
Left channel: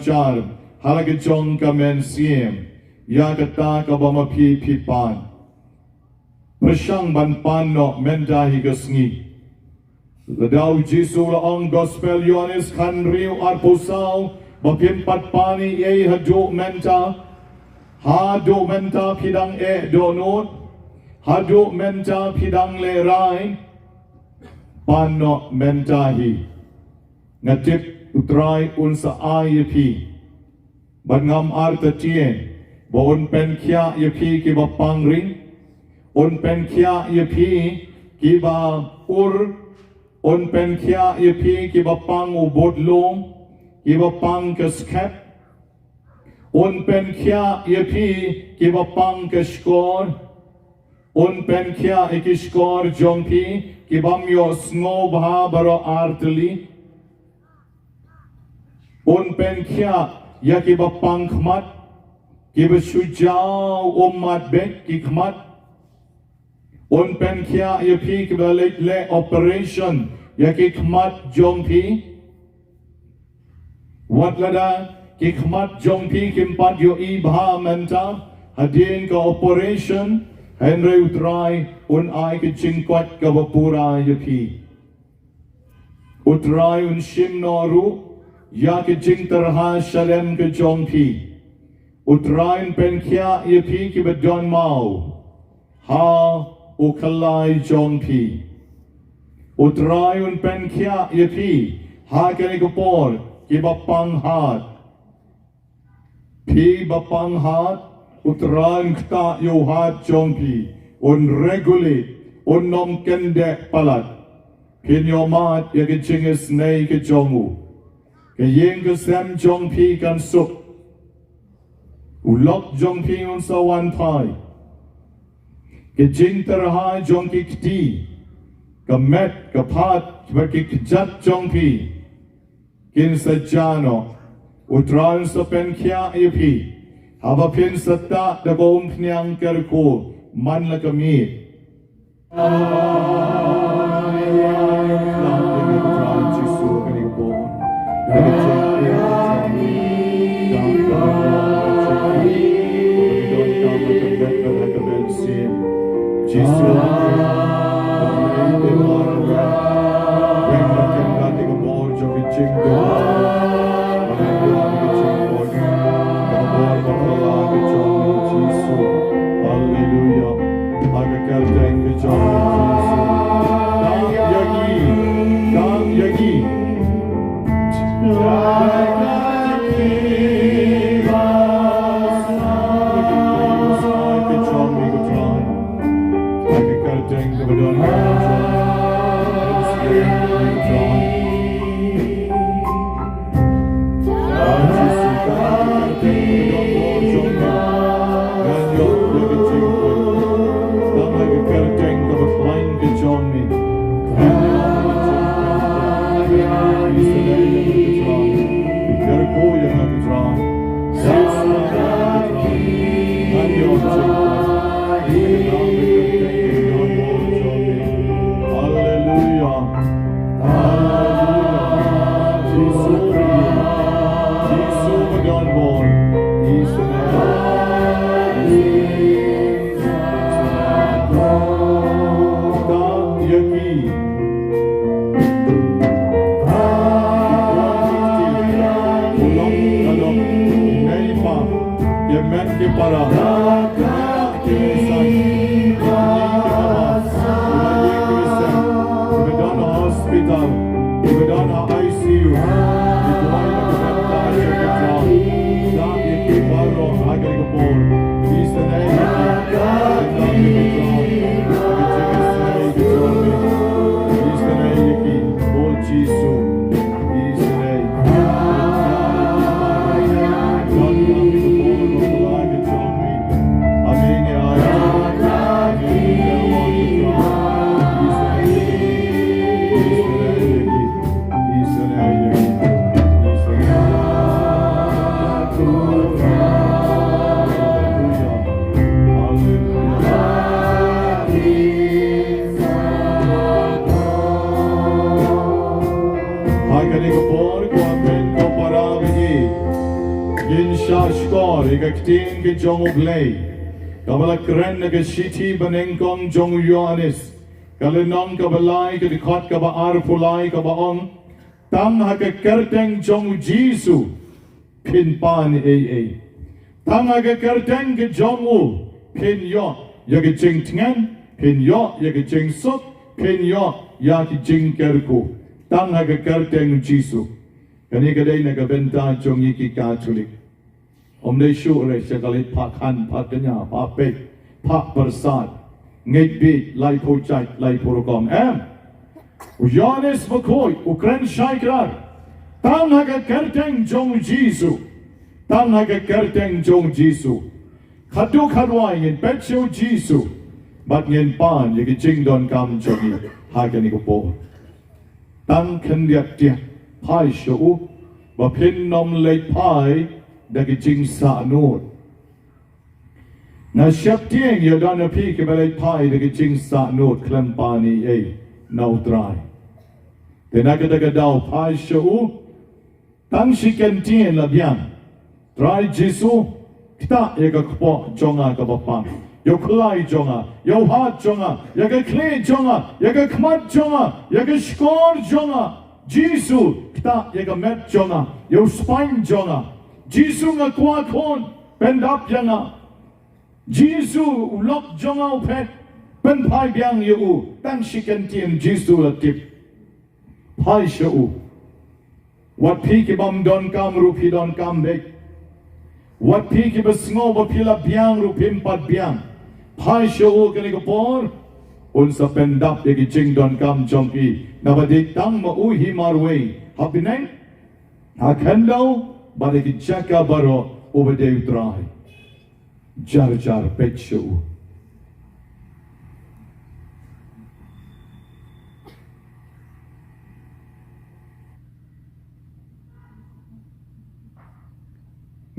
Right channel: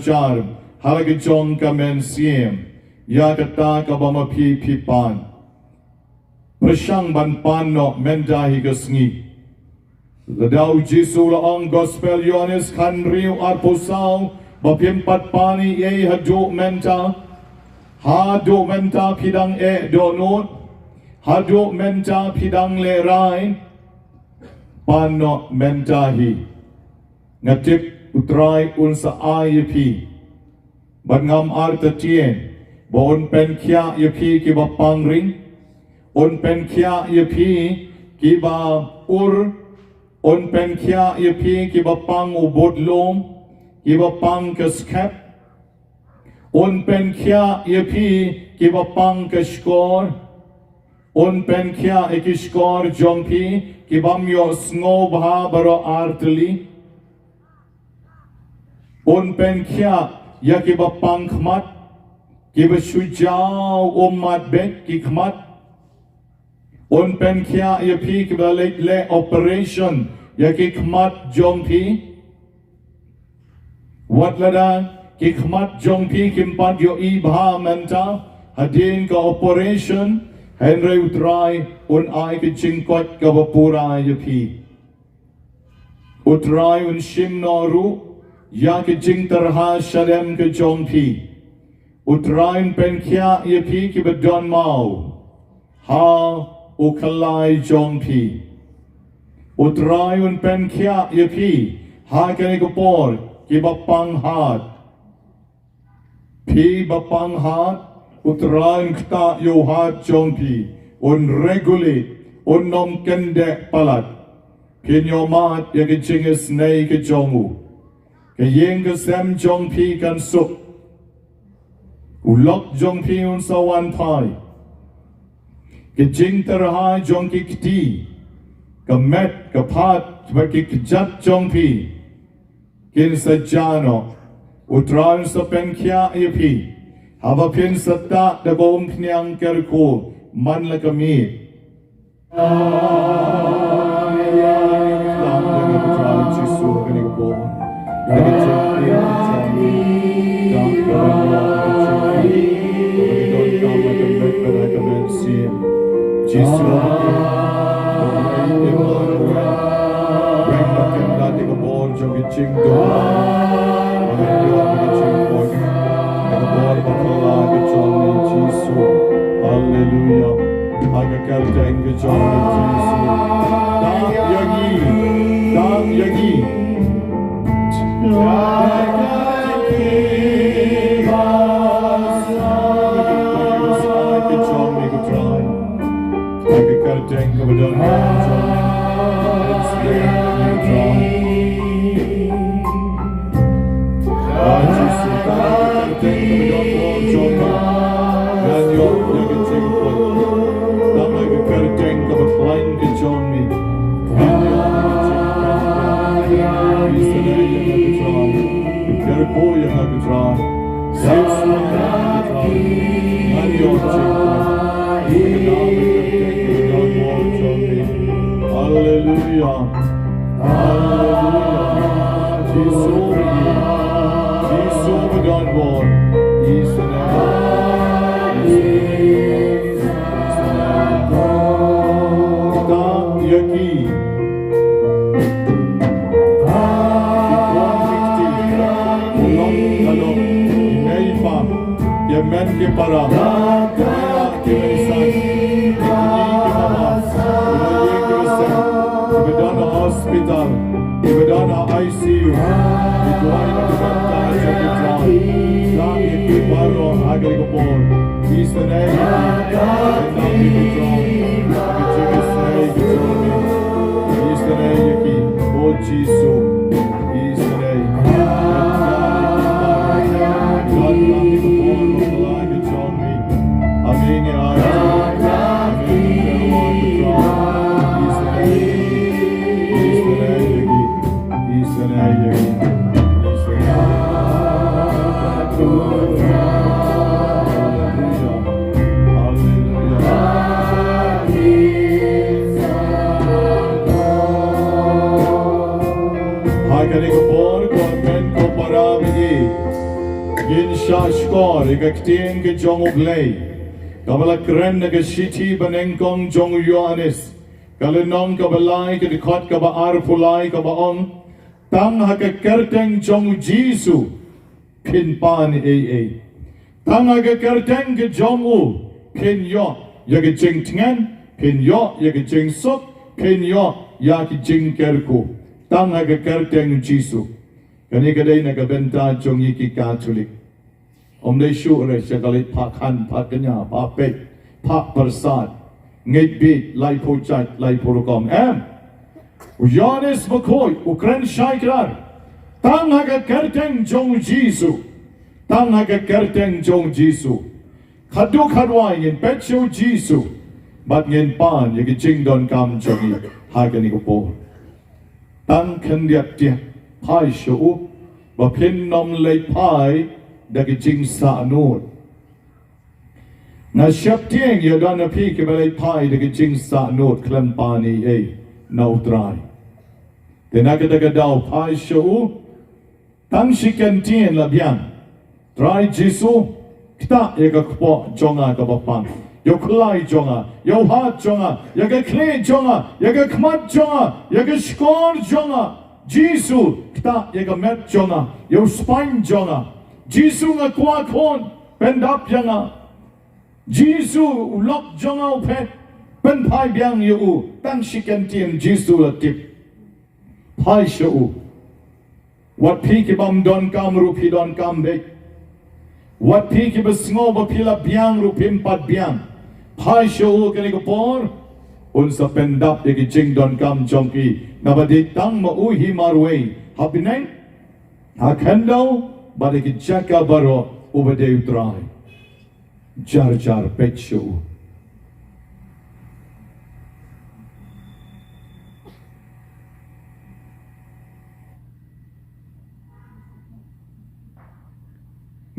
halaga jong kamen siem, yakata ka ba mapipipan. Prasyang banpan no mendahi gasngi. Ladaw Jisu laong gospel yonis kanriw arpusaw, bapimpat pani hadu menta, Hado menta pidang donut, hado menta pidang lerai, pano mentahi. Ngatip utrai unsa ayapi. Bangam arta tien, bon pen kia yapi kiba pangring, on pen kia yapi kiba ur, on pen kia yapi kiba pang ubodlong, kiba pang kaskep, on pen kia yapi kiba pang kaskor, on pen kia ikiskor jompi kibam yo sngo bha baro artli, on pen kia yakiba pang khmat, kiba shujao umat bek kikmat, on pen kia yapi kiba le operation yakikmat jompi, wat lada kikmat jompi kimpat yo ibha menta, hadin ka operation, Henry utrai un ai ke jingkot ka bapura yapi. Utrai un shim noru, ya ke jing tarha shalem ke jompi. Utrai pen kia yapi ki bedon mau. Ha ukalai jompi. Utrai un pen kia yapi. Ha kene kupor ki bapang hat. Pi bapang hat. Utrai kta yo hat jompi. Un regulate. Un nom kendek palat. Kin yo mat ya ke jingis nei ke jomu. Ke yeng ke sem jompi kan sup. Ulok jompi un sawan pai. Ke jing terhai jongki kti. Ke met ke pat bagi kejat jompi. Kin sajano. Utran sa pen kia ipi. Haba pin sata da gong knyang kerko. Man la kami. Hallelujah. Agakal thank you, Dam Yagi. Gaktin ke jong uglay, kabala kren na gashiti banengkong jong Yohanes, kalenong kabalay kadikot kabaar pulay kabaong, tam hakakerteng jong Jisu, pinpan AA, Tanga ke kerteng ke jongu, pen yo, ya ke jing tingan, pen yo, ya ke jing sok, pen yo, ya ke jing kerku. Tanga ke kerteng Jisu. Kani kadai na kabenta jongi ki Katolik. Om dei shu re sekalit pakan, pakanya, papek, pak persat, ngay bit, lai po chat, lai po rukam. Uyanis makoi, ukren shaikrar. Tanga ke kerteng jong Jisu. Tanga ke kerteng jong Jisu. Khadu khadwai ngin petcho Jisu. Bat ngin pan ye ke jing don kam jongi. Hai kani ko po. Tang kan diak dia. Pai shu. Ba pin nom lei pai. Da ke jing sa nur. Na siap tieng ya dan api ke balai pai da ke jing sa nur. Klem pani nau dry. Tenaga da ke dau pai shu. Tang si kan tien labian. Try Jisu, kita yaga kpo jonga ka bapam. Yo klai jonga, yo hat jonga, yaga kle jonga, yaga kmat jonga, yaga skor jonga. Jisu, kita yaga met jonga, yo spine jonga. Jisu nga kwa kon, pendap jonga. Jisu ulok jonga upet, pen pai biang yo tang shikan tien Jisu latip. Pai shu. Wat pi ki bam don kam rupi don kam dek. Wat pi ki besngo bapila biang rupim pat biang. Pai shu kani ko por. Unsa pendap ye ki jing don kam jongki. Nabadik tang ma uhi marway. Hapinay. Hakendo bade ki jaka baro ubade utray. Jar jar pet shu.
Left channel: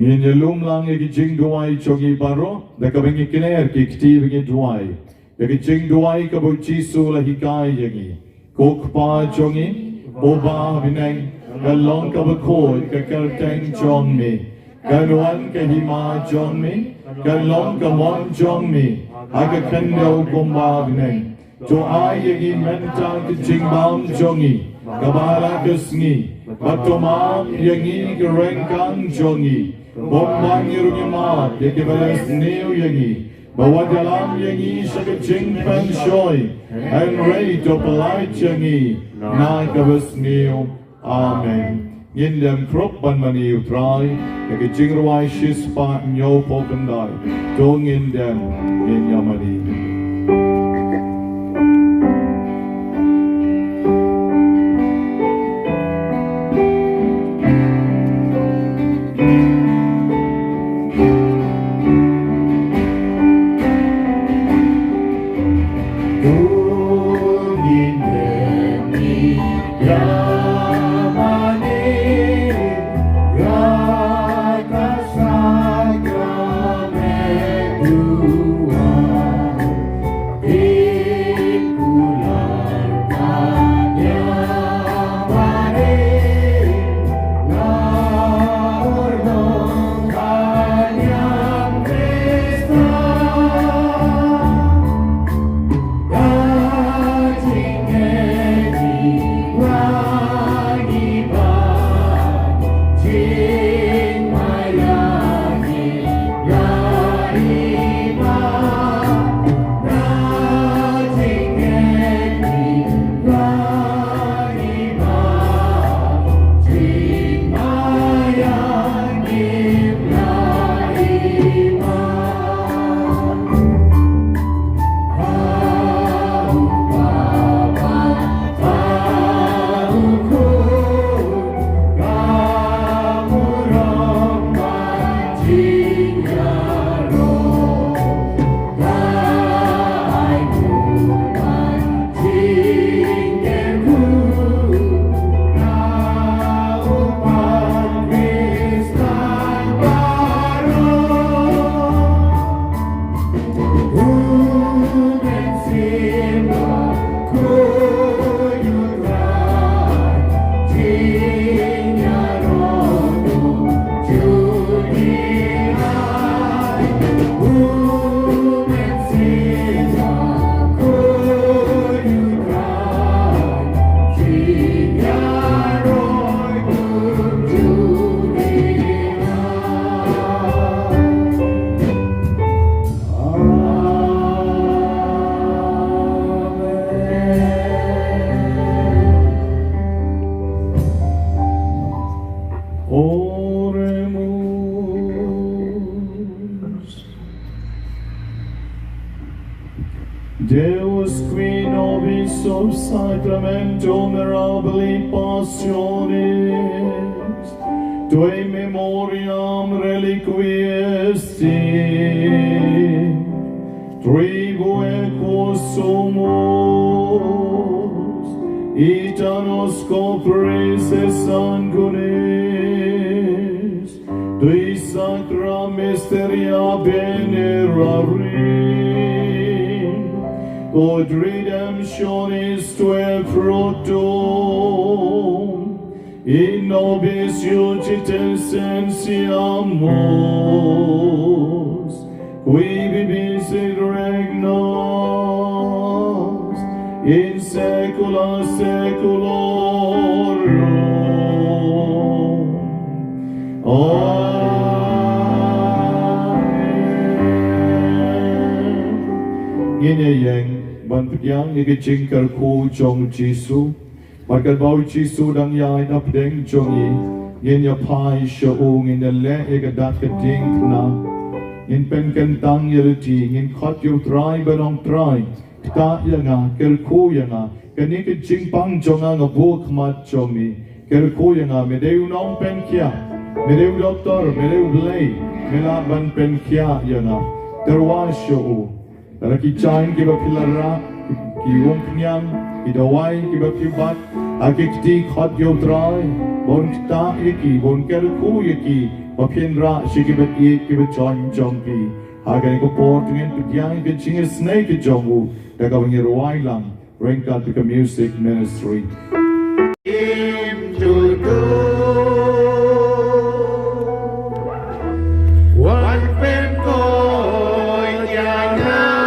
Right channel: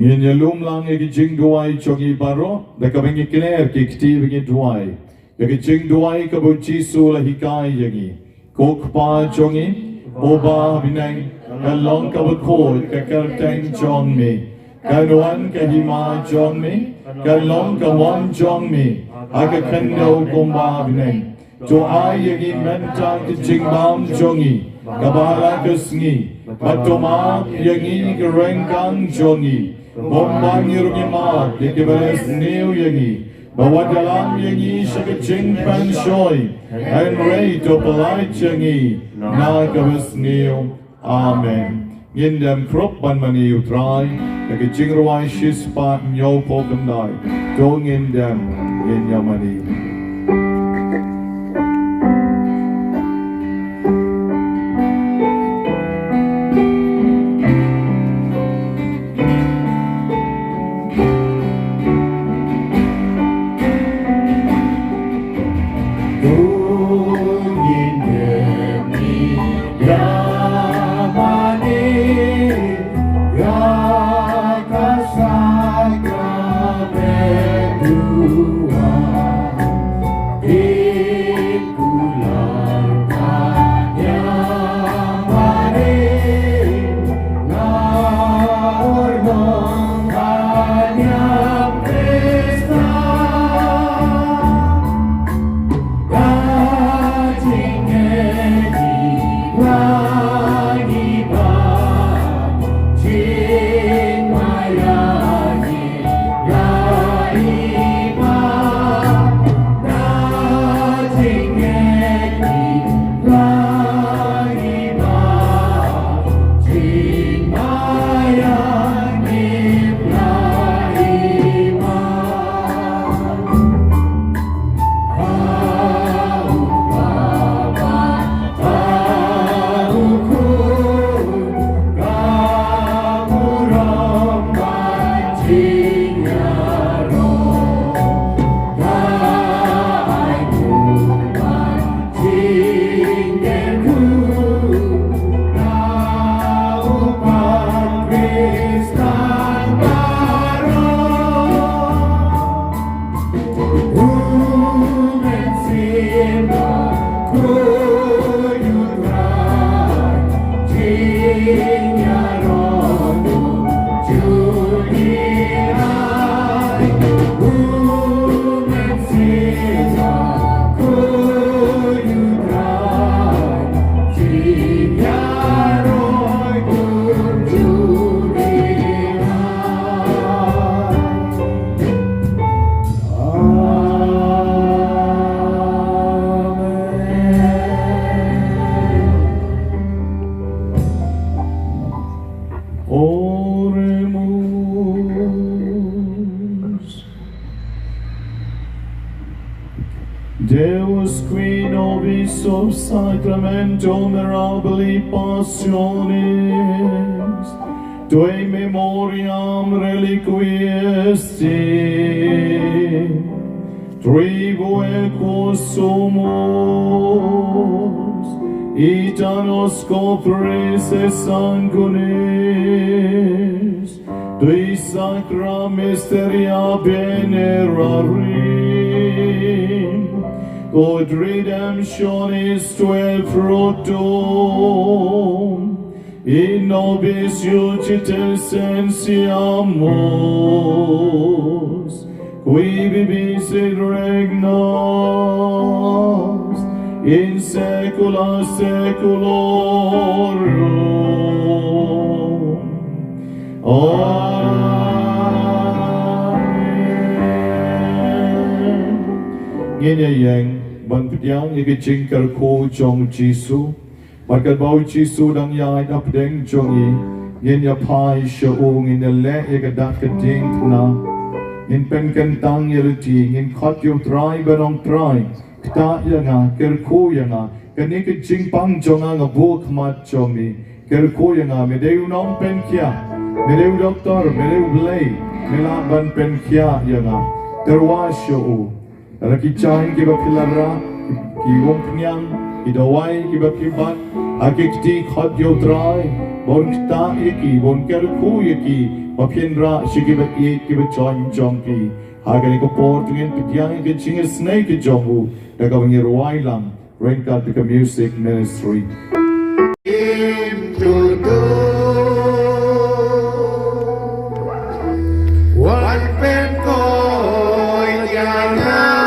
Ngin lum lang ye jingduwai chongi baro da ka bingi clear ki kti bingi duwai ye jingduwai ka bo Jisu la hikai yangi kok pa chongi oba binai ka long ka bo ko ka kerteng chong ni ka nuan ka hima chong ni ka long ka mon chong ni aga kendo bomba binai to ai yangi menta ki jingbam chongi ka bala kusngi batoma yangi ka rengkang chongi Bombang yurgima, yekibalas neo yangi, bawa dalam yangi syakacing panshoy, and ray to polite yangi, nakabas neo, amen. Ngindam krop ban mani utray, yakacing rawai shispa nyo pokandai, to ngindam, nginyamani. Deus qui nobis ob Sacramento mirabili passionis, Tue memoriam reliquiesti, tribue sumus, ita nos copris et sanguinis, Tui sacra mysteria venerarim, quod redemptionis Tue fructum, in nobis iudites sensiamus, qui vivis et regnas in saecula saeculorum. Amen. Ngine yang ban piang ni ke jingkar ko jong Jesu. Maka bau Jesu dang yai dap deng jongi yin ya pai shoong in the le ega dat ke ding tuna in pen ken tang yelti in khot yu try banong try kta yanga ker ko yanga kani ke jing pang jonga nga buk mat jomi ker ko yanga me deu nom pen kya me deu doktor me deu blay me la ban pen kya yanga terwa shoo raki chain ki ba pilara ki wong nyang idawai kiba kibat akikti khot yo trai bon ta iki bon ker ku iki papendra shikibat kiba join jonki agani ko portungin pityang ke ching snake jongu daga ngir wailang renka the music ministry to do one pen ko yana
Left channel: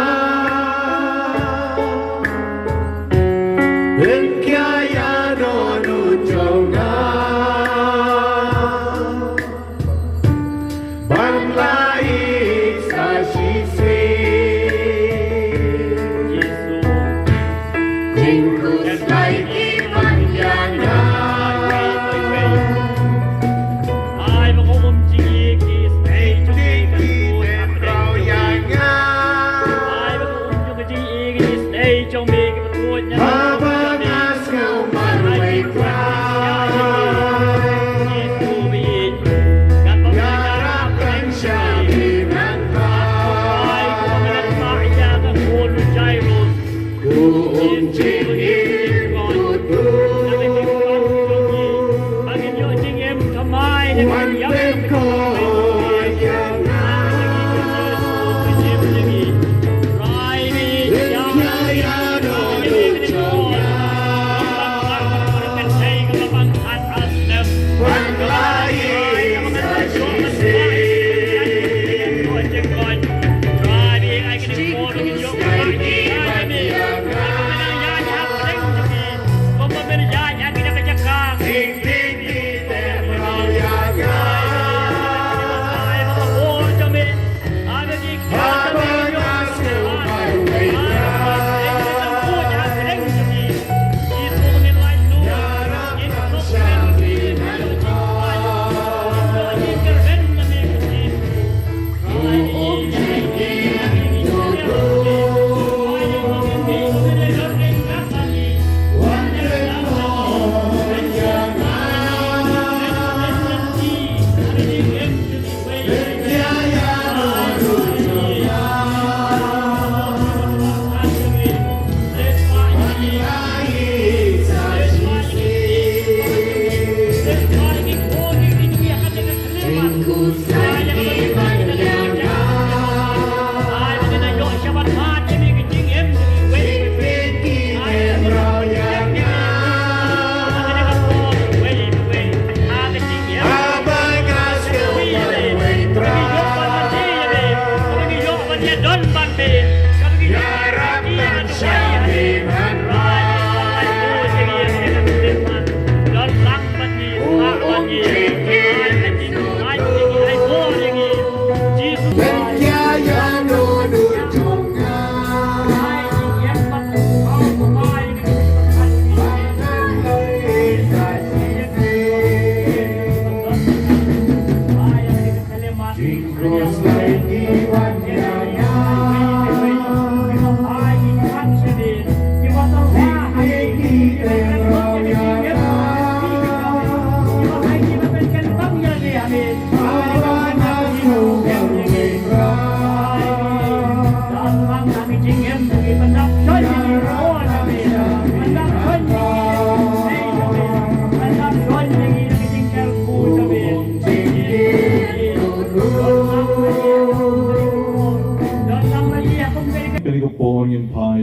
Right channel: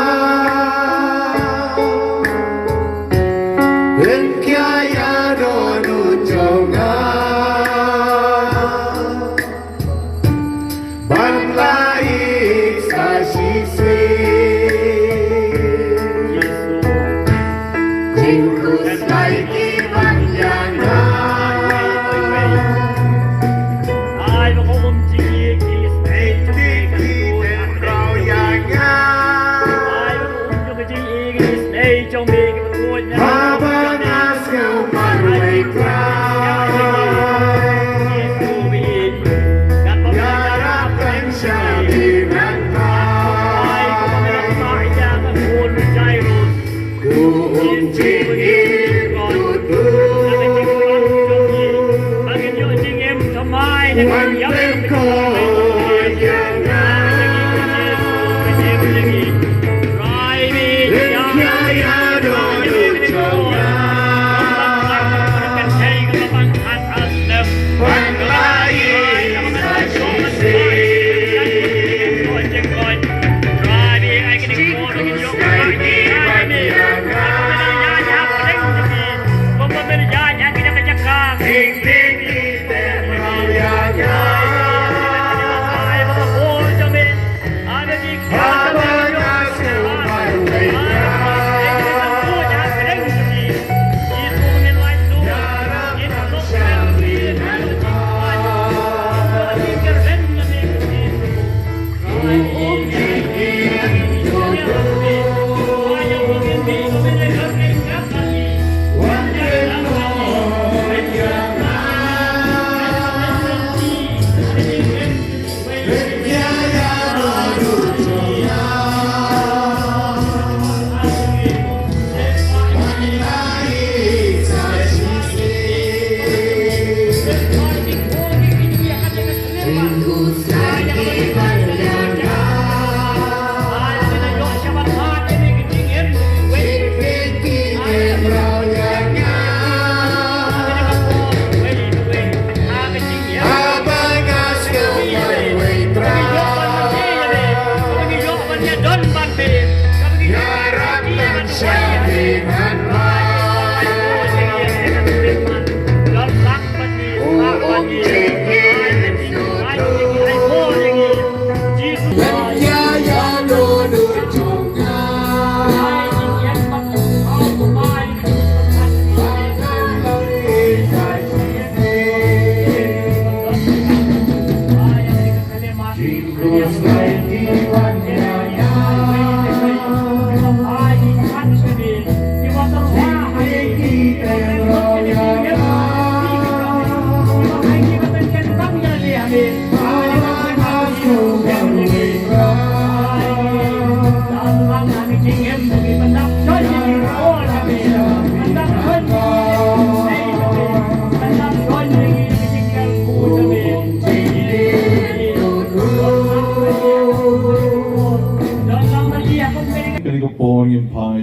Amen.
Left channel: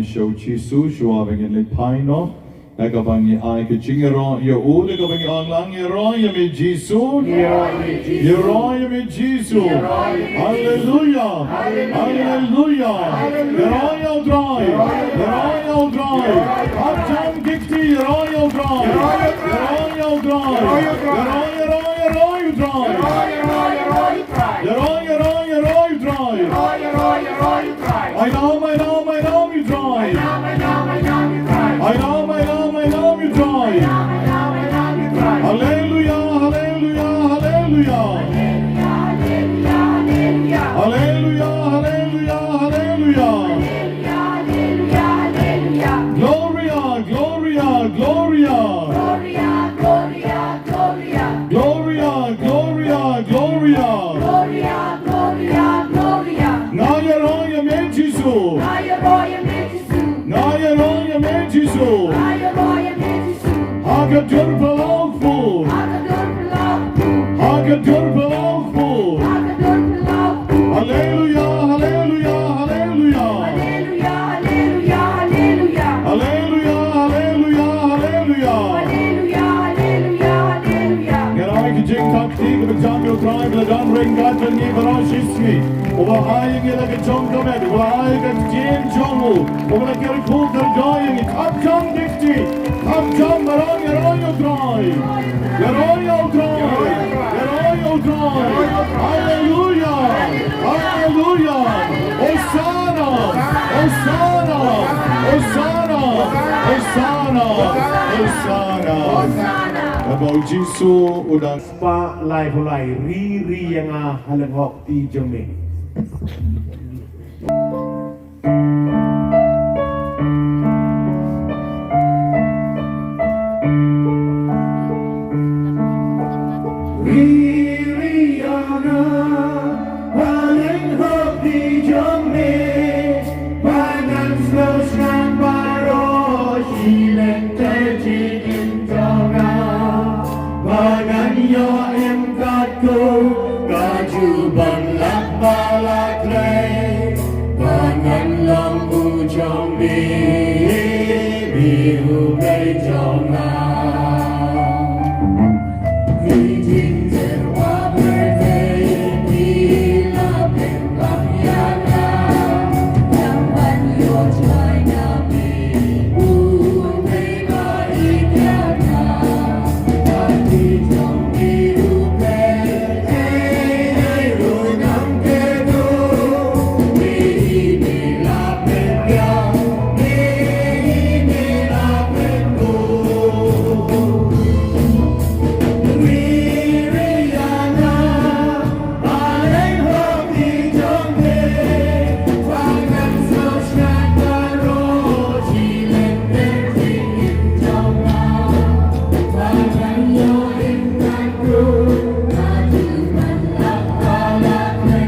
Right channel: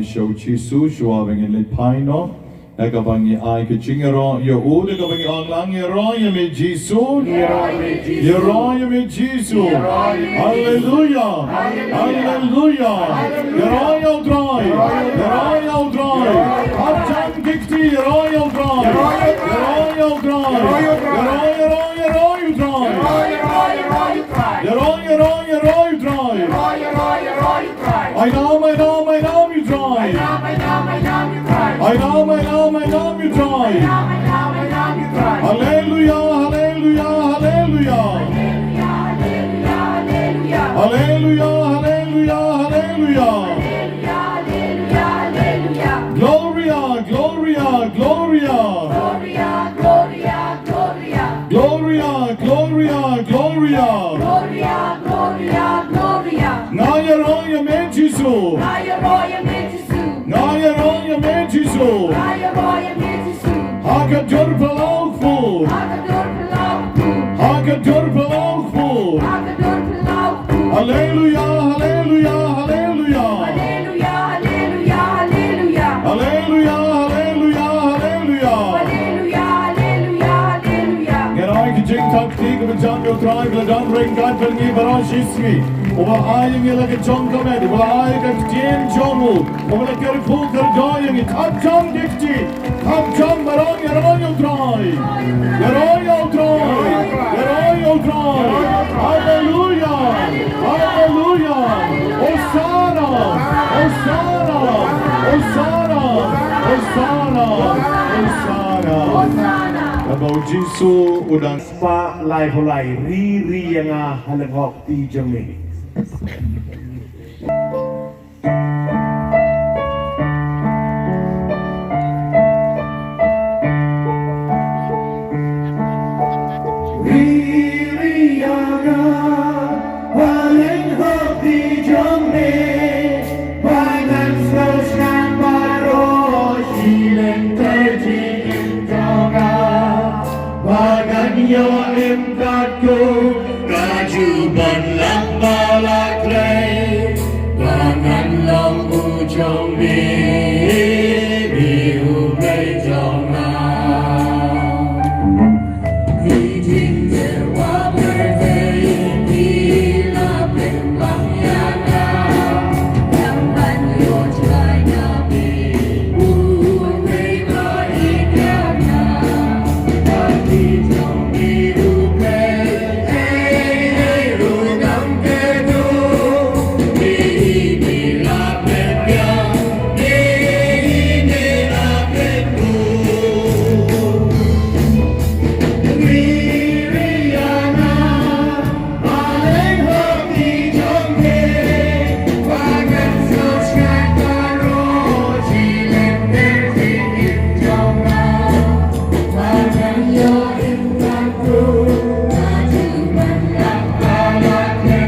show Jesus show in le paino Nakabangi ay kachingero yo ulo kabangi online yeroya me Jesus yeroya me Jesus hallelujah hallelujah yeroya dry up jam dikti yeroya dry yeroya dry I know you dry I know you dry hallelujah hallelujah Gloria Naya me Jesus Naya me Jesus Hakadur Palaufu Hallelujah Daniel drive le dan ring dan ni barashiski o aying le ke chong kamed o ay ke tien chomu o le ke fu der going it up chong dikti up chong marong yeroyo drive hallelujah Hosanna About Jesus udang pa lai ri yang haleng hok ti jeng ni